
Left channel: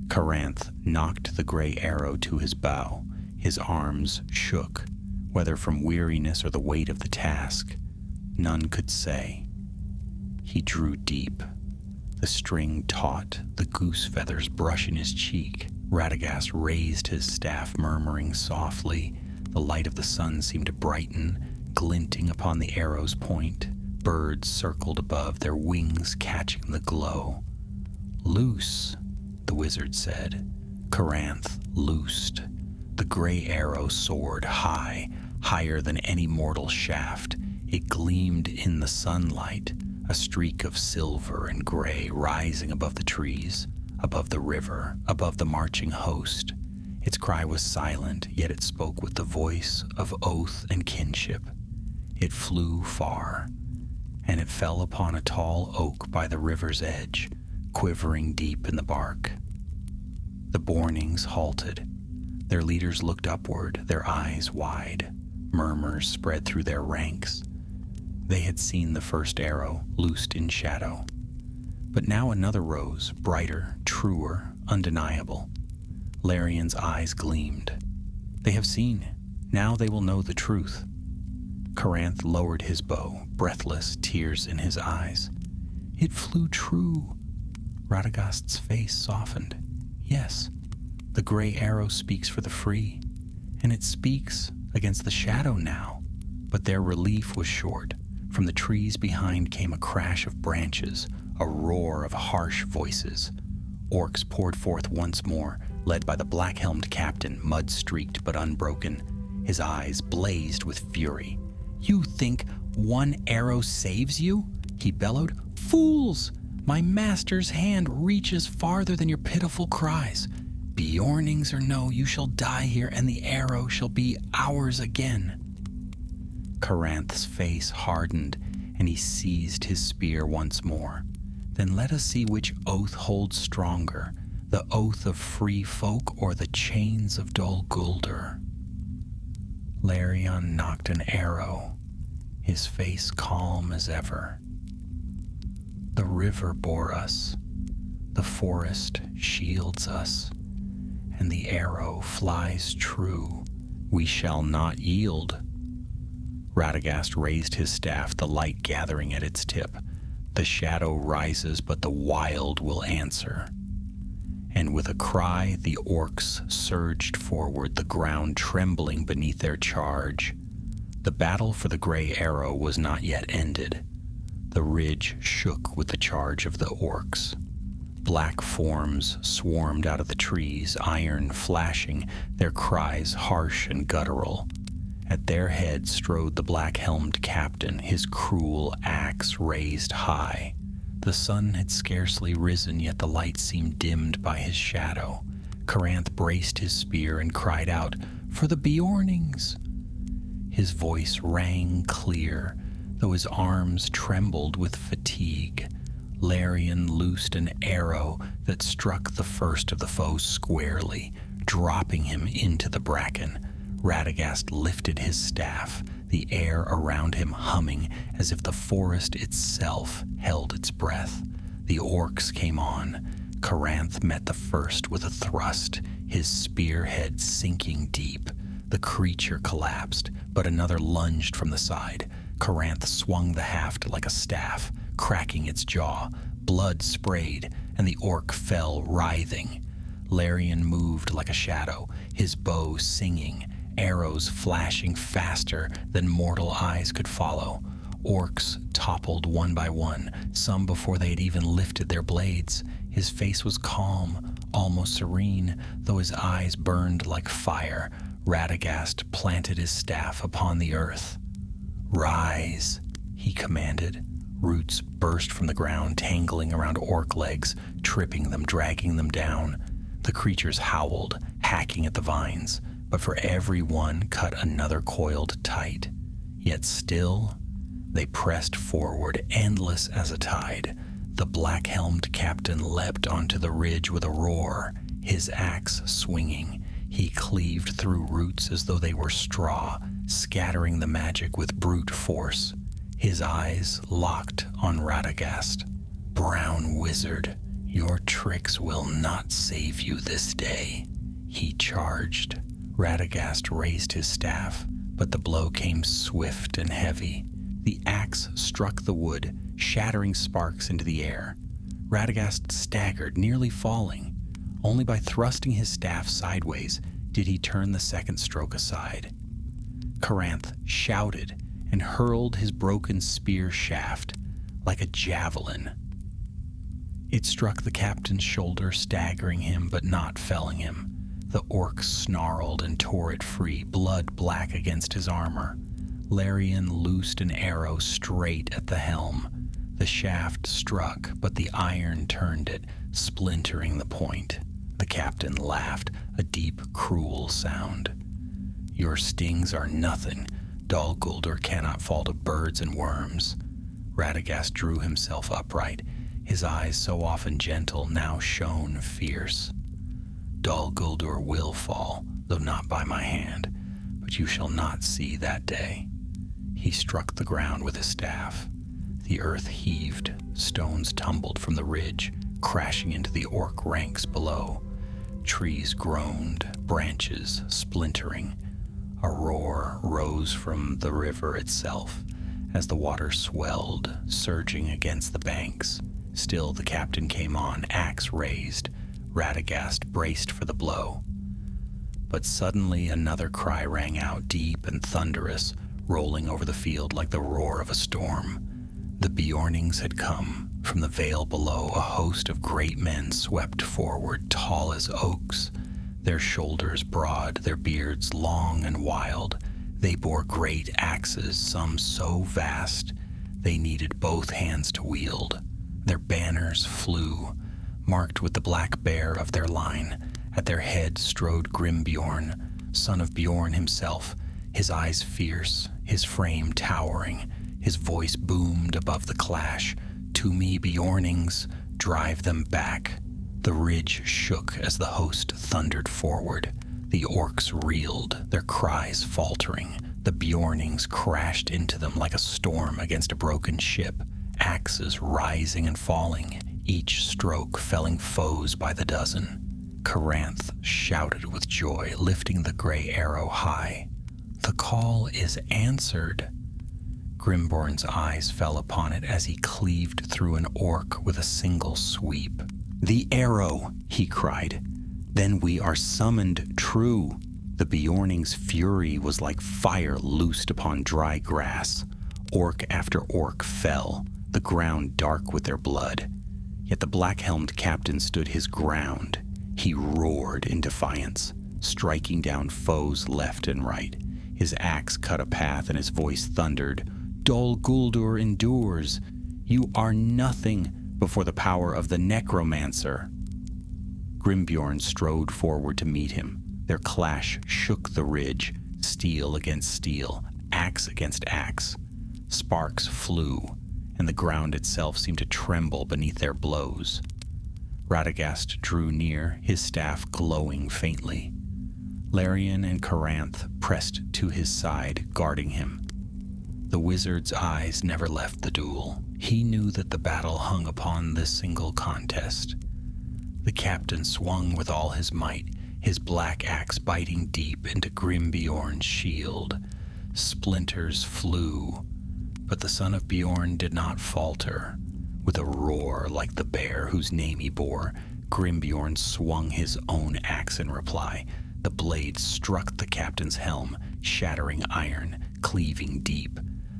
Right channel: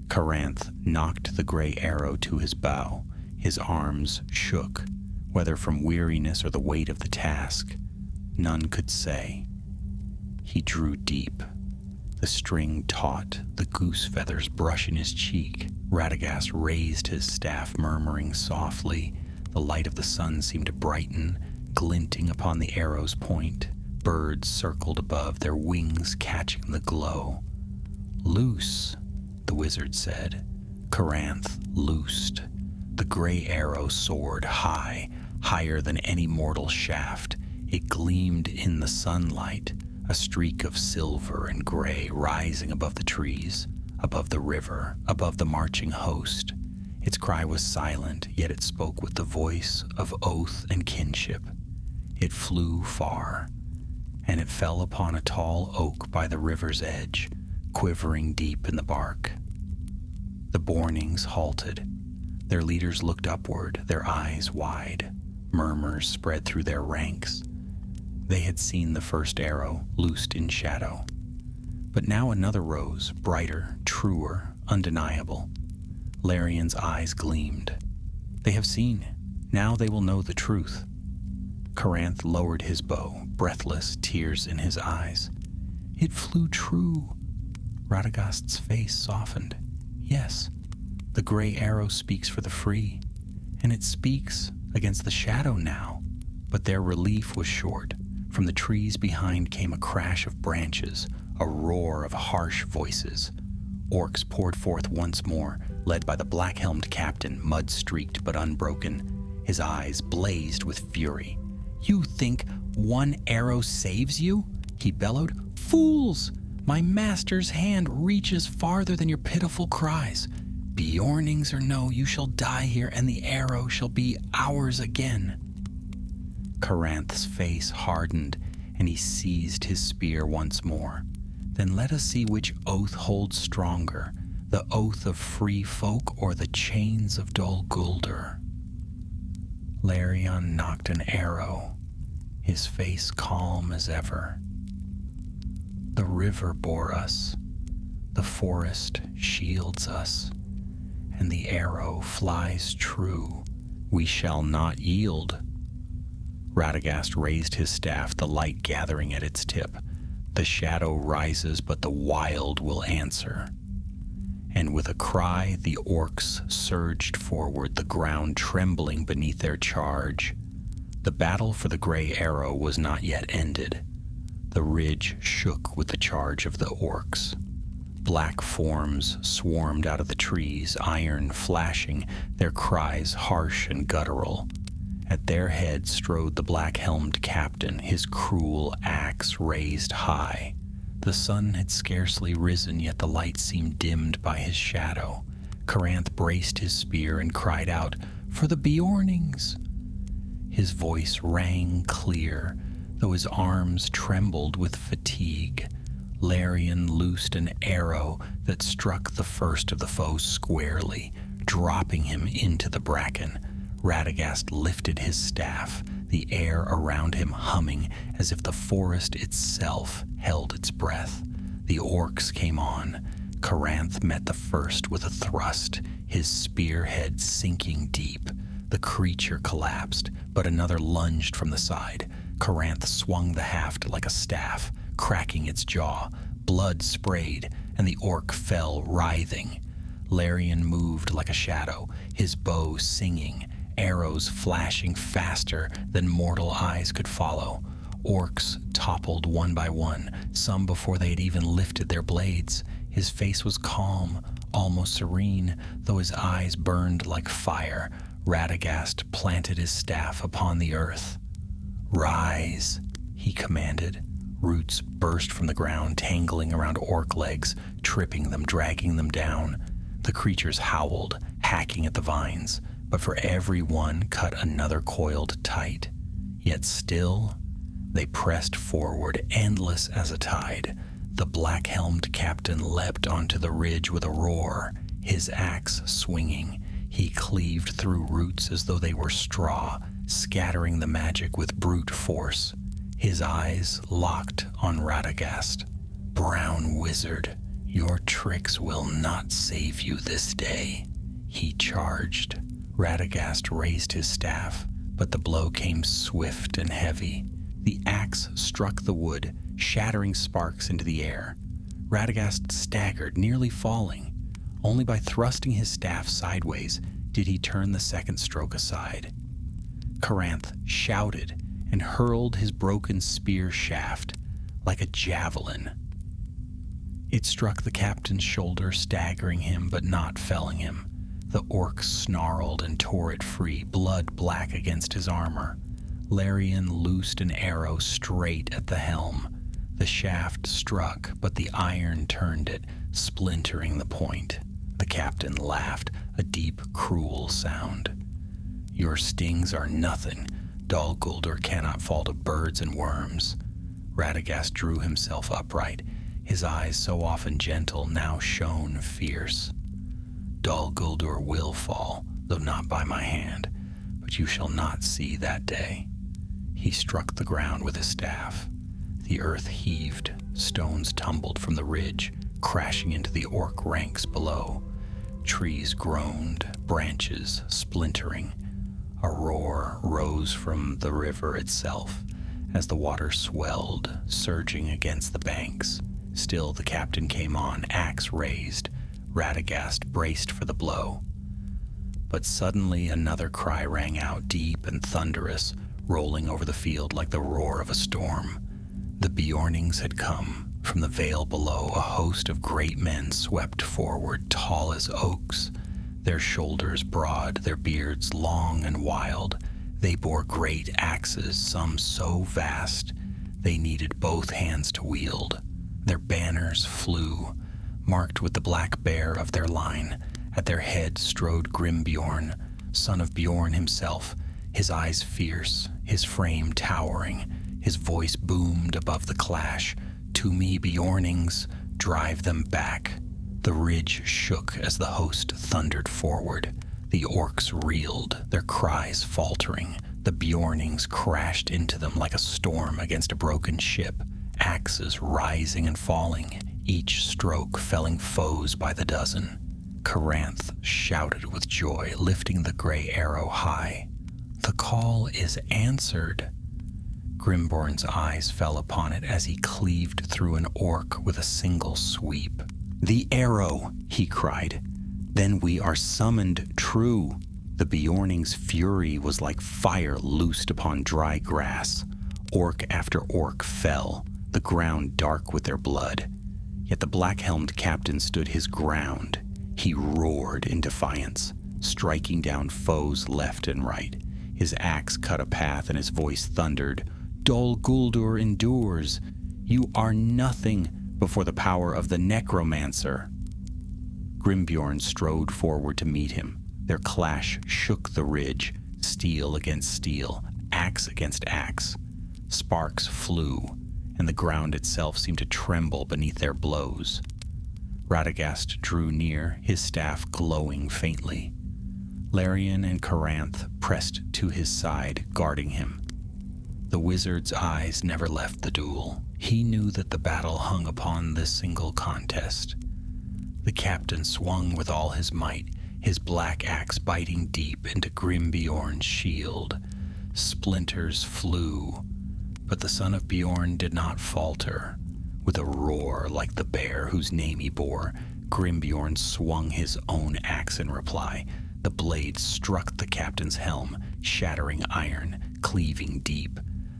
Caranth knocked the gray arrow to his bow. His arms shook, whether from weariness or the weight of the task. None could say. He drew deep. The string taut, the goose feathers brush in his cheek. Radagast raised his staff, murmuring softly. The light of the sun seemed to brighten, glinting upon the arrow's point. Birds circled above, their wings catching the glow. "Loose," the wizard said. Caranth loosed. The gray arrow soared high, higher than any mortal shaft. It gleamed in the sunlight, a streak of silver and gray rising above the trees, above the river, above the marching host. Its cry was silent, yet it spoke with the voice of oath and kinship. It flew far, and it fell upon a tall oak by the river's edge, quivering deep in the bark. The Bjornings halted. Their leaders looked upward, their eyes wide. Murmurs spread through their ranks. They had seen the first arrow loosed in shadow. But now another rose, brighter, truer, undeniable. Larion's eyes gleamed. They have seen. Now they will know the truth. Caranth lowered his bow, breathless, tears in his eyes. It flew true. Radagast's face softened. Yes, the gray arrow speaks for the free, and it speaks against the shadow now. But their relief was short. From the trees behind came a crash of branches, a roar of harsh voices. Orcs poured forth once more, led by the black-helmed captain, mud-streaked but unbroken. His eyes blazed with fury. "You think one arrow saves you?" he bellowed. "Fools! My master's hand reaches farther than your pitiful cries. Bjornings or no, you shall die here, and the arrow shall be ours again." Caranth's face hardened, and he seized his spear once more. "Then let us see which oath holds stronger, the oath of free folk or the chains of Dol Guldur." Larion knocked an arrow, his face calm as ever. "The river bore us, the forest shields us, and the arrow flies true. We shall not yield." Radagast raised his staff, the light gathering at its tip. "The shadow rises, but the wild will answer." And with a cry, the orcs surged forward, the ground trembling beneath their charge. The battle for the gray arrow was not yet ended. The ridge shook with the charge of the orcs. Black forms swarmed out of the trees, iron flashing, their cries harsh and guttural. At their head strode the black-helmed captain, his cruel axe raised high. The sun had scarcely risen, yet the light seemed dimmed by his shadow. Caranth braced his spear and cried out, "For the Bjornings!" His voice rang clear, though his arms trembled with fatigue. Larion loosed an arrow that struck the first of the foes squarely, dropping him into the bracken. Radagast lifted his staff, the air around him humming as if the forest itself held its breath. The orcs came on. Caranth met the first with a thrust, his spearhead sinking deep. The creature collapsed, but another lunged from the side. Caranth swung the haft like a staff, cracking its jaw. Blood sprayed, and the orc fell writhing. Larion moved like a shadow, his bow singing, arrows flashing faster than mortal eyes could follow. Orcs toppled one by one, some before they had even lifted their blades. His face was calm, almost serene, though his eyes burned like fire. Radagast planted his staff upon the earth. "Rise," he commanded. Roots burst from the ground, tangling around orc legs, tripping them, dragging them down. The creatures howled, hacking at the vines, but for every one cut another coiled tight. Yet still, they pressed forward, endless as a tide. The black-helmed captain leapt onto the ridge with a roar, his axe swinging. He cleaved through roots as though they were straw, scattering the magic with brute force. His eyes locked on Radagast. "Brown wizard, your tricks will not save you this day," he charged. Radagast raised his staff, but the blow came swift and heavy. The axe struck the wood, shattering sparks into the air. Radagast staggered, nearly falling. Only by thrusting his staff sideways did he turn the second stroke aside. Caranth shouted and hurled his broken spear shaft like a javelin. It struck the captain's shoulder, staggering him but not felling him. The orc snarled and tore it free, blood black against his armor. Larian loosed an arrow straight at the helm. The shaft struck, but the iron turned it, splintering the point. The captain laughed, a deep, cruel sound. "Your stings are nothing. Dol Guldur cannot fall to birds and worms." Radagast drew himself upright. His eyes, so often gentle, now shone fierce. "Dol Guldur will fall, though not by my hand, but you shall not see that day." He struck the ground with his staff. The earth heaved, stones tumbled from the ridge, crashing into the orc ranks below. Trees groaned, branches splintering. A roar rose from the river itself as the water swelled, surging against the banks. Still the captain came on, axe raised. Radagast braced for the blow. But suddenly another cry rang out, deep and thunderous, rolling over the field like the roar of a storm. The Bjornings had come. From the vale below, a host of great men swept forward, tall as oaks, their shoulders broad, their beards long and wild. They bore great axes, some so vast they needed both hands to wield. Their banners flew, marked with the black bear of their line. At their head strode Grimbjorn, son of Bjorn himself, his eyes fierce, his frame towering. His voice boomed above the clash. "To me, Bjornings, drive them back." The ridge shook as the host thundered forward. The orcs reeled, their cries faltering. The Bjornings crashed into them like a storm against a broken ship, axes rising and falling, each stroke felling foes by the dozen. Caranth shouted with joy, lifting the gray arrow high. "The call is answered." Grimborn's eyes fell upon it as he cleaved through an orc with a single sweep. "The arrow!" he cried. "Then we are summoned true." The Bjorning's fury was like fire loosed upon dry grass. Orc after orc fell, the ground dark with their blood. Yet the black-helmed captain stood his ground. He roared in defiance, striking down foes left and right. His axe cut a path and his voice thundered, "Dol Guldur endures. You are nothing before the power of the necromancer." Grimbjorn strode forward to meet him. Their clash shook the ridge, steel against steel, axe against axe. Sparks flew, and the ground itself seemed to tremble beneath their blows. Radagast drew near, his staff glowing faintly. Larian and Caranth pressed to his side, guarding him. The wizard's eyes never left the duel. He knew that the battle hung upon this single contest. The captain swung with all his might, his black axe biting deep into Grimbjorn's shield. Splinters flew, but the son of Bjorn did not falter. With a roar like the bear whose name he bore, Grimbjorn swung his own axe in reply. The blade struck the captain's helm, shattering iron, cleaving deep.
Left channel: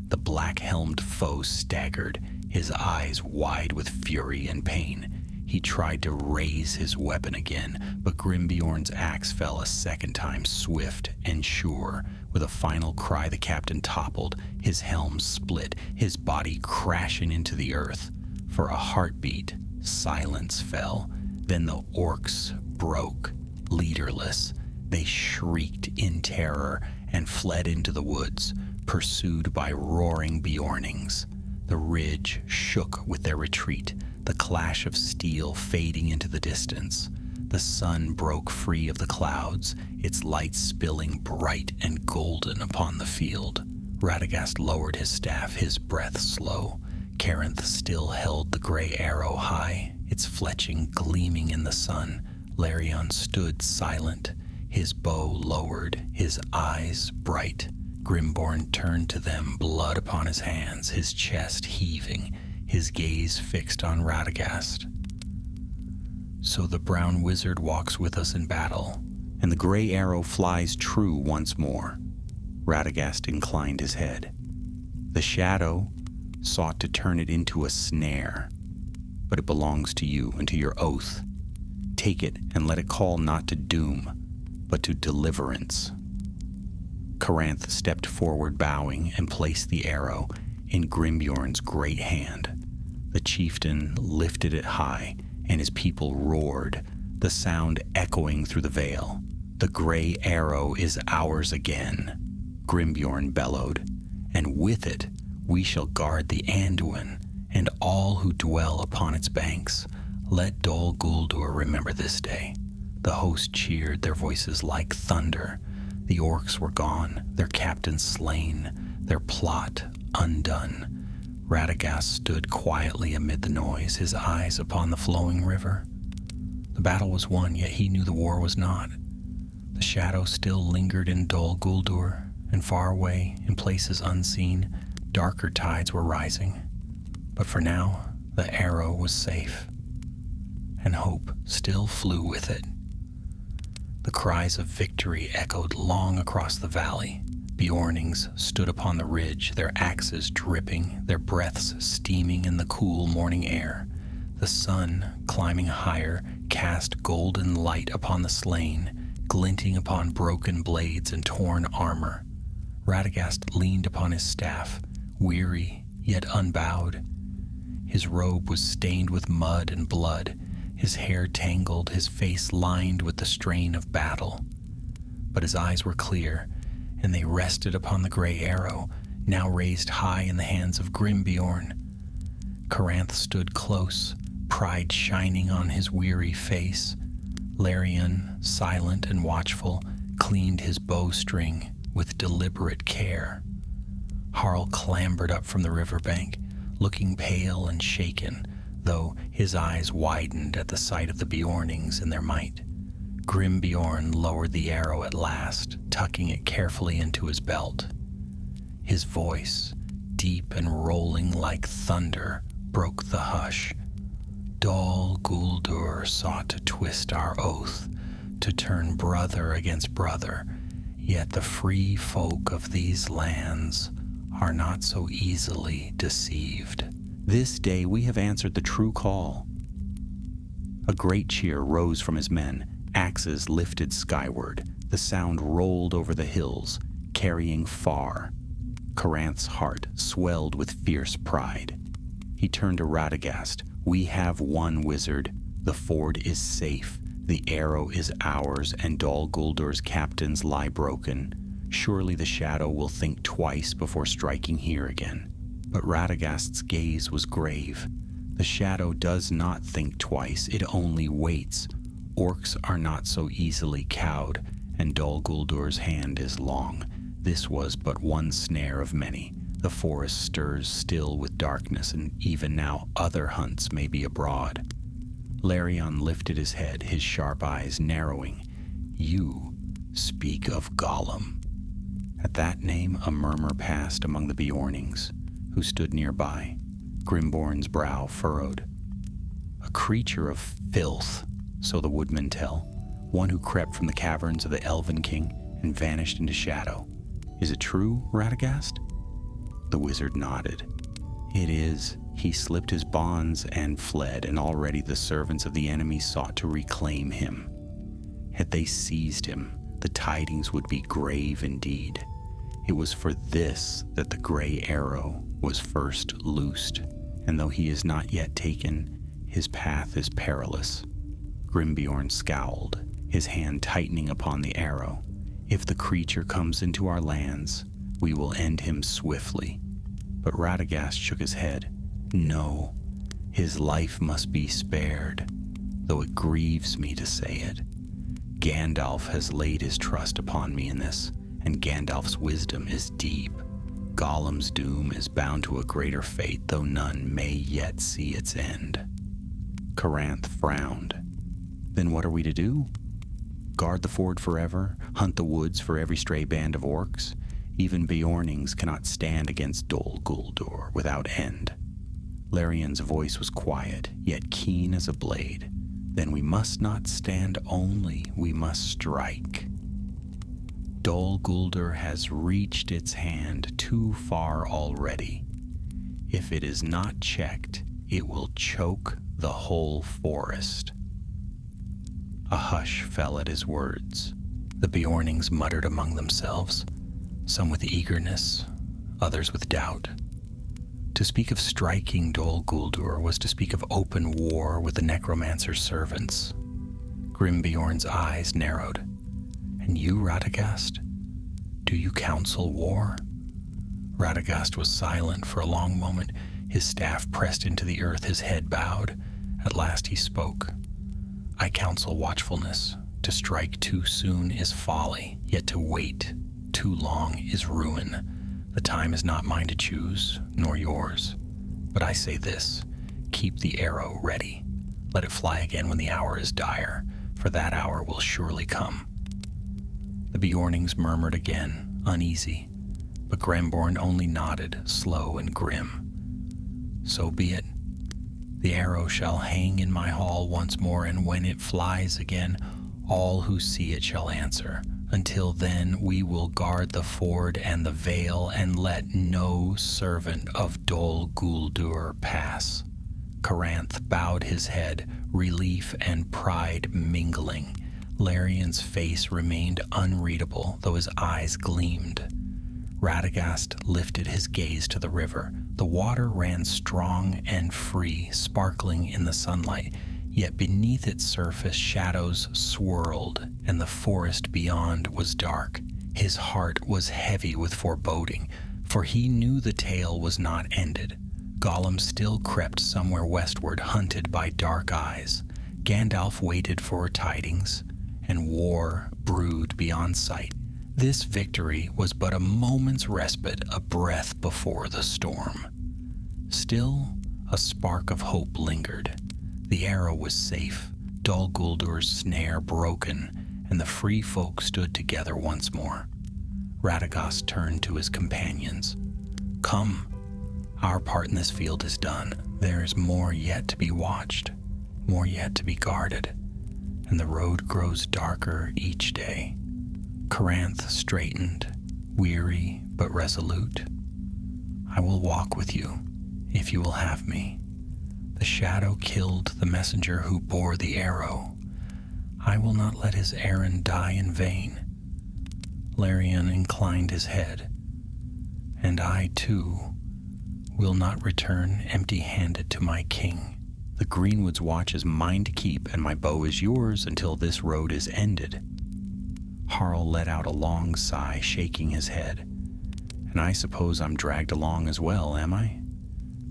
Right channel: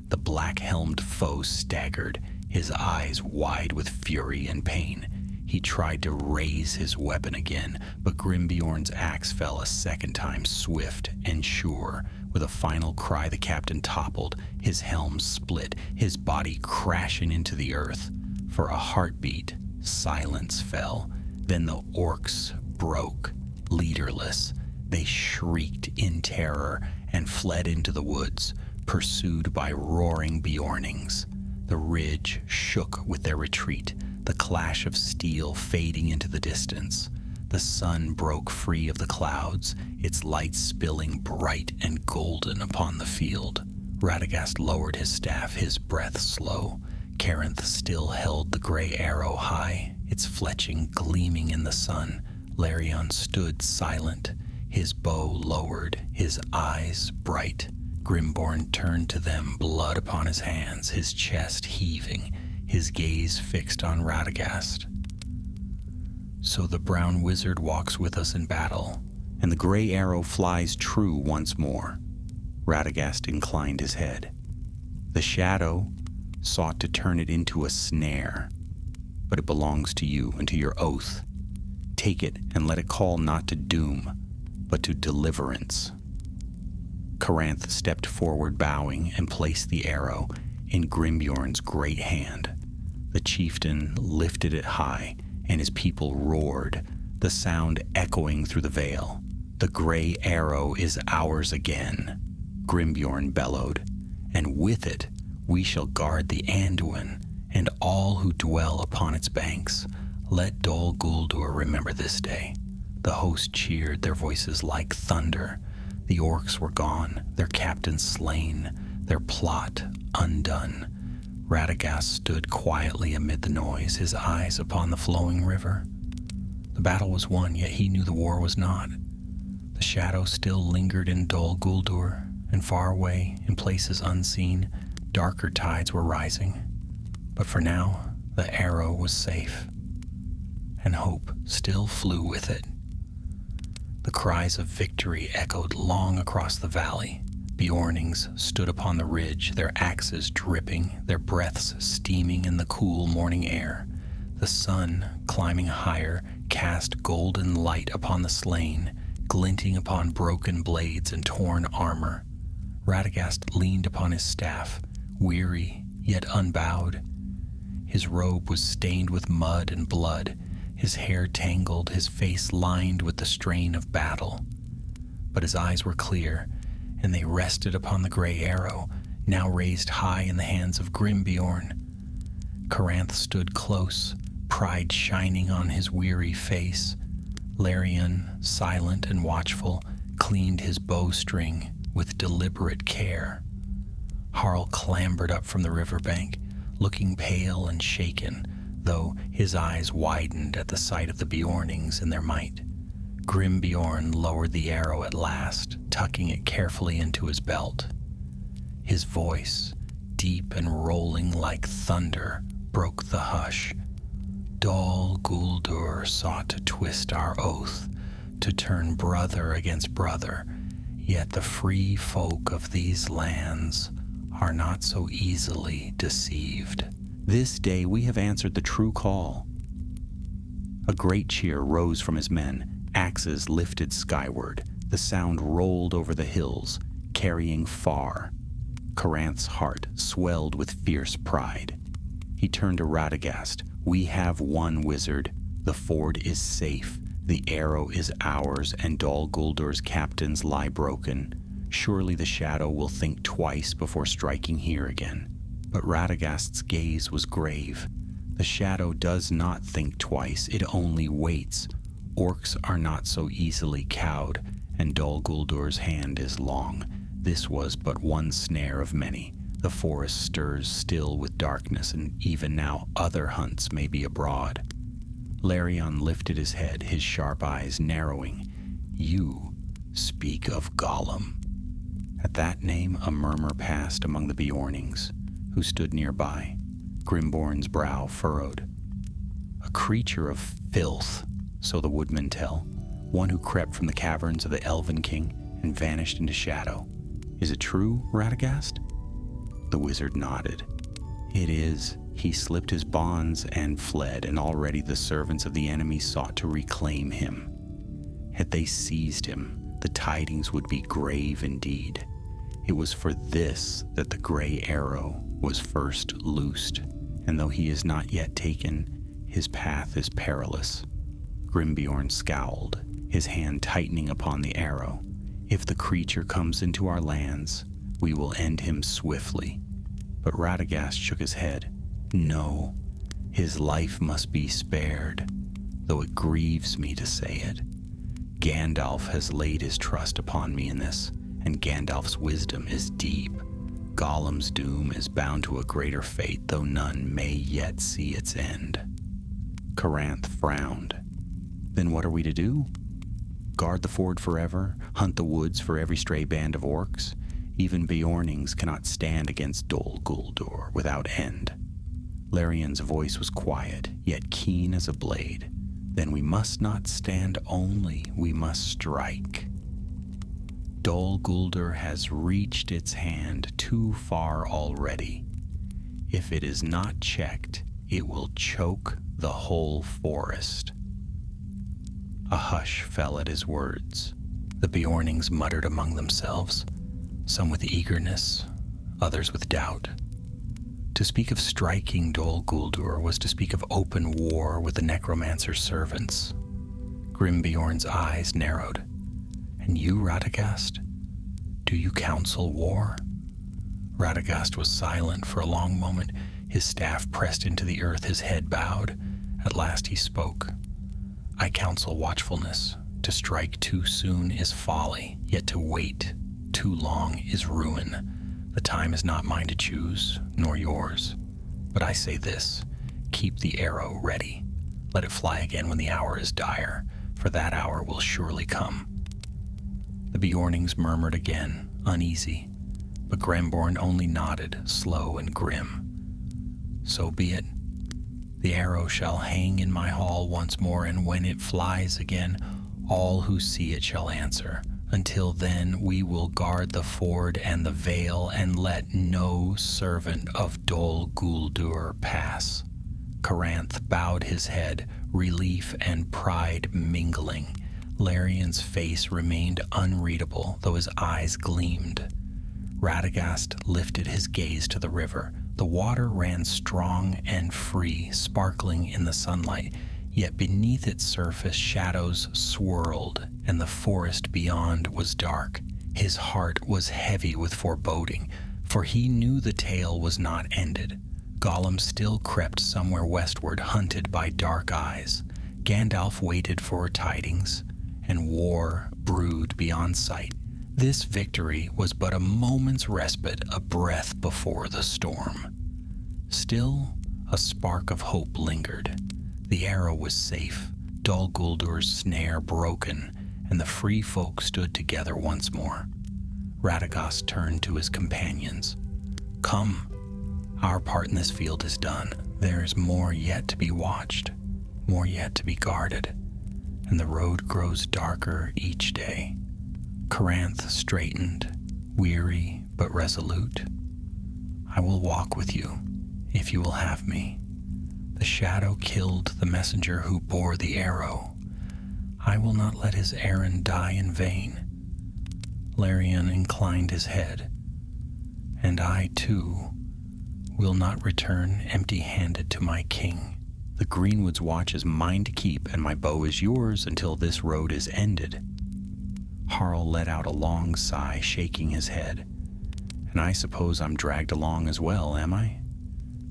The black-helmed foe staggered, his eyes wide with fury and pain. He tried to raise his weapon again, but Grimbjorn's axe fell a second time, swift and sure. With a final cry, the captain toppled, his helm split, his body crashing into the earth. For a heartbeat, silence fell. Then the orcs broke, leaderless. They shrieked in terror and fled into the woods. pursued by roaring Bjornings. The ridge shook with their retreat, the clash of steel fading into the distance. The sun broke free of the clouds, its light spilling bright and golden upon the field. Radagast lowered his staff, his breath slow. Carinth still held the gray arrow high, its fletching gleaming in the sun. Larion stood silent, his bow lowered, his eyes bright. Grimborn turned to them, blood upon his hands, his chest heaving, his gaze fixed on Radagast. So the brown wizard walks with us in battle, and the gray arrow flies true once more. Radagast inclined his head. The shadow sought to turn it into a snare, but it belongs to you and to your oath. Take it and let it call not to doom, but to deliverance. Caranth stepped forward bowing and placed the arrow in Grimbjorn's great hand. The chieftain lifted it high, and his people roared, the sound echoing through the vale. The gray arrow is ours again, Grimbjorn bellowed, and with it we shall guard the Anduin and all who dwell upon its banks. Let Dol Guldur remember this day. The host cheered, their voices like thunder. The orcs were gone, their captain slain, their plot undone. Radagast stood quietly amid the noise, his eyes upon the flowing river. The battle was won, yet he knew the war was not. The shadow still lingered in Dol Guldur, and far away, in places unseen, darker tides were rising. But for now, the arrow was safe, and hope still flew with it. The cries of victory echoed long across the valley. Bjornings stood upon the ridge, their axes dripping, their breaths steaming in the cool morning air. The sun, climbing higher, cast golden light upon the slain, glinting upon broken blades and torn armor. Radagast leaned upon his staff, weary yet unbowed. His robe was stained with mud and blood, his hair tangled, his face lined with the strain of battle. But his eyes were clear, and they rested upon the gray arrow, now raised high in the hands of Grimbjorn. Caranth stood close, pride shining on his weary face. Larion, silent and watchful, cleaned his bowstring with deliberate care. Harl clambered up from the riverbank, looking pale and shaken, though his eyes widened at the sight of the Bjornings in their might. Grimbjorn lowered the arrow at last, tucking it carefully into his belt. His voice, deep and rolling like thunder, broke the hush. Dol Guldur sought to twist our oath, to turn brother against brother, yet the free folk of these lands are not so easily deceived. This day we have answered the true call. A great cheer rose from his men, axes lifted skyward, the sound rolled over the hills, carrying far. Caranth's heart swelled with fierce pride. He turned to Radagast. We have won, wizard. The ford is safe. The arrow is ours, and Dol Guldur's captains lie broken. Surely the shadow will think twice before striking here again. But Radagast's gaze was grave. The shadow does not think twice, it only waits. Orcs are not so easily cowed, and Dol Guldur's hand is long. This was but one snare of many. The forest stirs still with darkness, and even now other hunts may be abroad. Larion lifted his head, his sharp eyes narrowing. You speak of Gollum. At that name a murmur passed among the Bjornings, who stood nearby. Grimborn's brow furrowed. A creature of filth, so the woodmen tell, one who crept from the caverns of the Elven King and vanished into shadow. Is it true, Radagast? The wizard nodded. It is. He slipped his bonds and fled, and already the servants of the enemy sought to reclaim him. Had they seized him, the tidings would be grave indeed. It was for this that the gray arrow was first loosed, and though he is not yet taken, his path is perilous. Grimbjorn scowled, his hand tightening upon the arrow. If the creature comes into our lands, We will end him swiftly." But Radagast shook his head. "No, his life must be spared, though it grieves me to say it. Gandalf has laid his trust upon me in this, and Gandalf's wisdom is deep. Gollum's doom is bound to a greater fate, though none may yet see its end." Caranth frowned. "Then what are we to do? Guard the ford forever? Hunt the woods for every stray band of orcs? Even Beornings cannot stand against Dol Guldur without end." Larian's voice was quiet, yet keen as a blade. "Then we must not stand only, we must strike. Dol Guldur has reached its hand too far already. If it is not checked, it will choke the whole forest." A hush fell at his words. The Beornings muttered among themselves, some with eagerness, others with doubt. To speak of striking Dol Guldur was to speak of open war with the necromancer's servants. Grimbeorn's eyes narrowed. "And you, Radagast? Do you counsel war?" Radagast was silent for a long moment, his staff pressed into the earth, his head bowed. At last he spoke. "I counsel watchfulness. To strike too soon is folly, yet to wait too long is ruin. The time is not mine to choose, nor yours. But I say this, keep the arrow ready. Let it fly again when the hour is dire, for that hour will surely come." The Beornings murmured again, uneasy, but Grimbeorn only nodded, slow and grim. "So be it. The arrow shall hang in my hall once more, and when it flies again, all who see it shall answer. Until then, we will guard the ford and the vale, and let no servant of Dol Guldur pass." Caranth bowed his head, relief and pride mingling. Larian's face remained unreadable, though his eyes gleamed. Radagast lifted his gaze to the river. The water ran strong and free, sparkling in the sunlight, yet beneath its surface shadows swirled, and the forest beyond was dark. His heart was heavy with foreboding, for he knew the tale was not ended. Gollum still crept somewhere westward, hunted by dark eyes. Gandalf waited for tidings, and war brewed beyond sight. This victory was but a moment's respite, a breath before the storm. Still, a spark of hope lingered. The arrow was safe, Dol Guldur's snare broken, and the free folk stood together once more. Radagast turned to his companions. "Come, our part in this field is done. There is more yet to be watched, more yet to be guarded, and the road grows darker each day." Caranth straightened, weary but resolute. "I will walk with you, if you will have me. The shadow killed the messenger who bore the arrow. I will not let his errand die in vain." Larian inclined his head. "And I, too, will not return empty-handed to my king. The Greenwood's watch is mine to keep, and my bow is yours until this road is ended." Harl let out a long sigh, shaking his head. "And I suppose I'm dragged along as well, am I?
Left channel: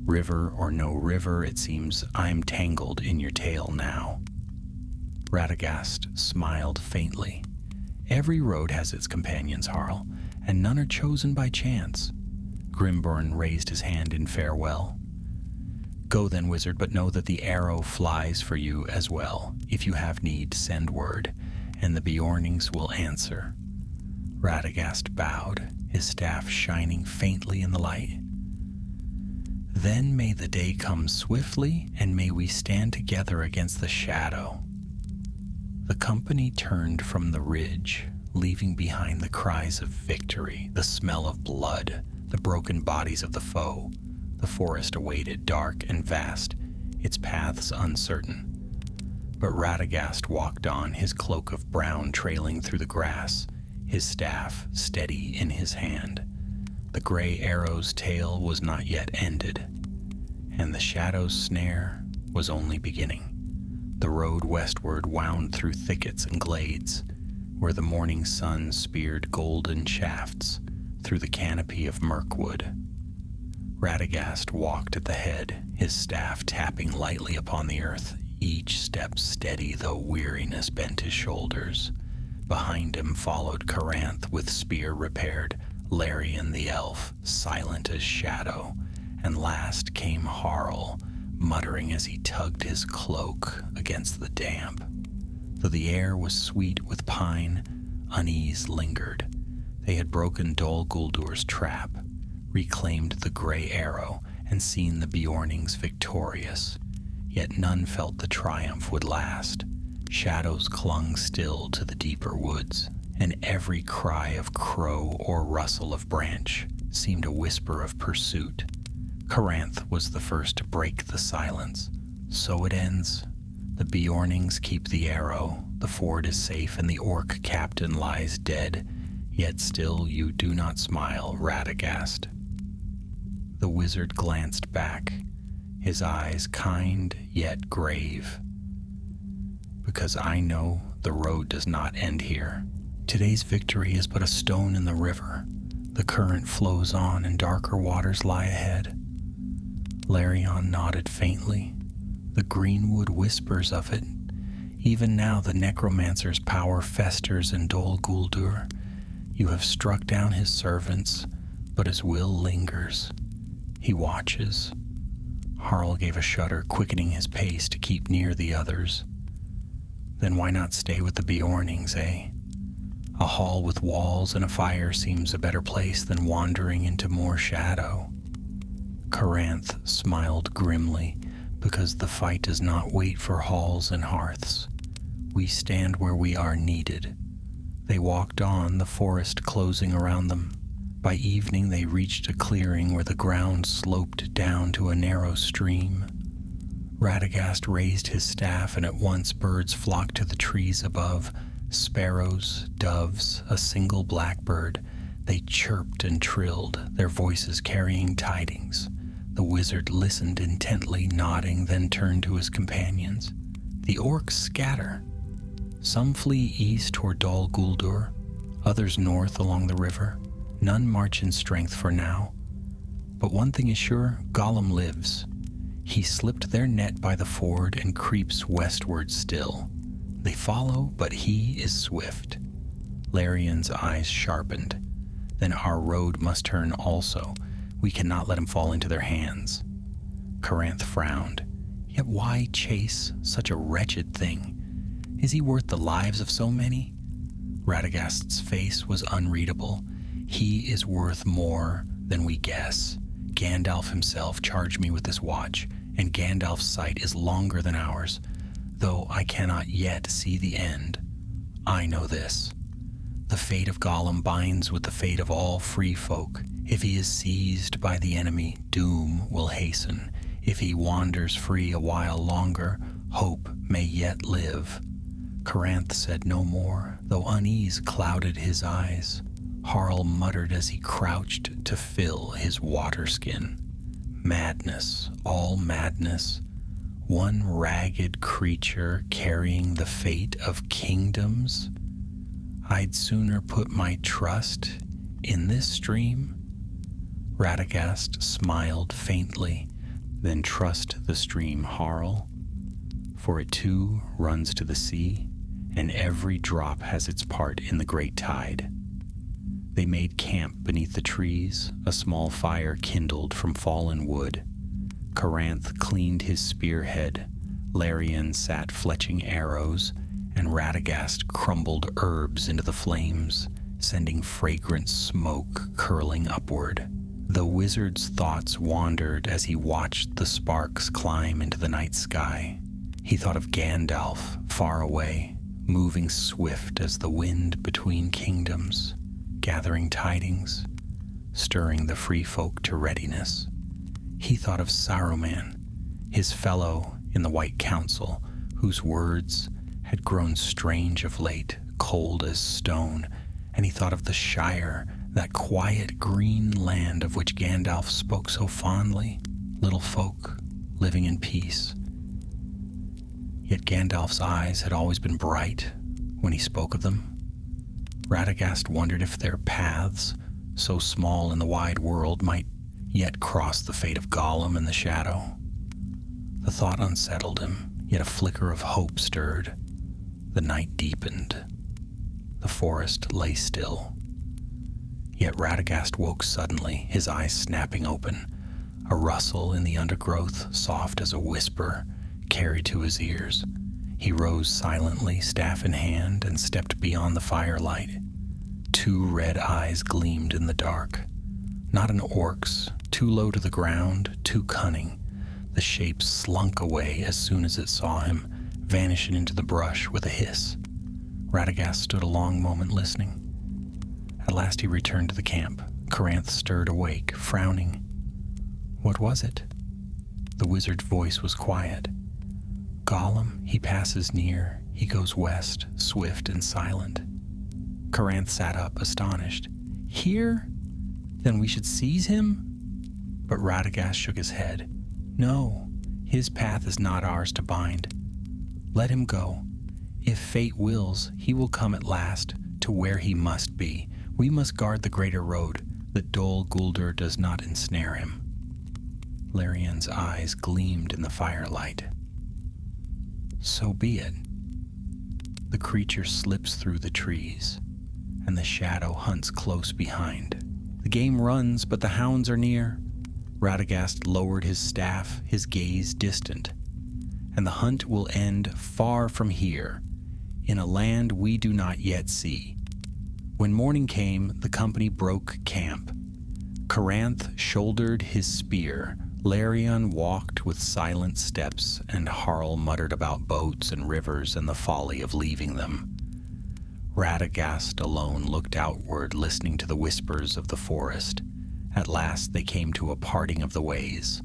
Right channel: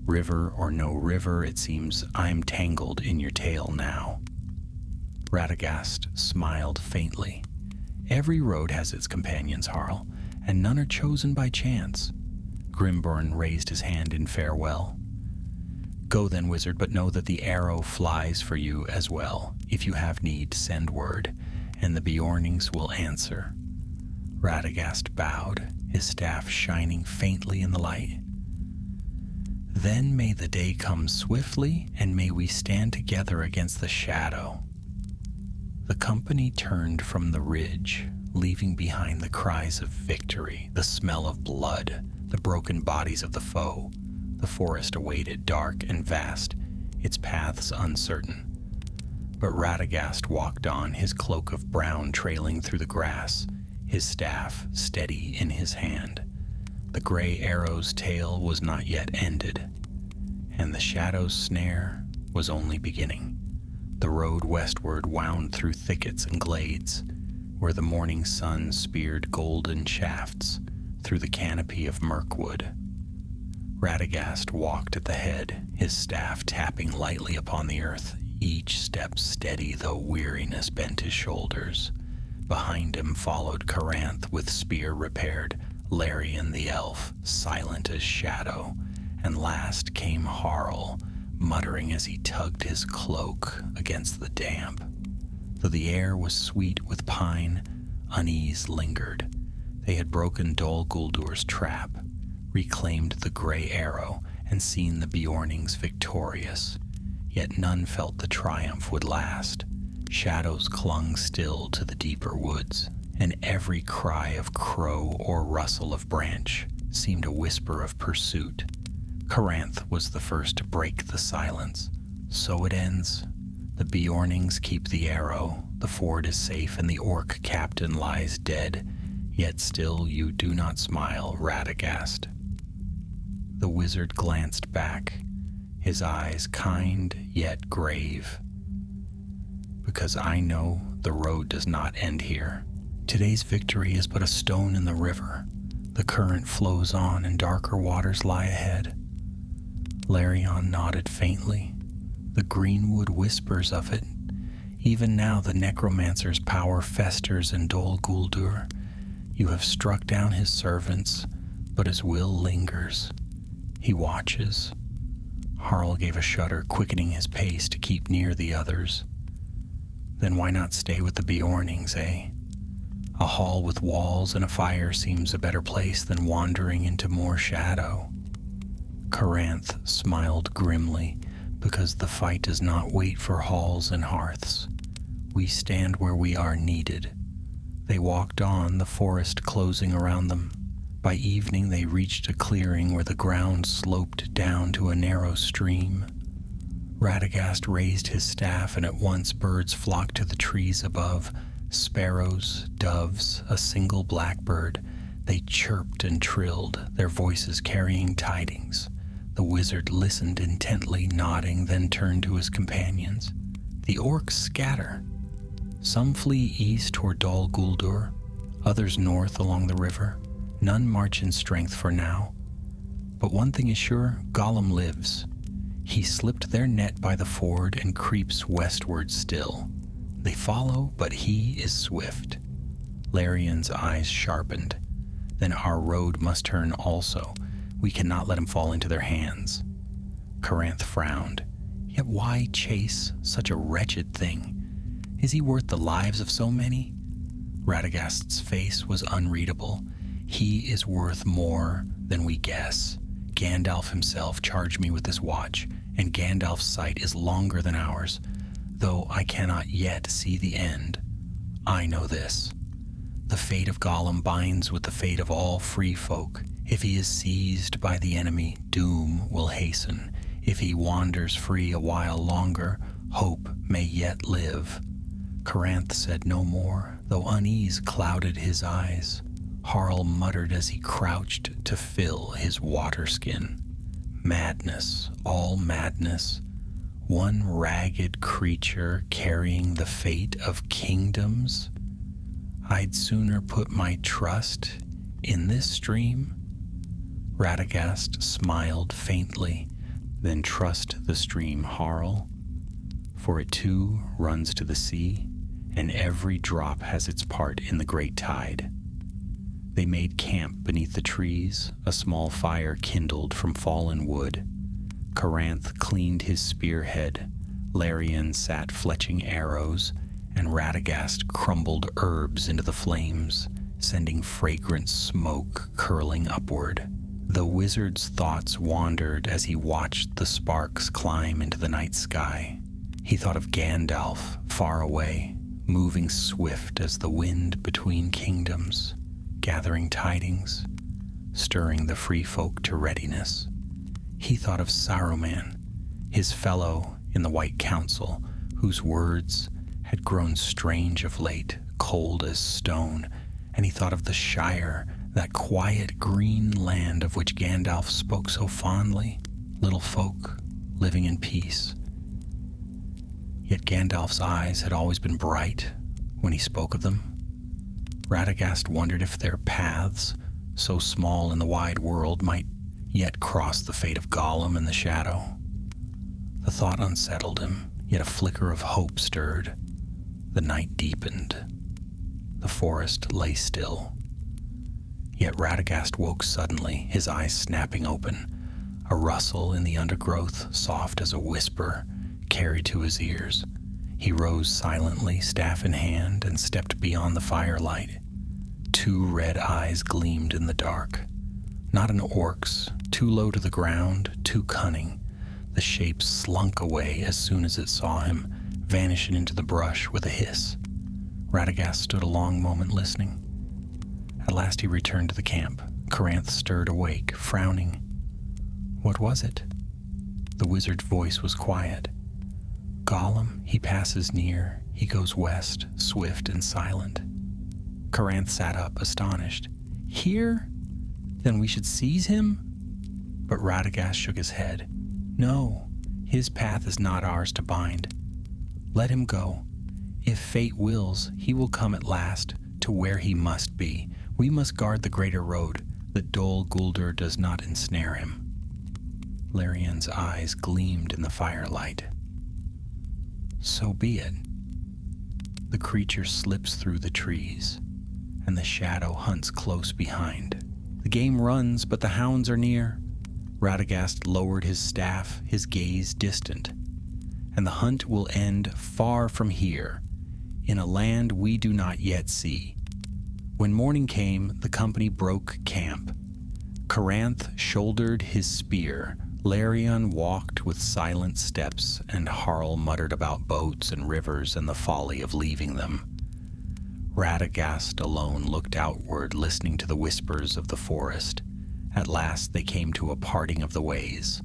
River or no river, it seems I'm tangled in your tale now." Radagast smiled faintly. "Every road has its companions, Harl, and none are chosen by chance." Grimbeorn raised his hand in farewell. "Go then, wizard, but know that the arrow flies for you as well. If you have need, send word, and the Beornings will answer." Radagast bowed, his staff shining faintly in the light. "Then may the day come swiftly, and may we stand together against the shadow." The company turned from the ridge, leaving behind the cries of victory, the smell of blood, the broken bodies of the foe. The forest awaited, dark and vast, its paths uncertain. But Radagast walked on, his cloak of brown trailing through the grass, his staff steady in his hand. The gray arrow's tale was not yet ended, and the shadow's snare was only beginning. The road westward wound through thickets and glades, where the morning sun speared golden shafts through the canopy of Mirkwood. Radagast walked at the head, his staff tapping lightly upon the earth, each step steady though weariness bent his shoulders. Behind him followed Caranth with spear repaired, Larian the elf, silent as shadow, and last came Harl, muttering as he tugged his cloak against the damp. Though the air was sweet with pine, unease lingered. They had broken Dol Guldur's trap, reclaimed the gray arrow, and seen the Bjornings victorious. Yet none felt the triumph would last. Shadows clung still to the deeper woods, and every cry of crow or rustle of branch seemed a whisper of pursuit. Caranth was the first to break the silence. So it ends. The Bjornings keep the arrow, the ford is safe, and the orc captain lies dead. Yet still you do not smile, Radagast. The wizard glanced back, his eyes kind yet grave. Because I know the road does not end here. Today's victory is but a stone in the river. The current flows on and darker waters lie ahead. Larion nodded faintly. The greenwood whispers of it. Even now the necromancer's power festers in Dol Guldur. You have struck down his servants, but his will lingers. He watches. Harl gave a shudder, quickening his pace to keep near the others. Then why not stay with the Bjornings, eh? A hall with walls and a fire seems a better place than wandering into more shadow. Caranth smiled grimly, because the fight does not wait for halls and hearths. We stand where we are needed. They walked on, the forest closing around them. By evening they reached a clearing where the ground sloped down to a narrow stream. Radagast raised his staff, and at once birds flocked to the trees above. Sparrows, doves, a single blackbird. They chirped and trilled, their voices carrying tidings. The wizard listened intently, nodding, then turned to his companions. The orcs scatter. Some flee east toward Dol Guldur, others north along the river. None march in strength for now. But one thing is sure, Gollum lives. He slipped their net by the ford and creeps westward still. They follow, but he is swift. Larian's eyes sharpened. Then our road must turn also. We cannot let him fall into their hands. Caranth frowned. Yet why chase such a wretched thing? Is he worth the lives of so many? Radagast's face was unreadable. He is worth more than we guess. Gandalf himself charged me with this watch, and Gandalf's sight is longer than ours. Though I cannot yet see the end, I know this. The fate of Gollum binds with the fate of all free folk. If he is seized by the enemy, doom will hasten. If he wanders free a while longer, hope may yet live. Caranth said no more, though unease clouded his eyes. Harl muttered as he crouched to fill his water skin. Madness, all madness. One ragged creature carrying the fate of kingdoms? I'd sooner put my trust in this stream. Radagast smiled faintly. Then trust the stream, Harl, for it too runs to the sea, and every drop has its part in the great tide. They made camp beneath the trees, a small fire kindled from fallen wood. Caranth cleaned his spearhead, Larian sat fletching arrows, and Radagast crumbled herbs into the flames, sending fragrant smoke curling upward. The wizard's thoughts wandered as he watched the sparks climb into the night sky. He thought of Gandalf, far away, moving swift as the wind between kingdoms, gathering tidings, stirring the free folk to readiness. He thought of Saruman, his fellow in the White Council, whose words had grown strange of late, cold as stone, and he thought of the Shire, that quiet green land of which Gandalf spoke so fondly, little folk living in peace. Yet Gandalf's eyes had always been bright when he spoke of them. Radagast wondered if their paths, so small in the wide world, might yet cross the fate of Gollum and the Shadow. The thought unsettled him, yet a flicker of hope stirred. The night deepened. The forest lay still. Yet Radagast woke suddenly, his eyes snapping open. A rustle in the undergrowth, soft as a whisper, carried to his ears. He rose silently, staff in hand, and stepped beyond the firelight. 2 red eyes gleamed in the dark. Not an orc's, too low to the ground, too cunning. The shape slunk away as soon as it saw him, vanishing into the brush with a hiss. Radagast stood a long moment listening. At last he returned to the camp. Caranth stirred awake, frowning. What was it? The wizard's voice was quiet. Gollum, he passes near, he goes west, swift and silent. Caranth sat up, astonished. Here? Then we should seize him? But Radagast shook his head. No, his path is not ours to bind. Let him go. If fate wills, he will come at last to where he must be. We must guard the greater road, that Dol Guldur does not ensnare him. Larian's eyes gleamed in the firelight. So be it. The creature slips through the trees, and the shadow hunts close behind. The game runs, but the hounds are near. Radagast lowered his staff, his gaze distant. And the hunt will end far from here, in a land we do not yet see. When morning came, the company broke camp. Caranth shouldered his spear. Larion walked with silent steps, and Harl muttered about boats and rivers and the folly of leaving them. Radagast alone looked outward, listening to the whispers of the forest. At last they came to a parting of the ways.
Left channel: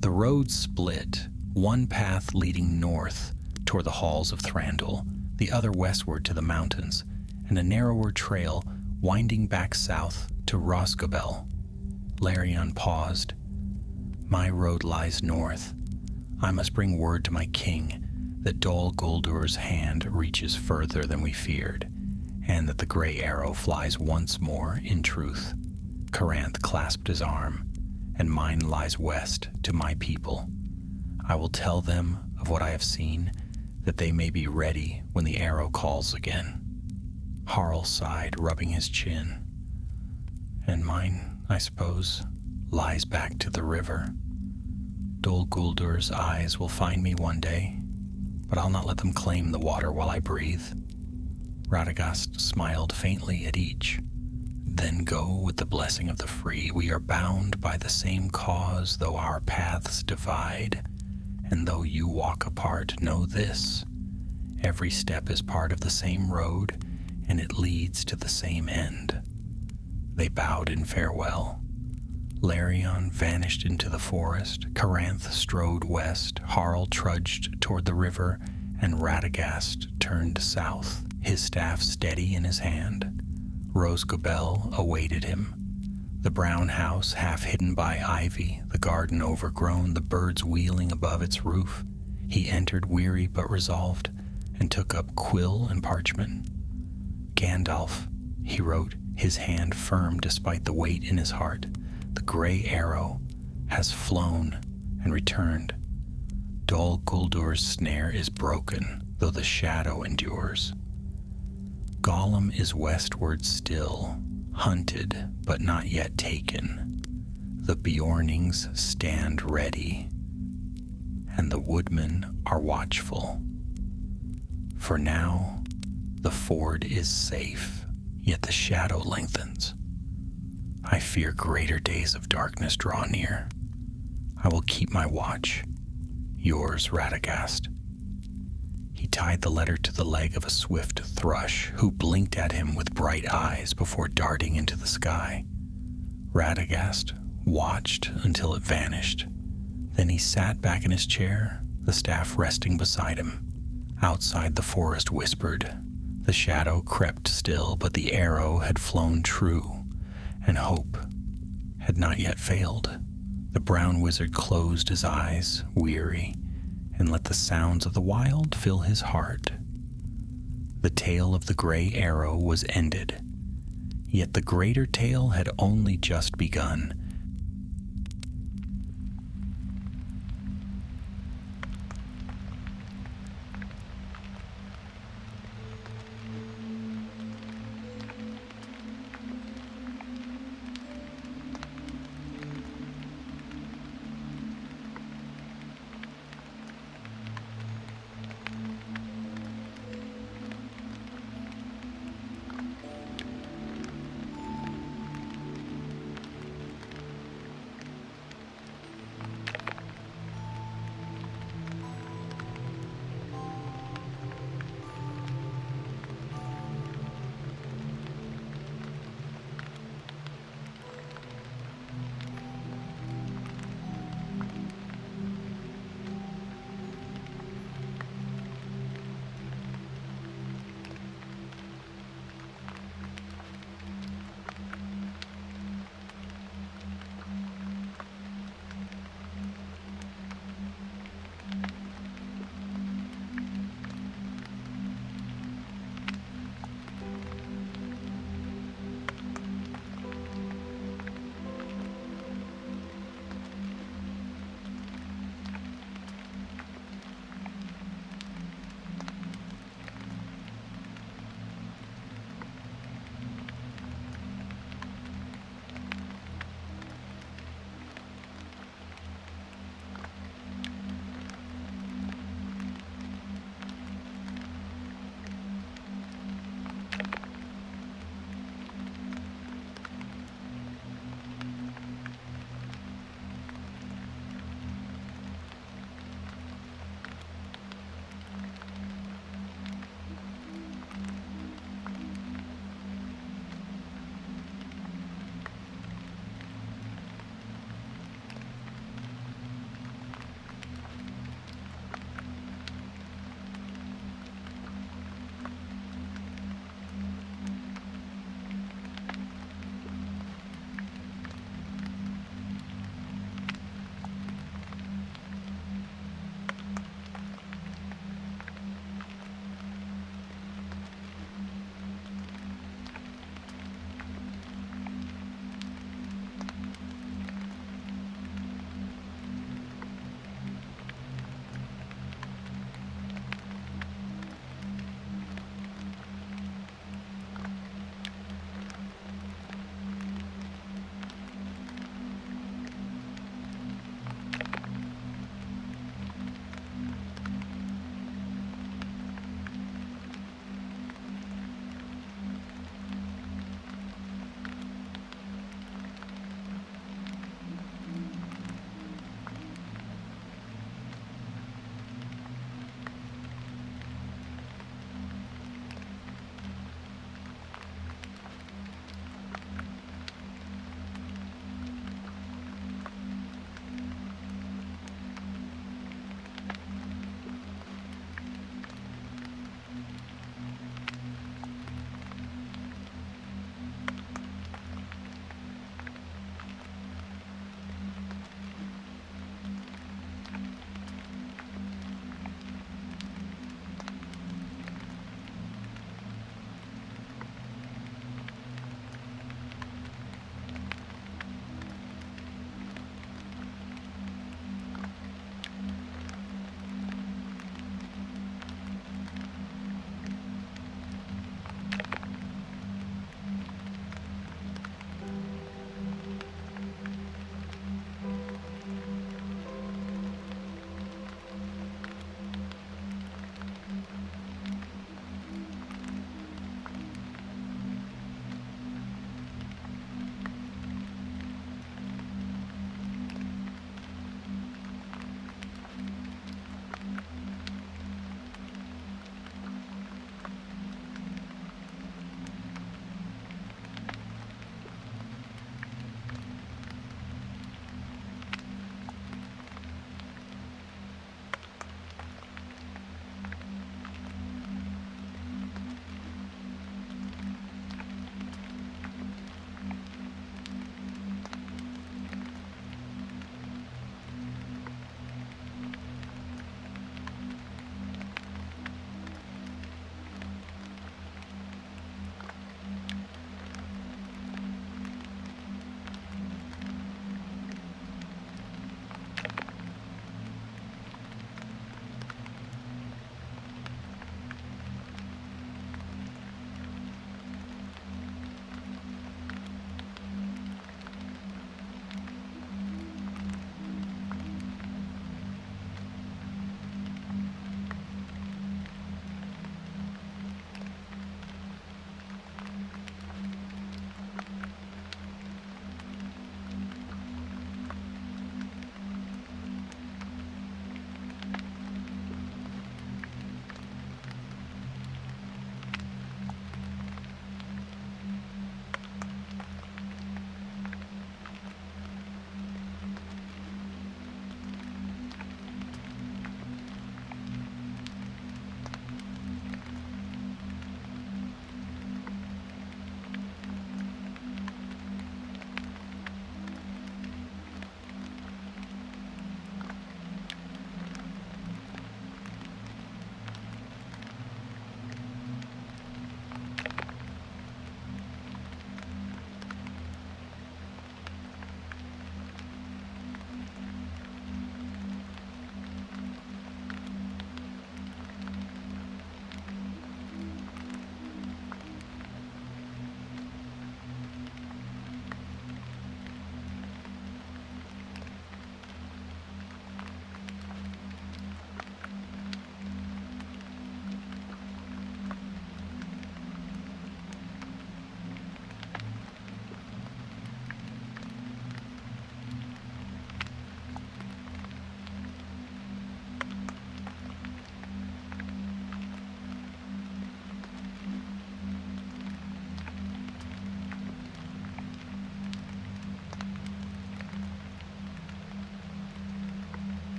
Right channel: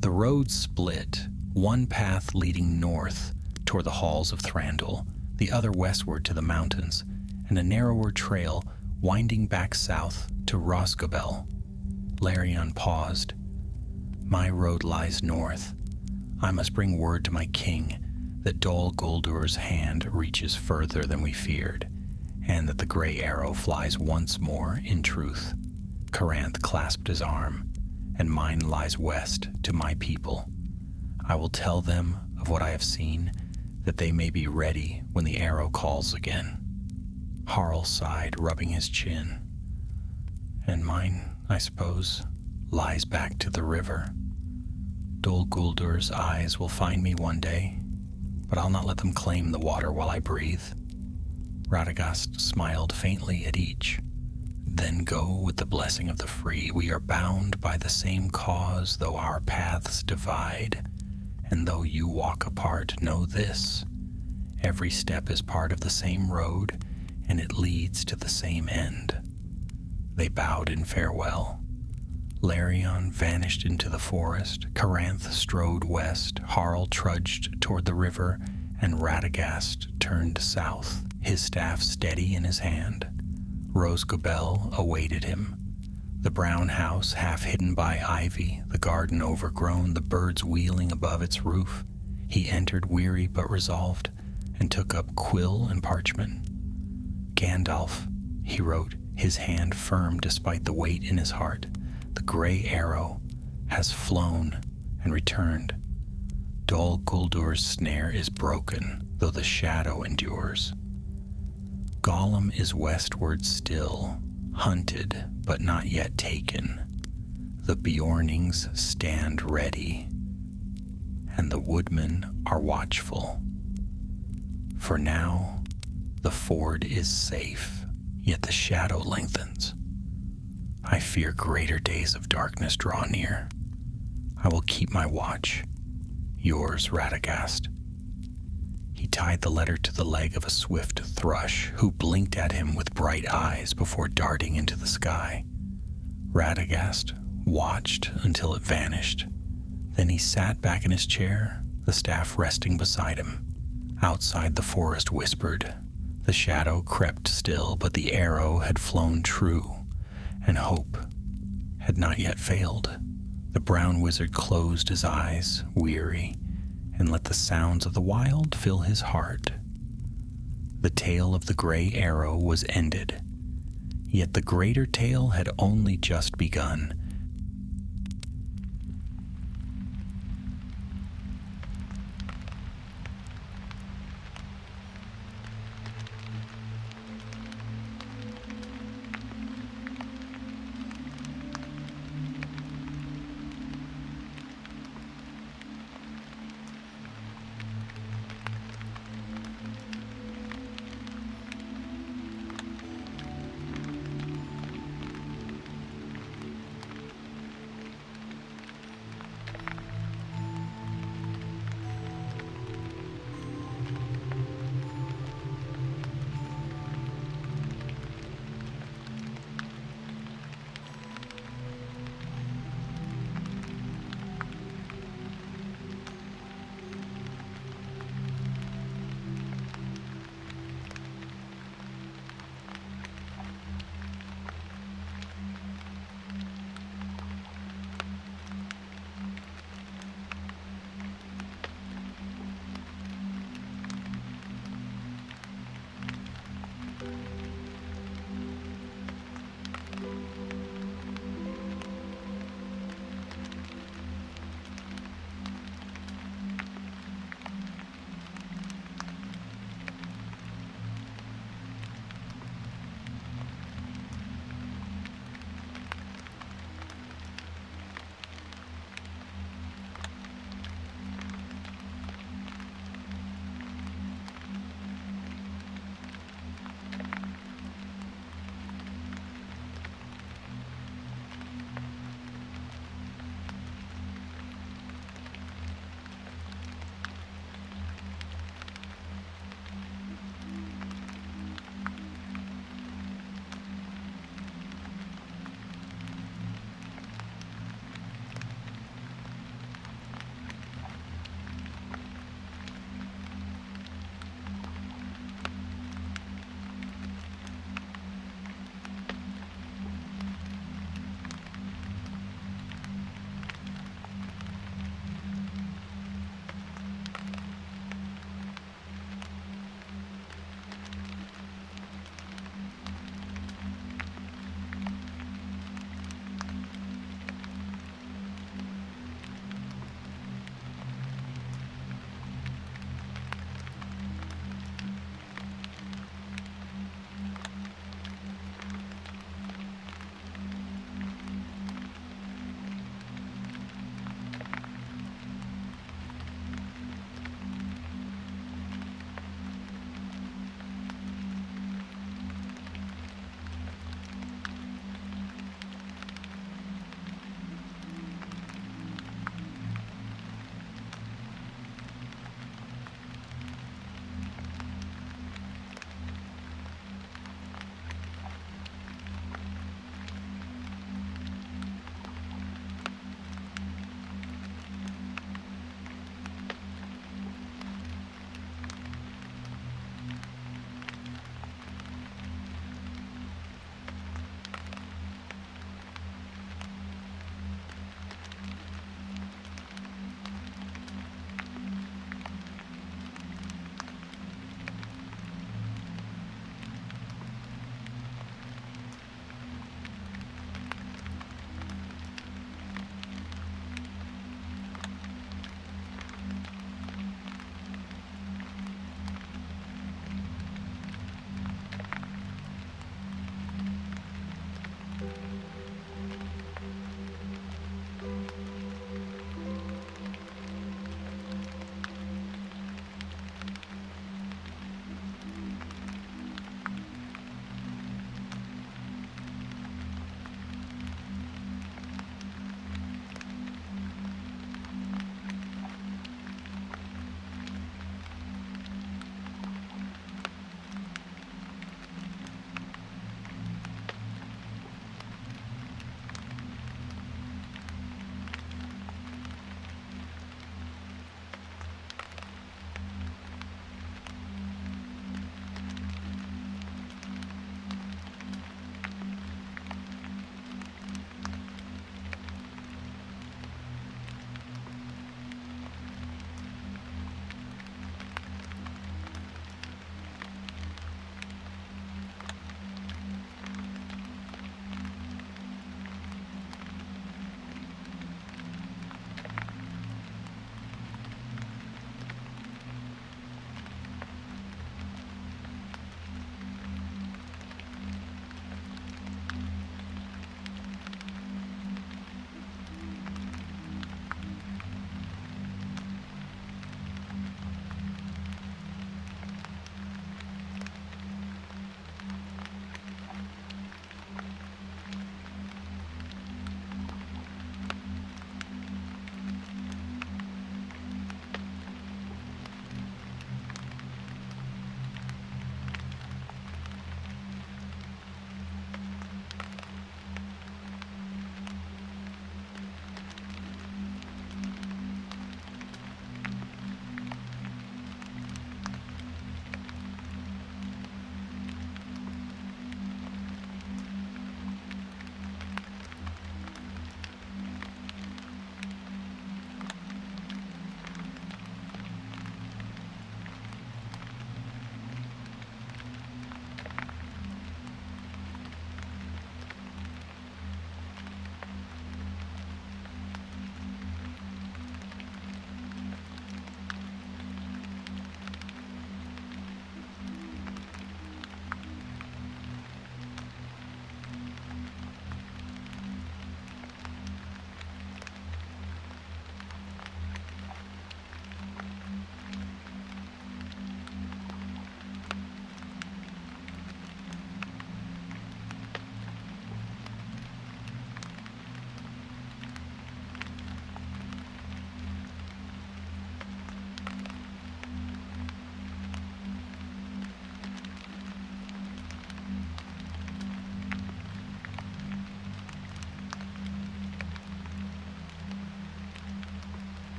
The road split, one path leading north toward the halls of Thranduil, the other westward to the mountains, and a narrower trail winding back south to Rosgobel. Larion paused. My road lies north. I must bring word to my king that Dol Guldur's hand reaches further than we feared, and that the gray arrow flies once more in truth. Caranth clasped his arm, and mine lies west to my people. I will tell them of what I have seen, that they may be ready when the arrow calls again. Harl sighed, rubbing his chin. And mine, I suppose, lies back to the river. Dol Guldur's eyes will find me one day, but I'll not let them claim the water while I breathe. Radagast smiled faintly at each. Then go with the blessing of the free. We are bound by the same cause, though our paths divide. And though you walk apart, know this. Every step is part of the same road, and it leads to the same end. They bowed in farewell. Larion vanished into the forest. Caranth strode west. Harl trudged toward the river, and Radagast turned south, his staff steady in his hand. Rosgobel awaited him. The brown house half hidden by ivy, the garden overgrown, the birds wheeling above its roof. He entered weary but resolved, and took up quill and parchment. Gandalf, he wrote, his hand firm despite the weight in his heart. The gray arrow has flown and returned. Dol Guldur's snare is broken, though the shadow endures. Gollum is westward still, hunted but not yet taken. The Bjornings stand ready, and the woodmen are watchful. For now, the ford is safe, yet the shadow lengthens. I fear greater days of darkness draw near. I will keep my watch. Yours, Radagast. He tied the letter to the leg of a swift thrush, who blinked at him with bright eyes before darting into the sky. Radagast watched until it vanished. Then he sat back in his chair, the staff resting beside him. Outside, the forest whispered. The shadow crept still, but the arrow had flown true, and hope had not yet failed. The brown wizard closed his eyes, weary, and let the sounds of the wild fill his heart. The tale of the gray arrow was ended. Yet the greater tale had only just begun.